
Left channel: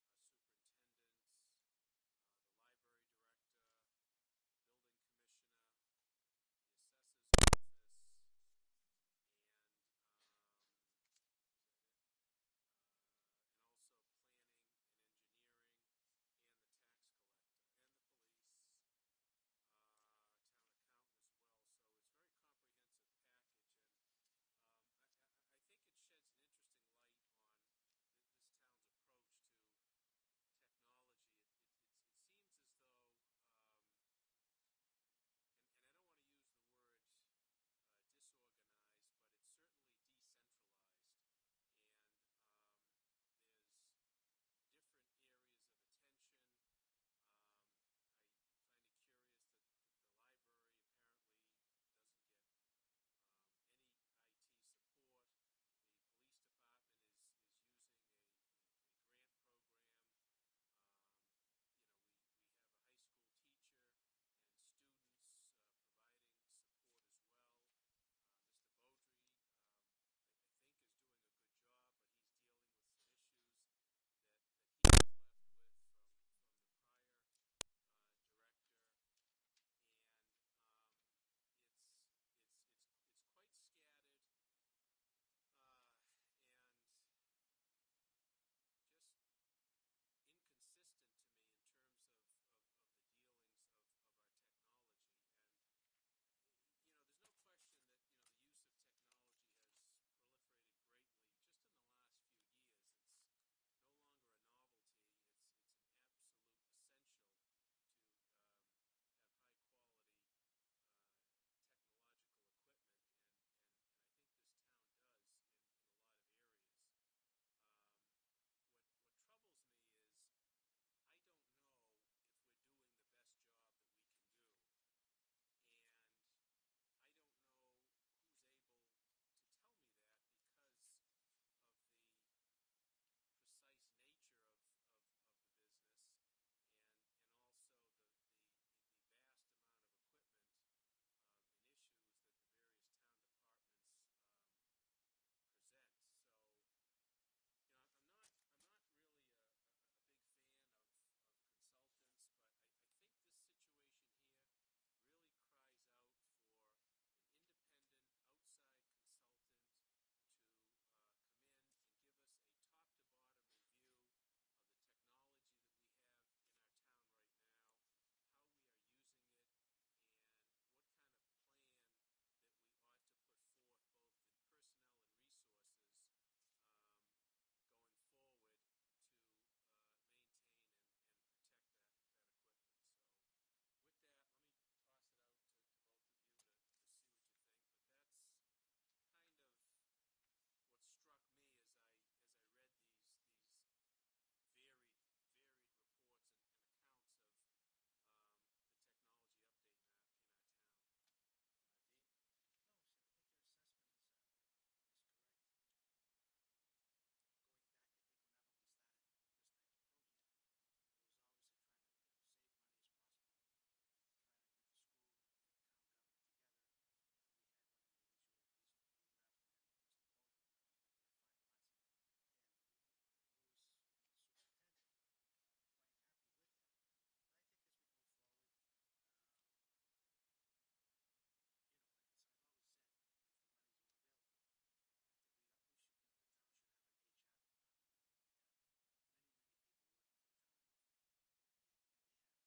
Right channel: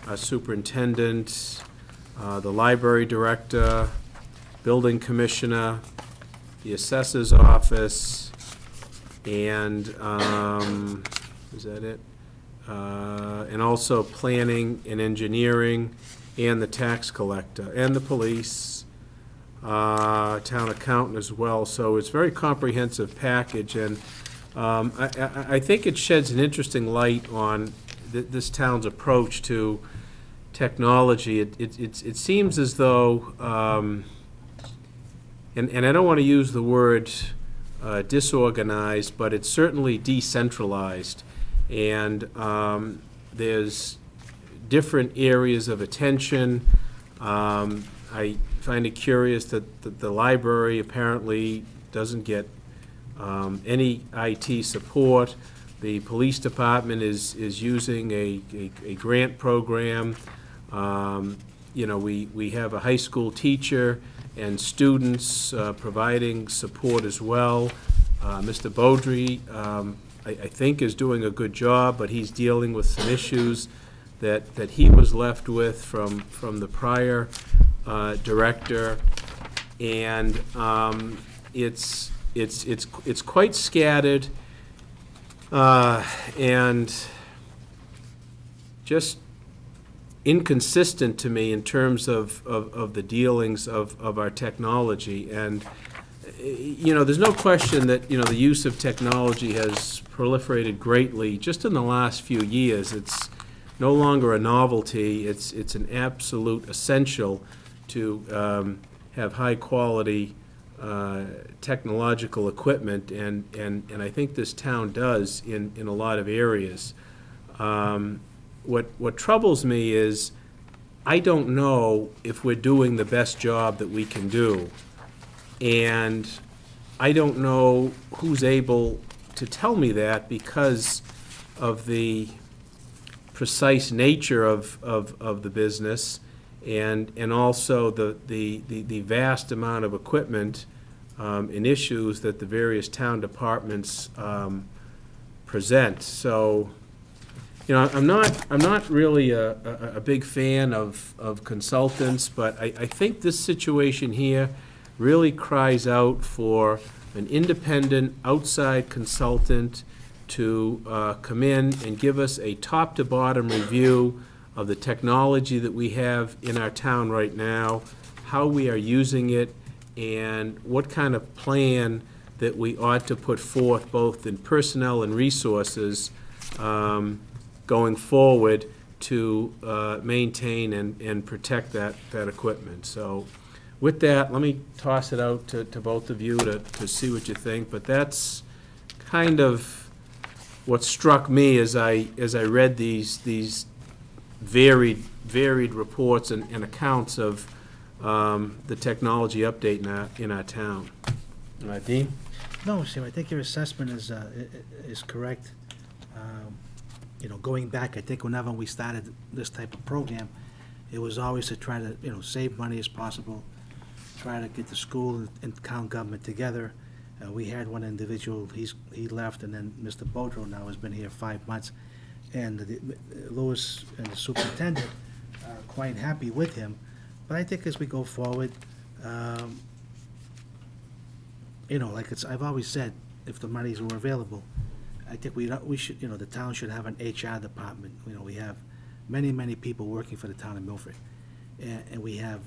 our superintendent, the library director, building commissioner, the assessor's office, and is that it? And also planning and engineering, and the tax collector, and the police, town accountant as well. So it's a very comprehensive package, and I think it sheds an interesting light on this town's approach to technology. It seems as though, and I don't want to use the word disorganized, but it's certainly decentralized, and there's different areas of attention. I find it curious that the library apparently doesn't get any IT support. The police department is using a grant program. You know, we have a high school teacher and students providing support as well. Mr. Beaudry, I think, is doing a good job, but he's dealing with some issues that he was left with from the prior director, and it's quite scattered and just inconsistent to me in terms of the dealings of our technology. And you know, there's no question that, you know, the use of technology has proliferated greatly just in the last few years. It's no longer a novelty. It's an absolute essential to have high quality technological equipment, and I think this town does in a lot of areas. What troubles me is I don't know if we're doing the best job that we can do, and I don't know who's able to tell me that because of the precise nature of the business, and also the vast amount of equipment and issues that the various town departments present. So, you know, I'm not really a big fan of consultants, but I think this situation here really cries out for an independent, outside consultant to come in and give us a top-to-bottom review of the technology that we have in our town right now, how we are using it, and what kind of plan that we ought to put forth, both in personnel and resources, going forward to maintain and protect that equipment. So with that, let me toss it out to both of you to see what you think, but that's kind of what struck me as I read these varied reports and accounts of the technology update in our town. Dean? No, sir, I think your assessment is correct. You know, going back, I think whenever we started this type of program, it was always to try to, you know, save money as possible, try to get the school and town government together. We had one individual, he left, and then Mr. Bodro now has been here 5 months. And Lewis and the superintendent are quite happy with him. But I think as we go forward, you know, like I've always said, if the monies were available, I think we should, you know, the town should have an HR department. You know, we have many people working for the town of Milford. And we have,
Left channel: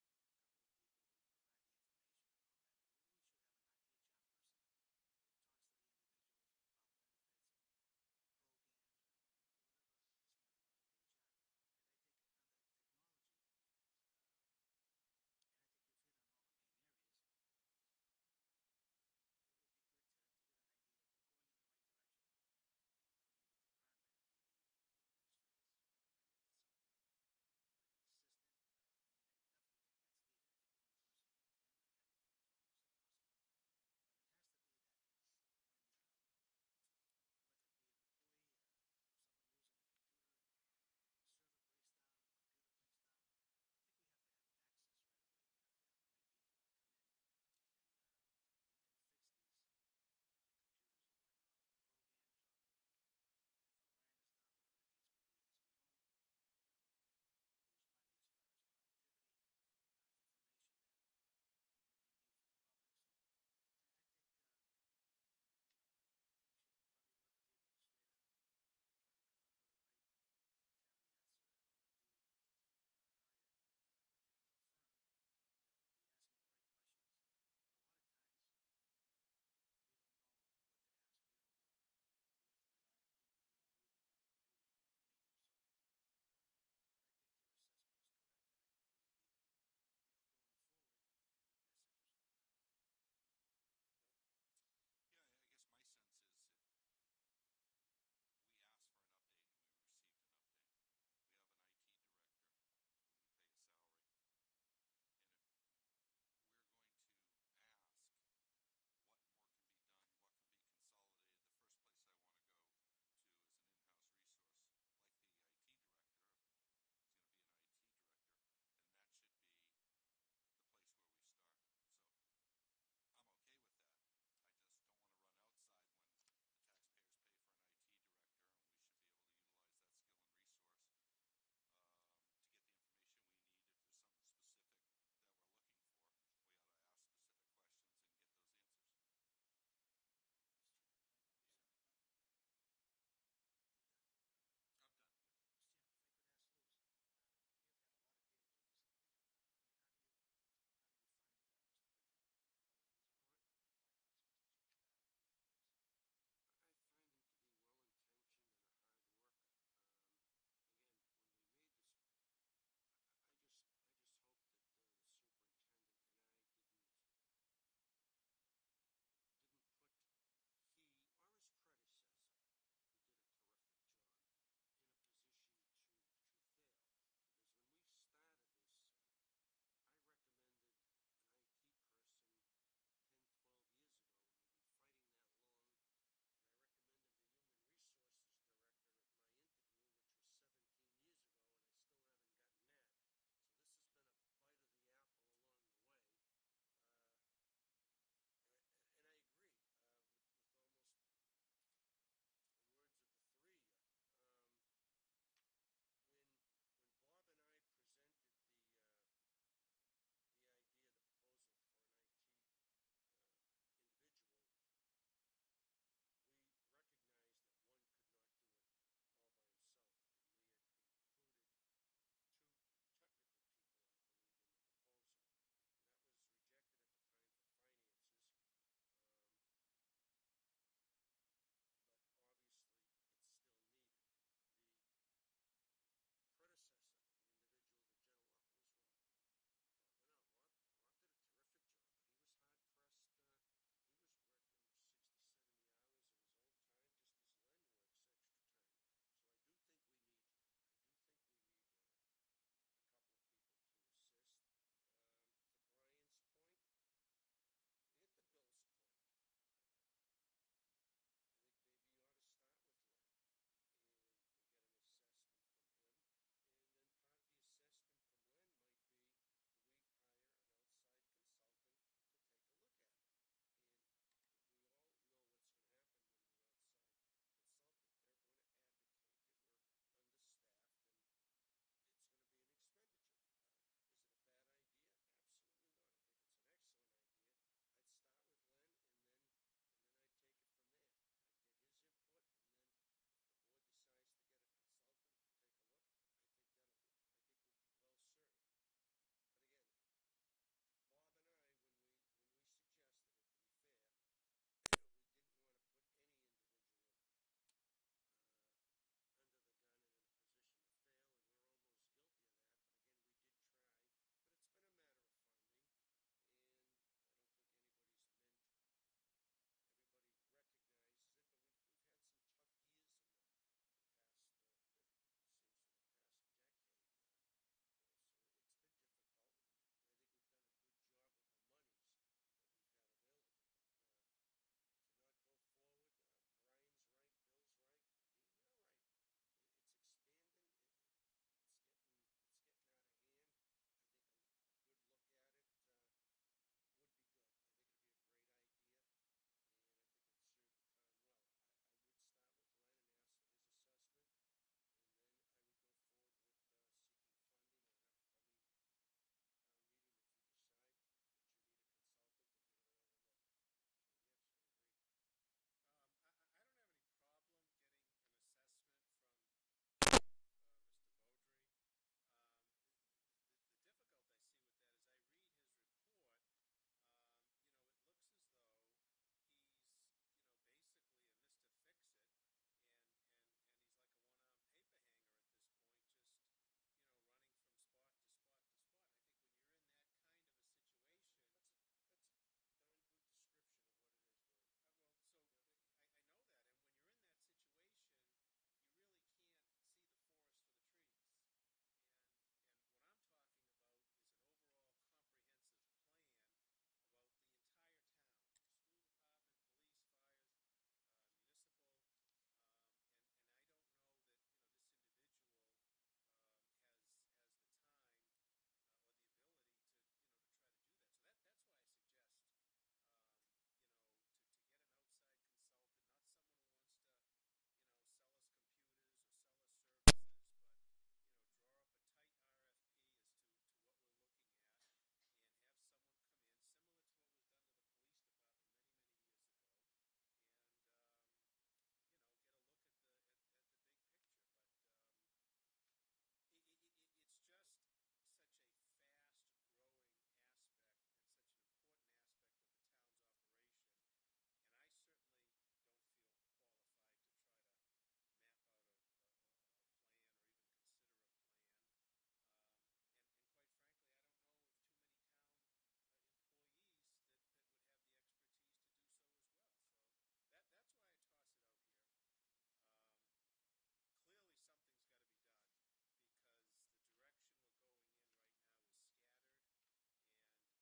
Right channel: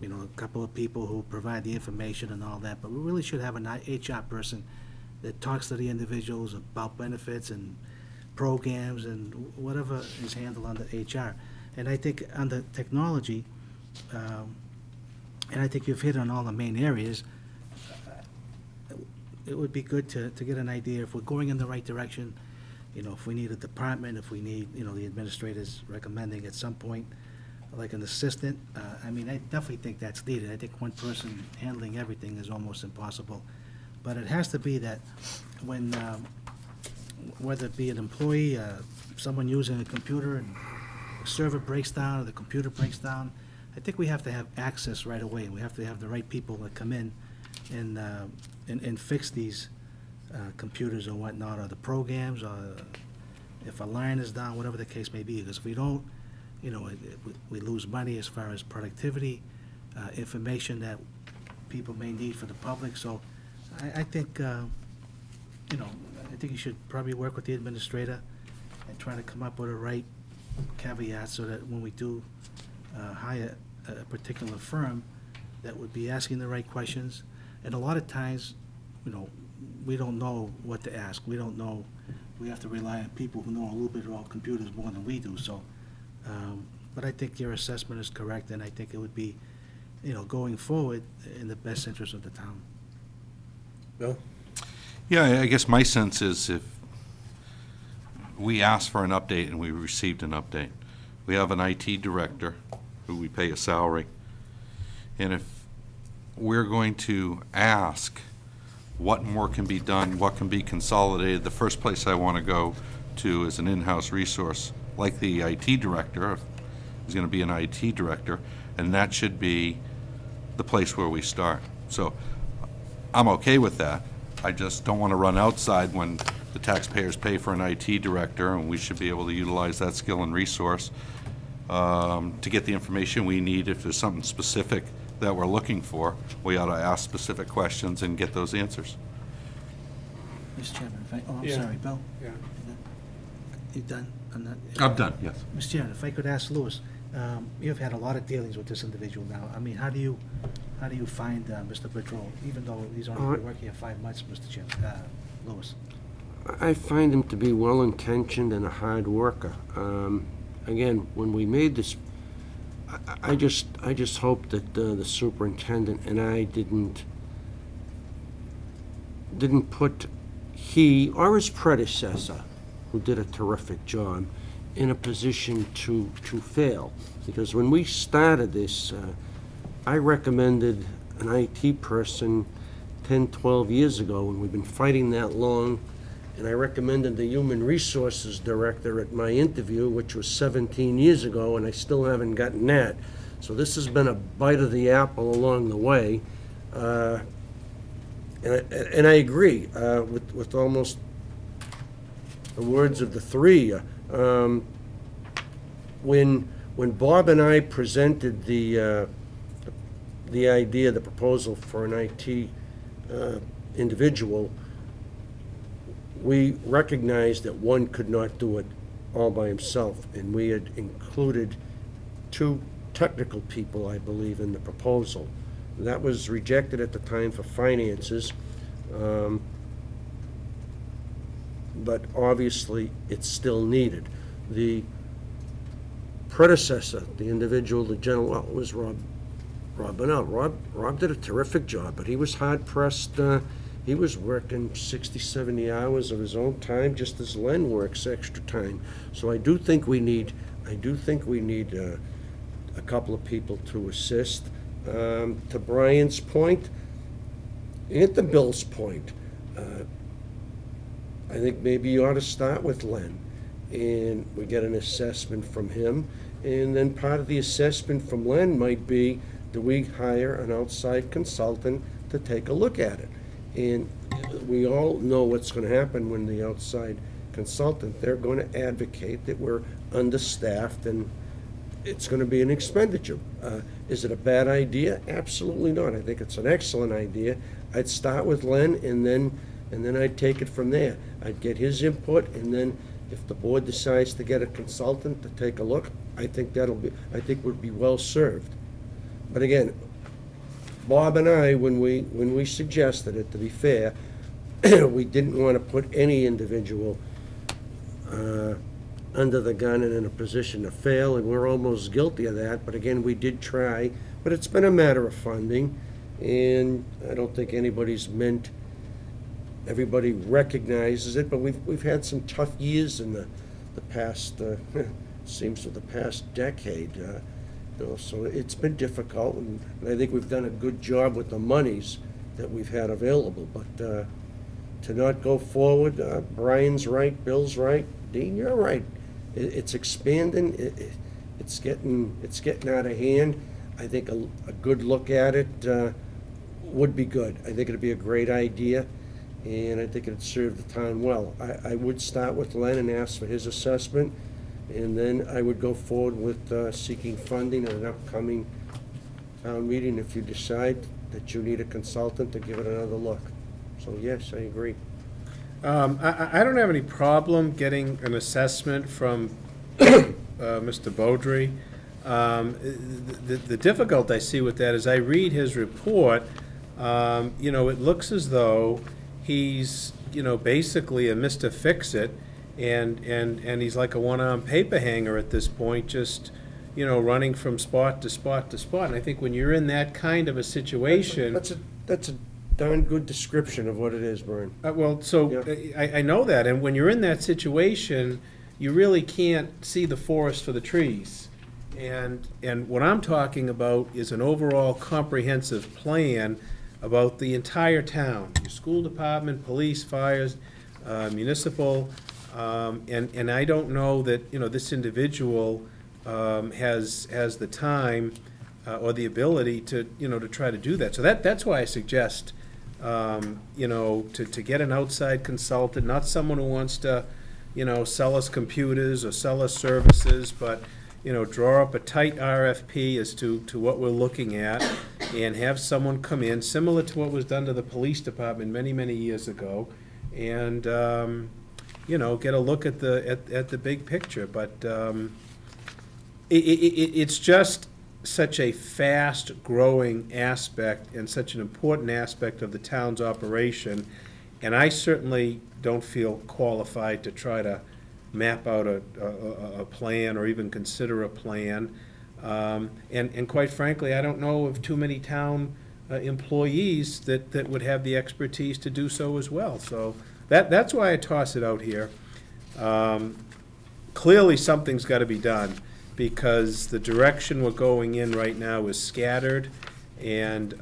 you know, a couple of people who provide the information and all that, but we really should have an HR person that talks to the individuals about benefits and programs and whatever is handled under HR. And I think under technology, and I think you've hit on all the main areas, it would be good to get an idea if we're going in the right direction, you know, if we need a department, if we need, you know, the administrators recommending at some point, like an assistant. I mean, I definitely think that's needed. I think one person handling everything is almost impossible. But it has to be that when, whether it be an employee, someone using a computer and the server breaks down or the computer breaks down, I think we have to have access right away. We have to have the right people that come in and fix these computers or whatnot, or the programs, or if a line is down, whatever the case may be. Because if we don't, you know, we lose money as far as productivity, information that people may need for the public. So I think, you know, I think you should probably work with the administrator and try to come up with a right caveat so that when we do hire a particular firm, that would be asking the right questions. And a lot of times, you know, we don't know what to ask. We don't know. We have to rely on people who know a little bit about computers more than we do. So, but I think your assessment is correct, and I think it would be, you know, going forward in the best interest of the town. Bill? Yeah, I guess my sense is if we asked for an update and we received an update, we have an IT director who we pay a salary, and if we're going to ask what more can be done, what can be consolidated, the first place I want to go to is an in-house resource like the IT director. Is going to be an IT director, and that should be the place where we start. So I'm okay with that. I just don't want to run outside when the taxpayers pay for an IT director, and we should be able to utilize that skill and resource to get the information we need. If there's something specific that we're looking for, we ought to ask specific questions and get those answers. Mr. Chairman, I'm Yeah. sorry, Bill? Yeah. You done on that? I'm done, yes. Mr. Chairman, if I could ask Louis, you've had a lot of dealings with this individual now. I mean, how do you find Mr. Bedroll, even though he's only been working here 5 months, Mr. Chairman, Louis? I find him to be well-intentioned and a hard worker. Again, when we made this, I just hope that the superintendent and I didn't put he or his predecessor, who did a terrific job, in a position to fail. Because when we started this, I recommended an IT person 10, 12 years ago, and we've been fighting that long. And I recommended the Human Resources Director at my interview, which was 17 years ago, and I still haven't gotten that. So this has been a bite of the apple along the way. And I agree with almost the words of the three. When Bob and I presented the idea, the proposal for an IT individual, we recognized that one could not do it all by himself, and we had included 2 technical people, I believe, in the proposal. That was rejected at the time for finances, but obviously it's still needed. The predecessor, the individual, the general, well, it was Rob Bonnell. Rob did a terrific job, but he was hard-pressed. He was working 60, 70 hours of his own time, just as Len works extra time. So I do think we need a couple of people to assist. To Brian's point, and to Bill's point, I think maybe you ought to start with Len, and we get an assessment from him, and then part of the assessment from Len might be, do we hire an outside consultant to take a look at it? And we all know what's going to happen when the outside consultant, they're going to advocate that we're understaffed and it's going to be an expenditure. Is it a bad idea? Absolutely not. I think it's an excellent idea. I'd start with Len, and then I'd take it from there. I'd get his input, and then if the board decides to get a consultant to take a look, I think would be well served. But again, Bob and I, when we suggested it, to be fair, we didn't want to put any individual under the gun and in a position to fail, and we're almost guilty of that. But again, we did try, but it's been a matter of funding, and I don't think everybody recognizes it, but we've had some tough years in the past, seems to the past decade. So it's been difficult, and I think we've done a good job with the monies that we've had available. But to not go forward, Brian's right, Bill's right, Dean, you're right. It's expanding. It's getting out of hand. I think a good look at it would be good. I think it'd be a great idea, and I think it'd serve the town well. I would start with Len and ask for his assessment, and then I would go forward with seeking funding at an upcoming town meeting if you decide that you need a consultant to give it another look. So yes, I agree. I don't have any problem getting an assessment from Mr. Beaudry. The difficulty I see with that is I read his report, it looks as though he's, basically a Mr. Fix-It, and he's like a one-armed paper hanger at this point, just, running from spot to spot to spot. And I think when you're in that kind of a situation... That's a darn good description of what it is, Brian. I know that, and when you're in that situation, you really can't see the forest for the trees. And what I'm talking about is an overall comprehensive plan about the entire town, your school department, police, fires, municipal, and I don't know that, this individual has the time or the ability to, to try to do that. So that's why I suggest, to get an outside consultant, not someone who wants to, sell us computers or sell us services, but, draw up a tight RFP as to what we're looking at, and have someone come in, similar to what was done to the police department many, many years ago, and, get a look at the big picture. But it's just such a fast-growing aspect and such an important aspect of the town's operation, and I certainly don't feel qualified to try to map out a plan or even consider a plan. And quite frankly, I don't know of too many town employees that would have the expertise to do so as well. So that's why I toss it out here. Clearly, something's got to be done, because the direction we're going in right now is scattered, and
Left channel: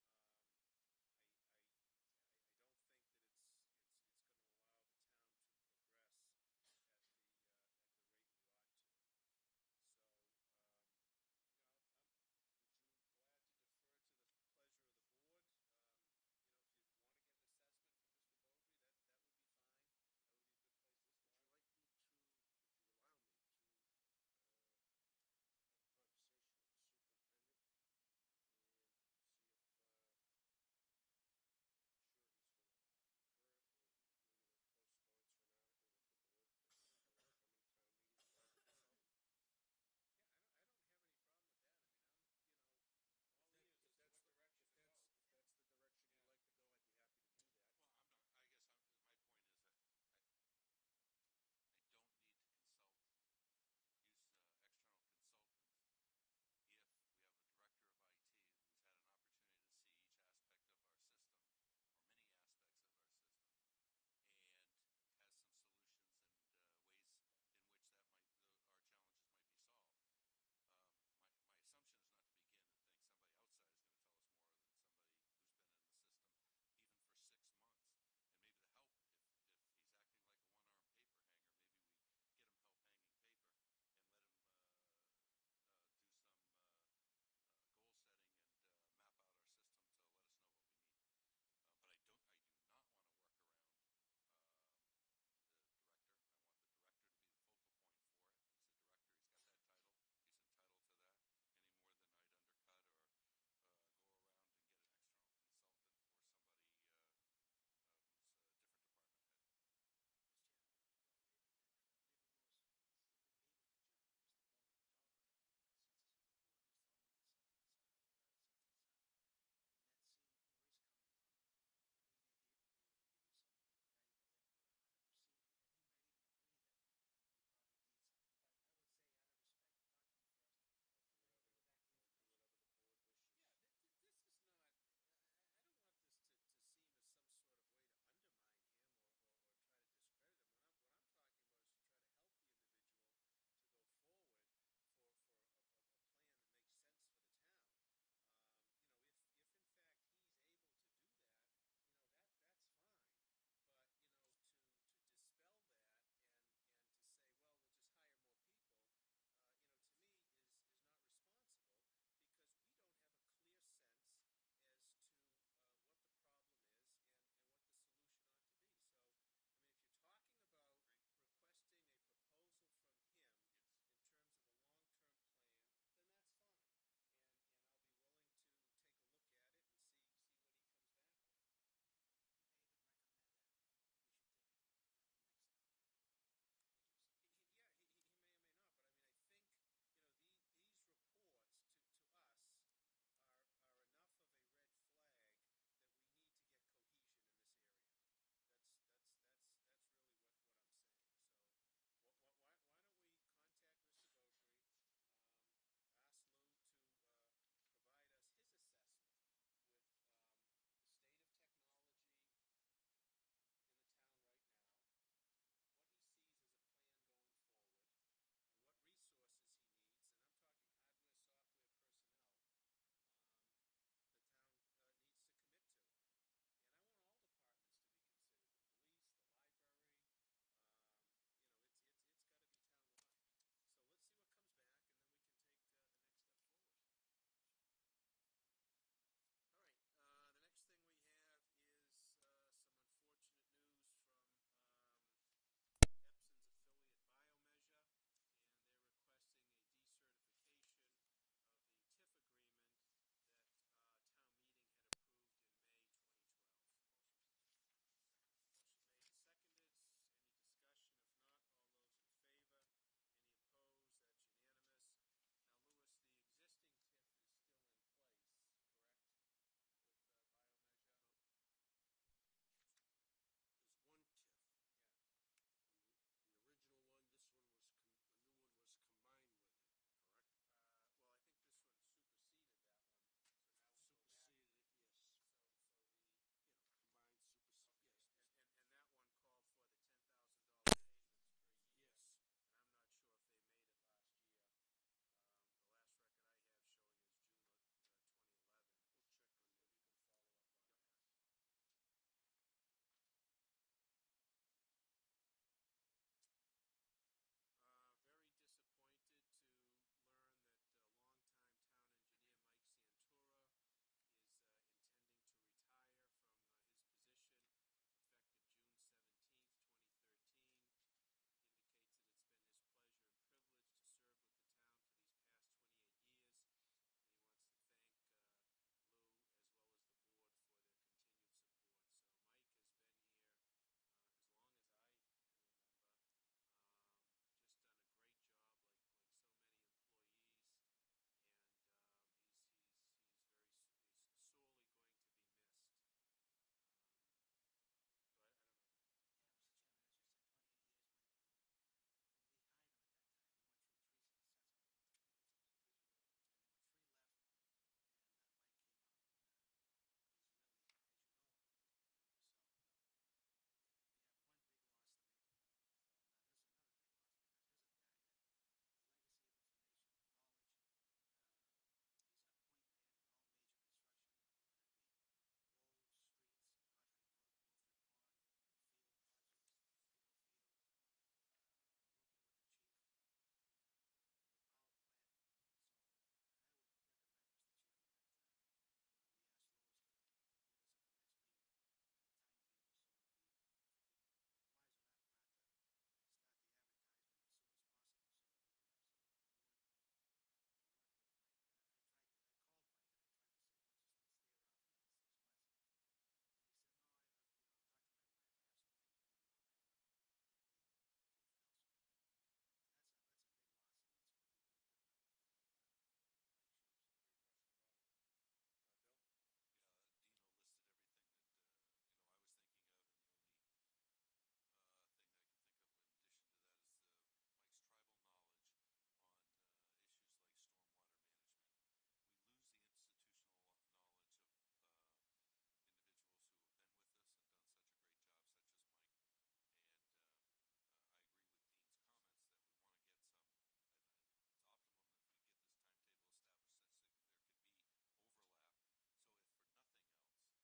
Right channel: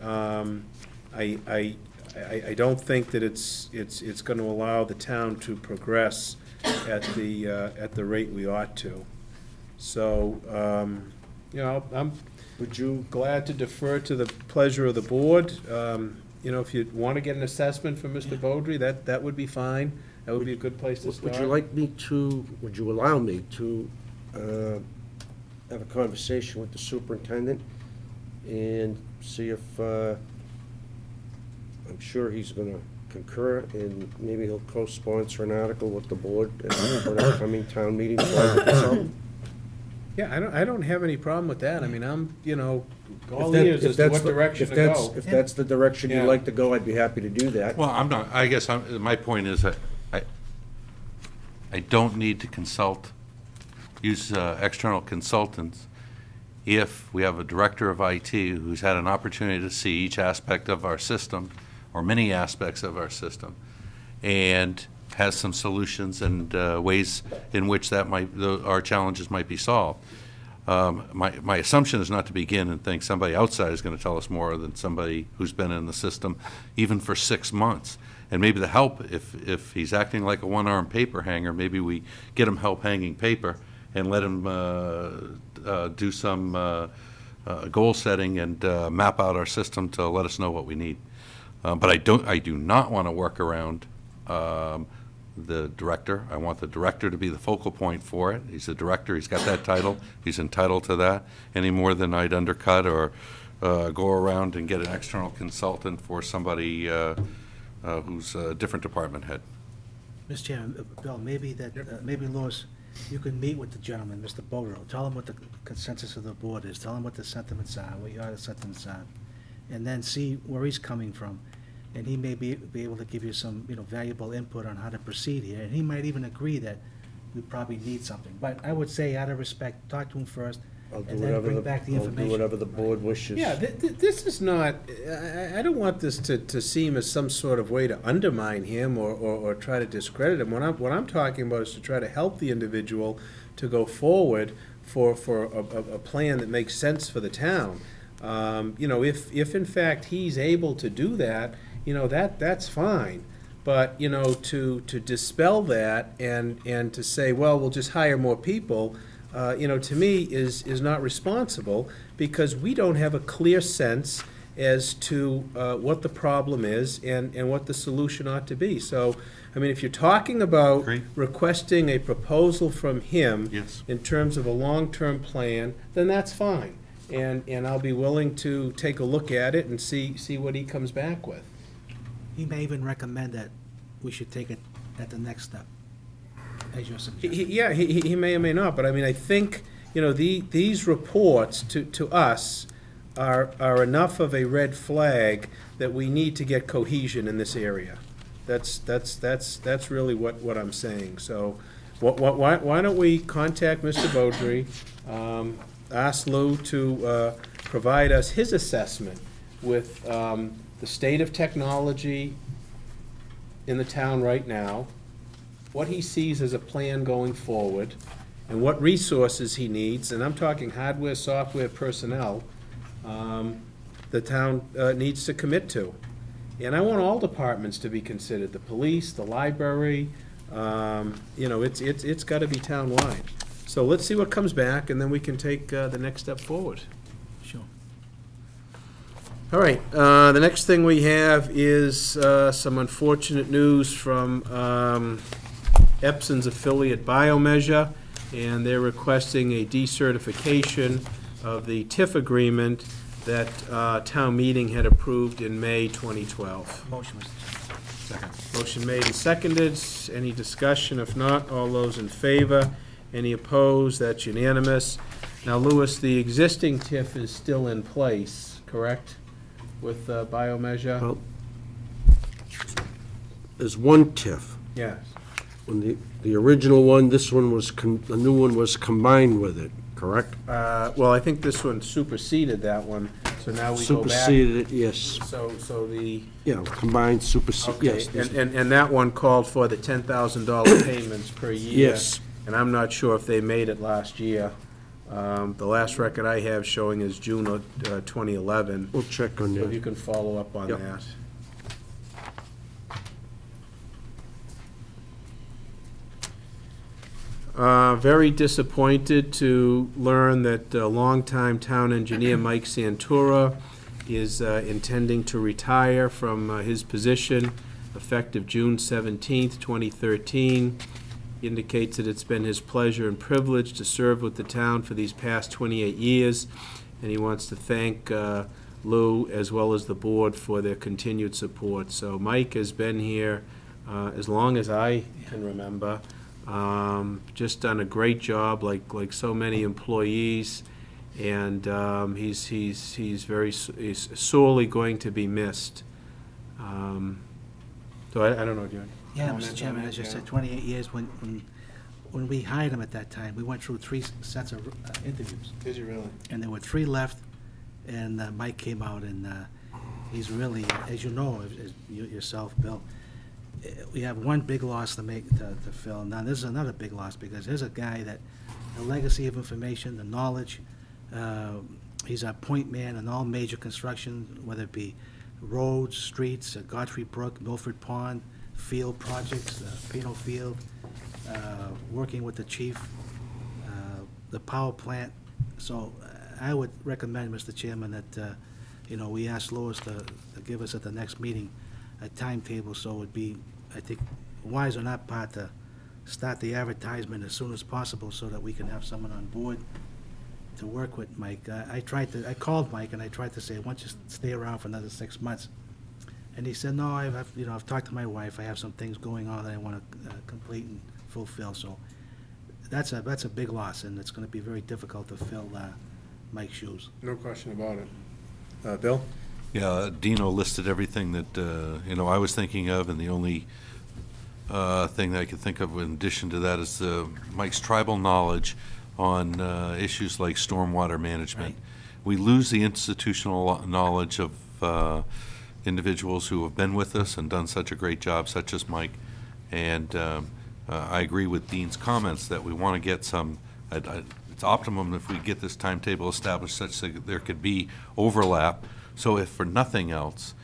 I don't think that it's going to allow the town to progress at the rate we ought to. So, I'm glad to defer to the pleasure of the board. you know, if you want to get an assessment from Mr. Beaudry, that would be fine. That would be a good place to start. Would you allow me to have a conversation with the superintendent and see if, I'm sure he's gonna concur, and maybe he'll co-sponsor an article with the board for an upcoming town meeting. Yeah, I don't have any problem with that. I mean, I'm, you know, all If that- ears if as to that's what the- direction if to that's- go. If that's the direction you'd Yeah. like to go, I'd be happy to do that. Well, I'm not, I guess, my point is that I don't need to use external consultants if we have a director of IT who's had an opportunity to see each aspect of our system, or many aspects of our system, and has some solutions and ways in which our challenges might be solved. My assumption is not to begin and think somebody outside is going to tell us more than somebody who's been in the system even for 6 months. And maybe the help, if he's acting like a one-armed paper hanger, maybe we get him help hanging paper and let him do some goal setting and map out our system to let us know what we need. But I do not want to work around the director. I want the director to be the focal point for it. He's the director, he's got that title, he's entitled to that, any more than I'd undercut or go around and get an external consultant for somebody who's a different department head. Mr. Chairman, Bill, maybe Louis, you can meet with the gentleman, Mr. Bodro, tell him what the consensus of the board is, tell him what the sentiments are, what your sentiments are, and then see where he's coming from. And he may be able to give you some, you know, valuable input on how to proceed here, and he might even agree that we probably need something. But I would say, out of respect, talk to him first, and then bring back the information. I'll do whatever the board wishes. Yeah, this is not, I don't want this to seem as some sort of way to undermine him or try to discredit him. What I'm talking about is to try to help the individual to go forward for a plan that makes sense for the town. You know, if in fact he's able to do that, you know, that's fine. But, you know, to dispel that and to say, well, we'll just hire more people, you know, to me is not responsible, because we don't have a clear sense as to what the problem is and what the solution ought to be. So, I mean, if you're talking about Agree. requesting a proposal from him Yes. in terms of a long-term plan, then that's fine. And I'll be willing to take a look at it and see what he comes back with. He may even recommend that we should take it at the next step, as your suggestion. Yeah, he may or may not, but I mean, I think, you know, these reports to us are enough of a red flag that we need to get cohesion in this area. That's really what I'm saying. So, why don't we contact Mr. Beaudry, ask Lou to provide us his assessment with the state of technology in the town right now, what he sees as a plan going forward, and what resources he needs, and I'm talking hardware, software, personnel, the town needs to commit to. And I want all departments to be considered, the police, the library, you know, it's gotta be town-wide. So let's see what comes back, and then we can take the next step forward. Sure. All right, the next thing we have is some unfortunate news from Epson's affiliate Biomeasure, and they're requesting a decertification of the TIF agreement that town meeting had approved in May 2012. Motion, Mr. Chairman. Motion made and seconded. Any discussion? If not, all those in favor? Any opposed? That's unanimous. Now, Louis, the existing TIF is still in place, correct, with Biomeasure? Well, there's one TIF. Yes. When the original one, this one was, the new one was combined with it, correct? Well, I think this one superseded that one, so now we go back. Superseded it, yes. So the, Yeah, combined, superseded, okay, yes. this- and that one called for the $10,000 payments per year. Yes. And I'm not sure if they made it last year. The last record I have showing is June of 2011. We'll check on So if you that. can follow up on Yep. that. Very disappointed to learn that longtime town engineer Mike Santura is intending to retire from his position effective June 17th, 2013. He indicates that it's been his pleasure and privilege to serve with the town for these past 28 years, and he wants to thank Lou as well as the board for their continued support. So Mike has been here as long as I can remember. Just done a great job, like so many employees, and he's sorely going to be missed. So I don't know, John. Yeah, Comment Mr. on Chairman, that? as you Yeah. said, 28 years, when we hired him at that time, we went through 3 sets of interviews, Did you really? and there were 3 left, and Mike came out, and he's really, as you know, as yourself, Bill, we have one big loss to fill. Now, this is another big loss, because here's a guy that, the legacy of information, the knowledge, he's a point man in all major construction, whether it be roads, streets, Godfrey Brook, Milford Pond, field projects, Pino Field, working with the chief, the power plant. So I would recommend, Mr. Chairman, that, we ask Lois to give us at the next meeting a timetable, so it'd be, I think, wise on that part to start the advertisement as soon as possible so that we can have someone on board to work with Mike. I called Mike and I tried to say, why don't you stay around for another 6 months? And he said, no, I've talked to my wife, I have some things going on that I want to complete and fulfill, so that's a big loss, and it's gonna be very difficult to fill Mike's shoes. No question about it. Bill? Yeah, Dino listed everything that, I was thinking of, and the only thing that I could think of in addition to that is Mike's tribal knowledge on issues like stormwater management. Right. We lose the institutional knowledge of individuals who have been with us and done such a great job, such as Mike. And I agree with Dean's comments that we want to get some, it's optimum if we get this timetable established such that there could be overlap. So if for nothing else,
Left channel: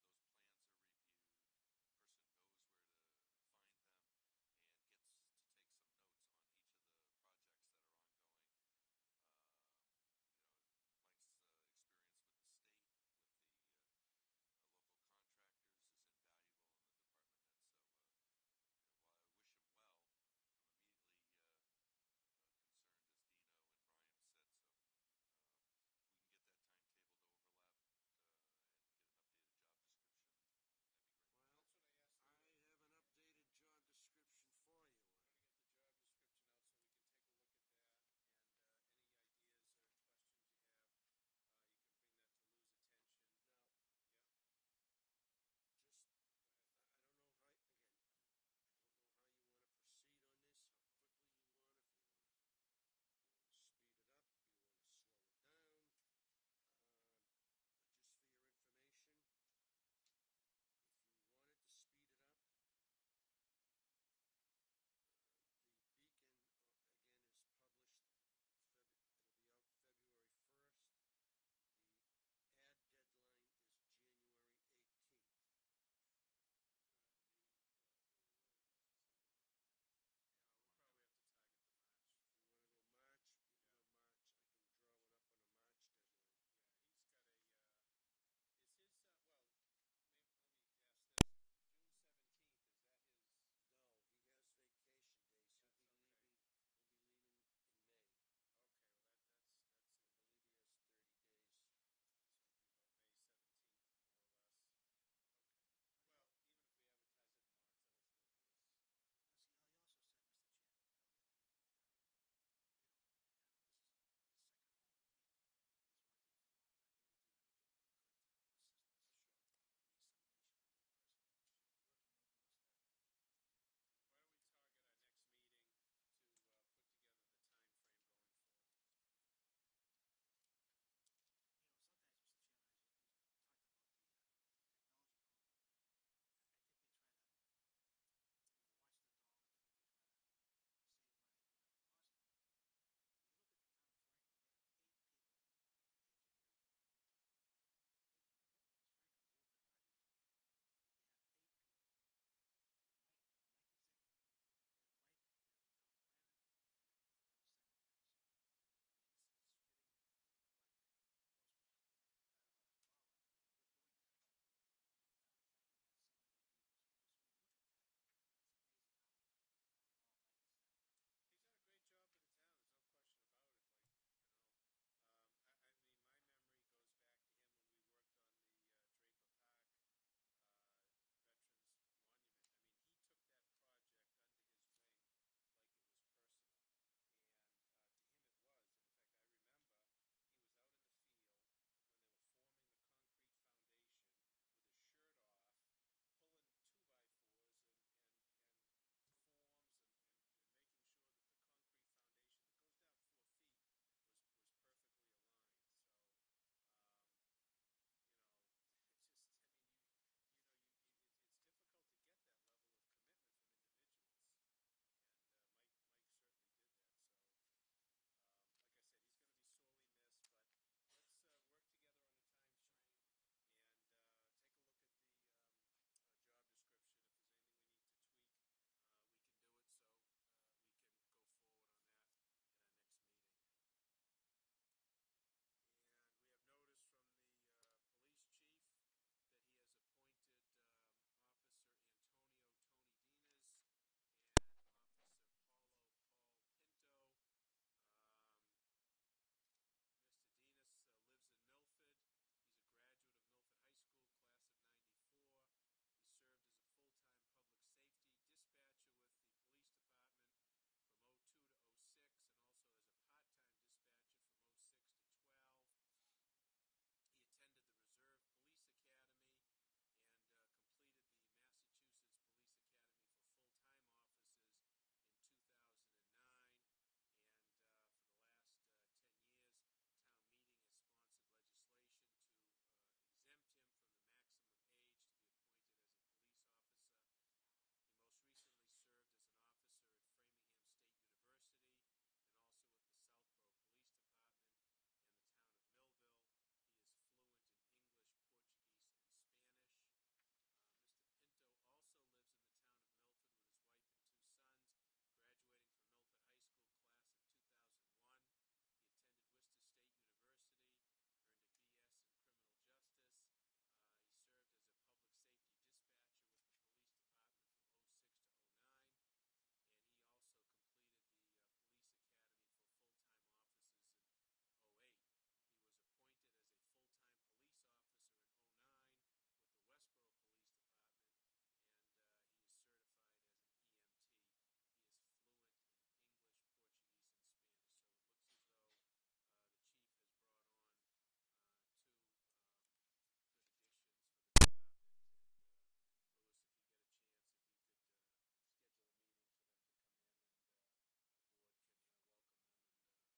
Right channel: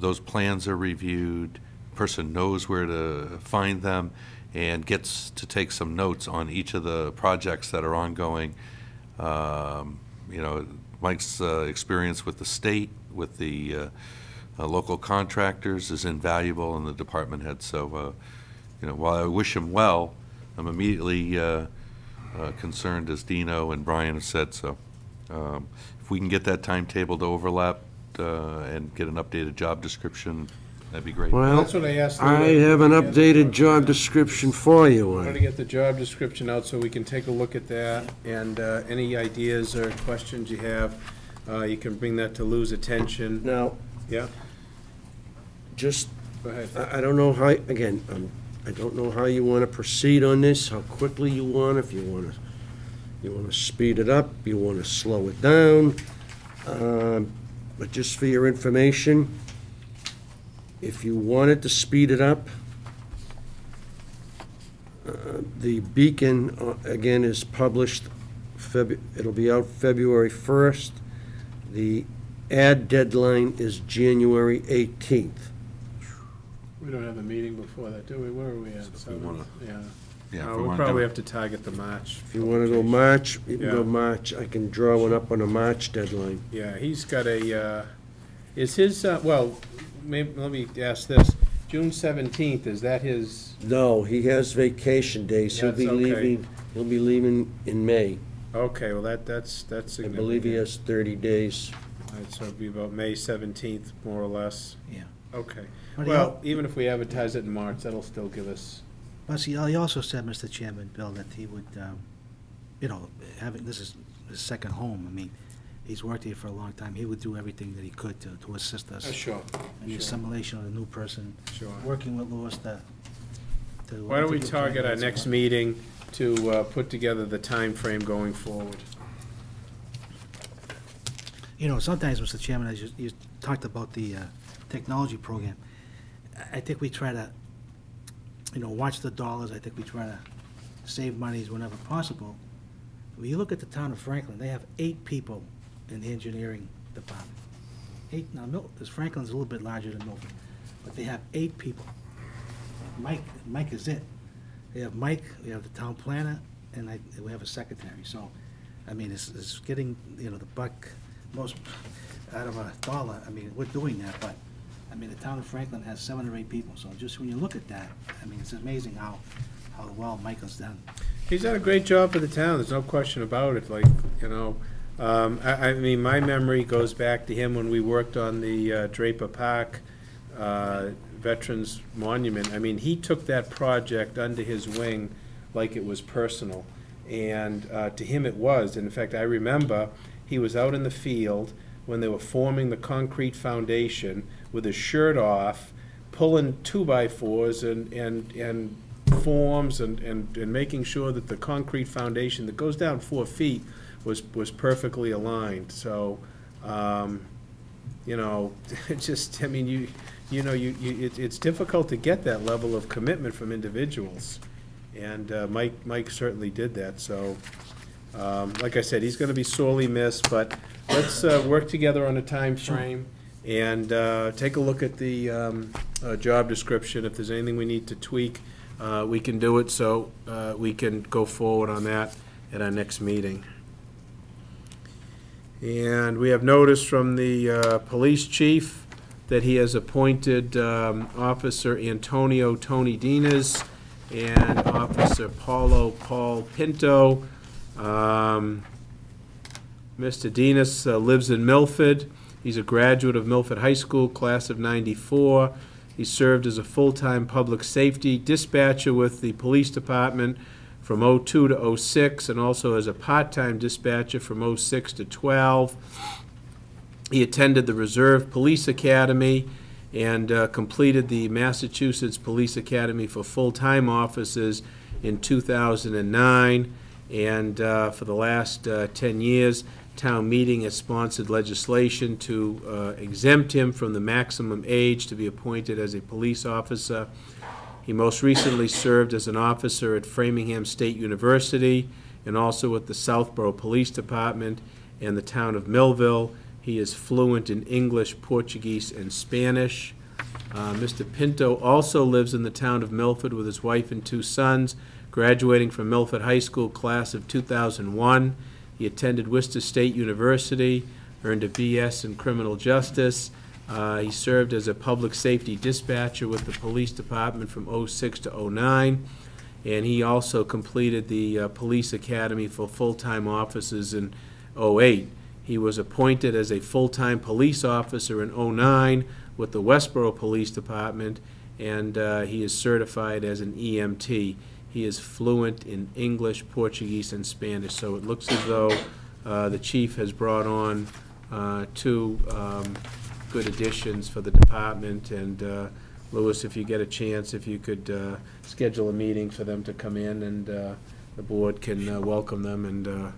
those plans are reviewed, person knows where to find them, and gets to take some notes on each of the projects that are ongoing. Mike's experience with the state, with the local contractors is invaluable, and the department head. So, while I wish him well, I'm immediately concerned, as Dino and Brian have said. So, if we can get that timetable to overlap and get an updated job description, that'd be great. Well, That's what I asked. Lou I to have an put together. updated job description for you. I'm gonna get the job description out so we can take a look at that, and any ideas or questions you have, you can bring that to Lou's attention. Now, Yeah, just, go ahead. I don't know how, again, I don't know how you want to proceed on this, how quickly you want, if you want to speed it up, you want to slow it down. But just for your information, if you wanted to speed it up, the Beacon, again, is published, it'll be out February 1st. The ad deadline is January 18th. We don't have a meeting before that, do we? Where are we at? So if we wanna- Yeah. Yeah, if we We'll wanna do probably it. have to target the March. If you want to go publication. March, you can go Yeah. March. I can draw one up on a March deadline. Yeah, he's got a, is his, well, maybe, let me ask this. June 17th, is that his, No, he has vacation days. That's okay. He'll be leaving in May. okay, well, that's I significant. believe he has 30 days. All right, so it'd be about May 17th, more or less. Yeah. Okay. But he Well, even if we advertise it in March, that'll still give us, Plus, he also said, Mr. Chairman, Bill, that he would, this is his second home. I mean, he's worked here for a long time. He would do everything that he could to assist us sure, in the assimilation of the new person, sure. working with Louis to. Why don't we to get target our plans. next meeting to put together the time frame going forward? Sometimes, Mr. Chairman, as you talked about the technology program, I think we try to, watch the dollars. I think we try to save monies whenever possible. When you look at the town of Franklin, they have 8 people in the engineering department. 8, now, Franklin's a little bit larger than Milford, but they have 8 people. Mike is it. They have Mike, we have the town planner, and we have a secretary. So, I mean, it's getting, the buck, most, out of a dollar, I mean, we're doing that, but, I mean, the town of Franklin has 7 or 8 people, so just when you look at that, I mean, it's amazing how well Michael's done. He's done a great job for the town, there's no question about it, like, you know, I mean, my memory goes back to him when we worked on the Draper Park Veterans Monument. I mean, he took that project under his wing like it was personal, and to him it was. And in fact, I remember he was out in the field when they were forming the concrete foundation with his shirt off, pulling 2x4s and forms and making sure that the concrete foundation that goes down 4 feet was perfectly aligned. So, you know, it just, I mean, it's difficult to get that level of commitment from individuals. And Mike certainly did that. So, like I said, he's going to be sorely missed, but let's work together on a time frame and take a look at the job description. If there's anything we need to tweak, we can do it, so we can go forward on that at our next meeting. And we have notice from the police chief that he has appointed Officer Antonio Tony Dinas and Officer Paulo Paul Pinto. Mr. Dinas lives in Milford. He's a graduate of Milford High School, class of '94. He served as a full-time public safety dispatcher with the police department from '02 to '06, and also as a part-time dispatcher from '06 to '12. He attended the Reserve Police Academy and completed the Massachusetts Police Academy for full-time officers in 2009. And for the last 10 years, town meeting has sponsored legislation to exempt him from the maximum age to be appointed as a police officer. He most recently served as an officer at Framingham State University and also at the Southborough Police Department and the town of Millville. He is fluent in English, Portuguese, and Spanish. Mr. Pinto also lives in the town of Milford with his wife and 2 sons, graduating from Milford High School class of 2001. He attended Worcester State University, earned a BS in criminal justice. He served as a public safety dispatcher with the police department from '06 to '09, and he also completed the police academy for full-time officers in '08. He was appointed as a full-time police officer in '09 with the Westboro Police Department, and he is certified as an EMT. He is fluent in English, Portuguese, and Spanish, so it looks as though the chief has brought on 2 good additions for the department. And Louis, if you get a chance, if you could schedule a meeting for them to come in, and the board can welcome them and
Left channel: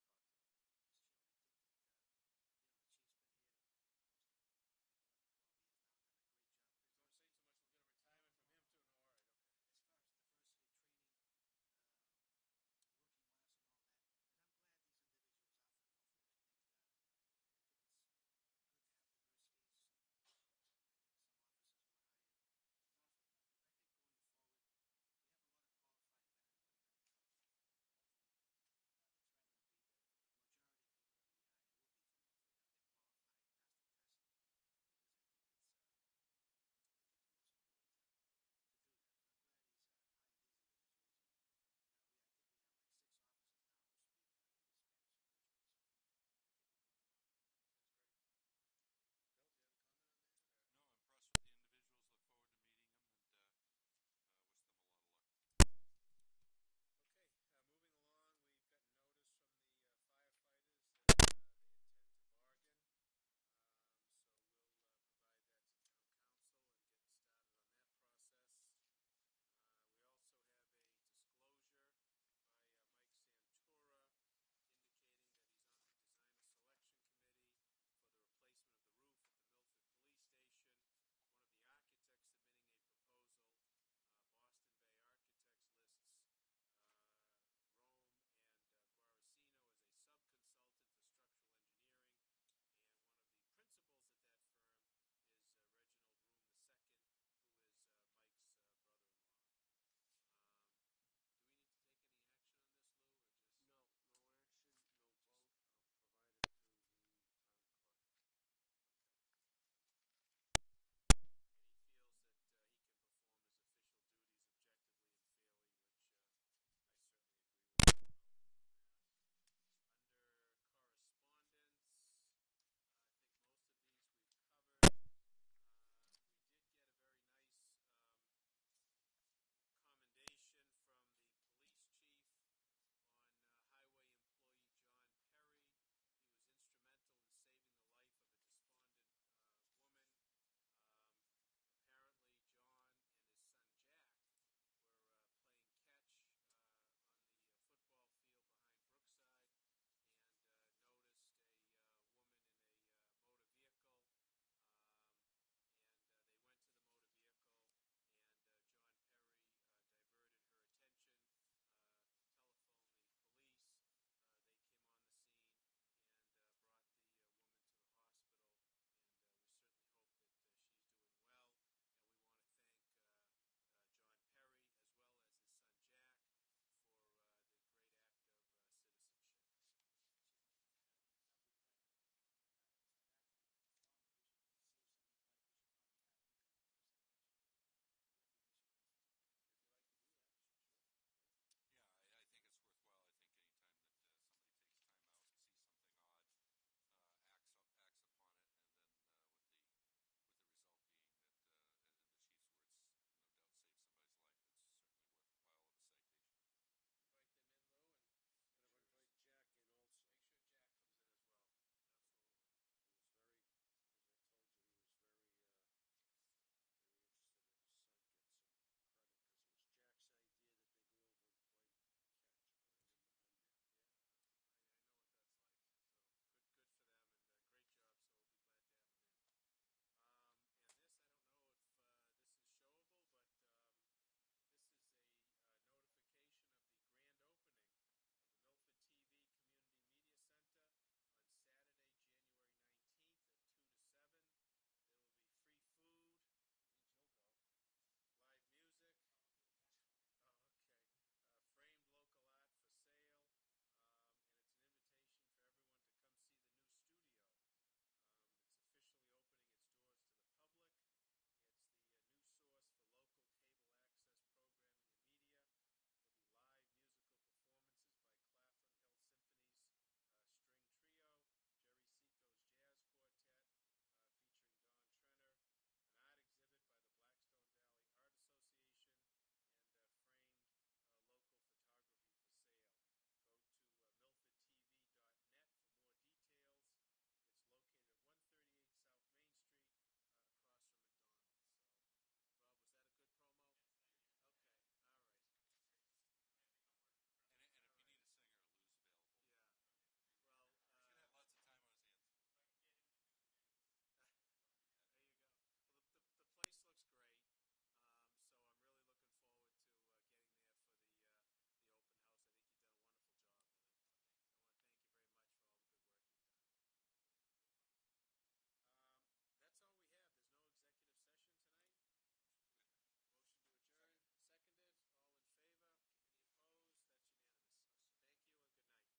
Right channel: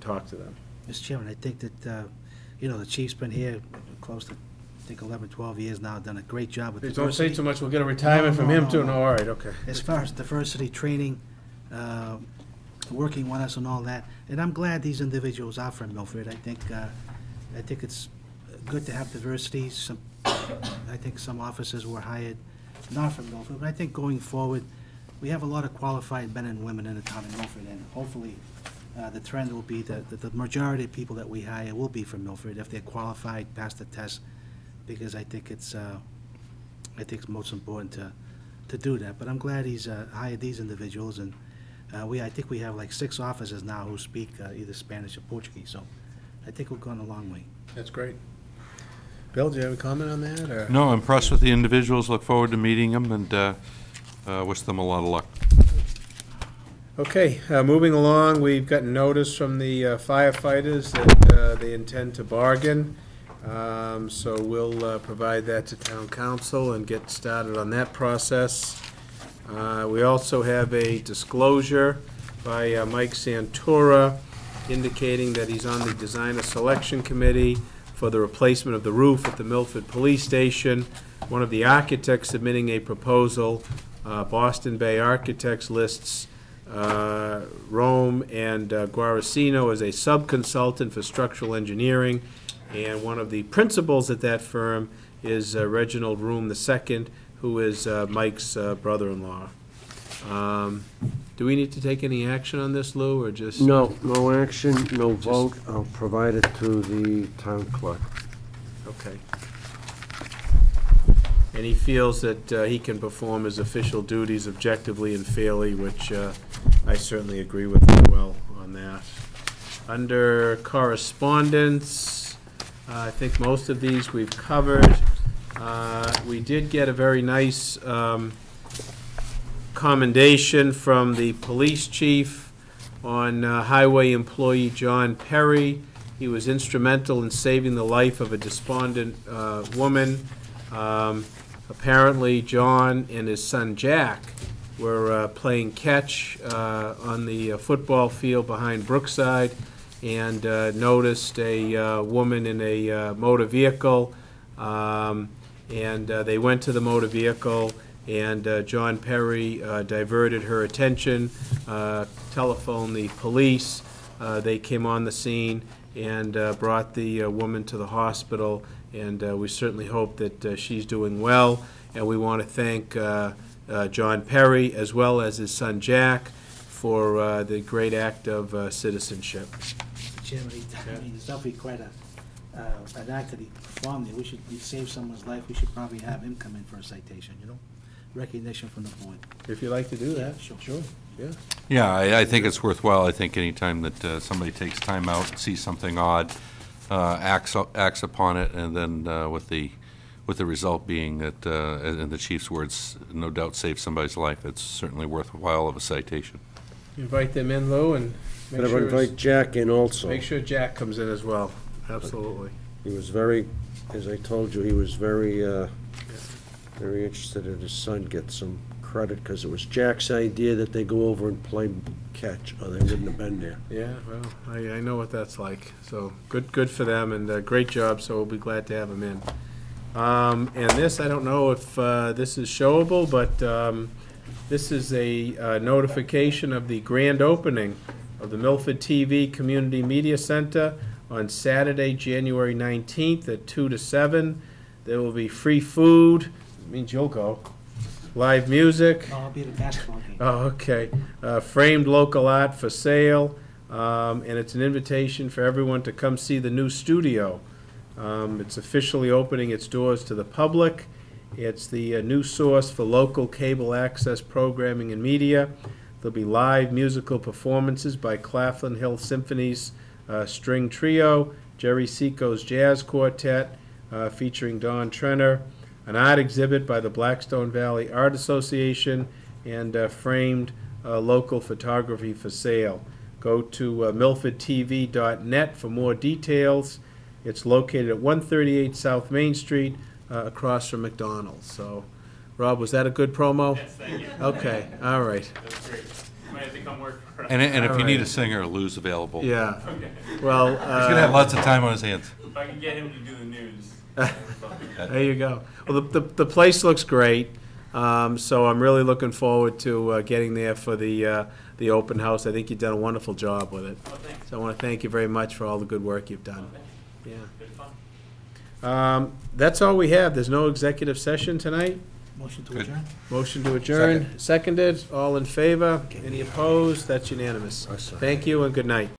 talk to them. Mr. Chairman, I think that, you know, the chief's been here close to, I think, 11, 12 years now, done a great job with diversity. Don't say too much, we'll get a retirement from him too. No, all right, okay. As far as diversity training, working with us and all that, and I'm glad these individuals are from Milford. I think it's good to have diversity. I think some officers were hired not from Milford, but I think going forward, we have a lot of qualified men and women in the town of Milford, and hopefully the trend will be that the majority of people that we hire will be from Milford if they're qualified, pass the test, because I think it's most important to do that. But I'm glad he's hired these individuals, and I think we have like 6 officers now who speak either Spanish or Portuguese, so I think we've gone a long way. That's great. Bill, do you have a comment on that? Or? No, I'm impressed with the individuals, look forward to meeting them, and wish them a lot of luck. Okay, moving along, we've gotten notice from the firefighters that they intend to bargain. So we'll provide that to town council and get started on that process. We also have a disclosure by Mike Santora indicating that he's on the designer selection committee for the replacement of the roof at the Milford Police Station. One of the architects submitting a proposal, Boston Bay Architects, lists Rome and Guarasino as a sub-consultant for structural engineering, and one of the principals at that firm is Reginald Room II, who is Mike's brother-in-law. Do Do we need to take any action on this, Lou, or just? No, no action, no vote. I'll provide it to the town clerk. Okay. And he feels that he can perform his official duties objectively and fairly, which I certainly agree with him well on that. Under correspondence, I think most of these we've covered. We did get a very nice commendation from the police chief on highway employee John Perry. He was instrumental in saving the life of a despondent woman. Apparently, John and his son Jack were playing catch on the football field behind Brookside and noticed a woman in a motor vehicle. And they went to the motor vehicle, and John Perry diverted her attention, telephoned the police. They came on the scene and brought the woman to the hospital, and we certainly hope that she's doing well. And we want to thank John Perry, as well as his son Jack, for the great act of citizenship. Mr. Chairman, I mean, it's definitely quite an act that he performed there. We saved someone's life, we should probably have him come in for a citation, you know? Recognition from the board. If you'd like to do that. Sure. Yeah. Yeah, I think it's worthwhile. I think anytime that somebody takes time out, sees something odd, acts upon it, and then with the result being that, in the chief's words, no doubt save somebody's life, it's certainly worthwhile of a citation. Invite them in, Lou, and But I invite Jack in also. make sure Jack comes in as well. Absolutely. He was very, as I told you, he was very, very interested that his son get some credit, because it was Jack's idea that they go over and play catch, or they wouldn't have been there. Yeah, well, I know what that's like. So good for them, and great job, so we'll be glad to have them in. And this, I don't know if this is showable, but this is a notification of the grand opening of the Milford TV Community Media Center on Saturday, January 19th at 2 to 7. There will be free food, means you'll go, live music. No, I'll be at a basketball game. Oh, okay. Framed local art for sale, and it's an invitation for everyone to come see the new studio. It's officially opening its doors to the public. It's the new source for local cable access programming and media. There'll be live musical performances by Claflin Hill Symphony's String Trio, Jerry Seco's Jazz Quartet, featuring Don Trenner, an art exhibit by the Blackstone Valley Art Association, and framed local photography for sale. Go to milfordtv.net for more details. It's located at 138 South Main Street, across from McDonald's. So, Rob, was that a good promo? Yes, thank you. Okay, all right. That's great. You might have to come work for us. And if All you need right. a singer, Lou's available. Yeah. Okay. Well, He's gonna have lots of time on his hands. If I can get him to do the news. there you go. Well, the place looks great, so I'm really looking forward to getting there for the open house. I think you've done a wonderful job with it. Oh, thanks. So I want to thank you very much for all the good work you've done. Yeah. Good fun. That's all we have. There's no executive session tonight. Motion to Good. adjourn? Motion to adjourn. Seconded. All in favor? Any opposed? That's unanimous. I second. Thank you and good night.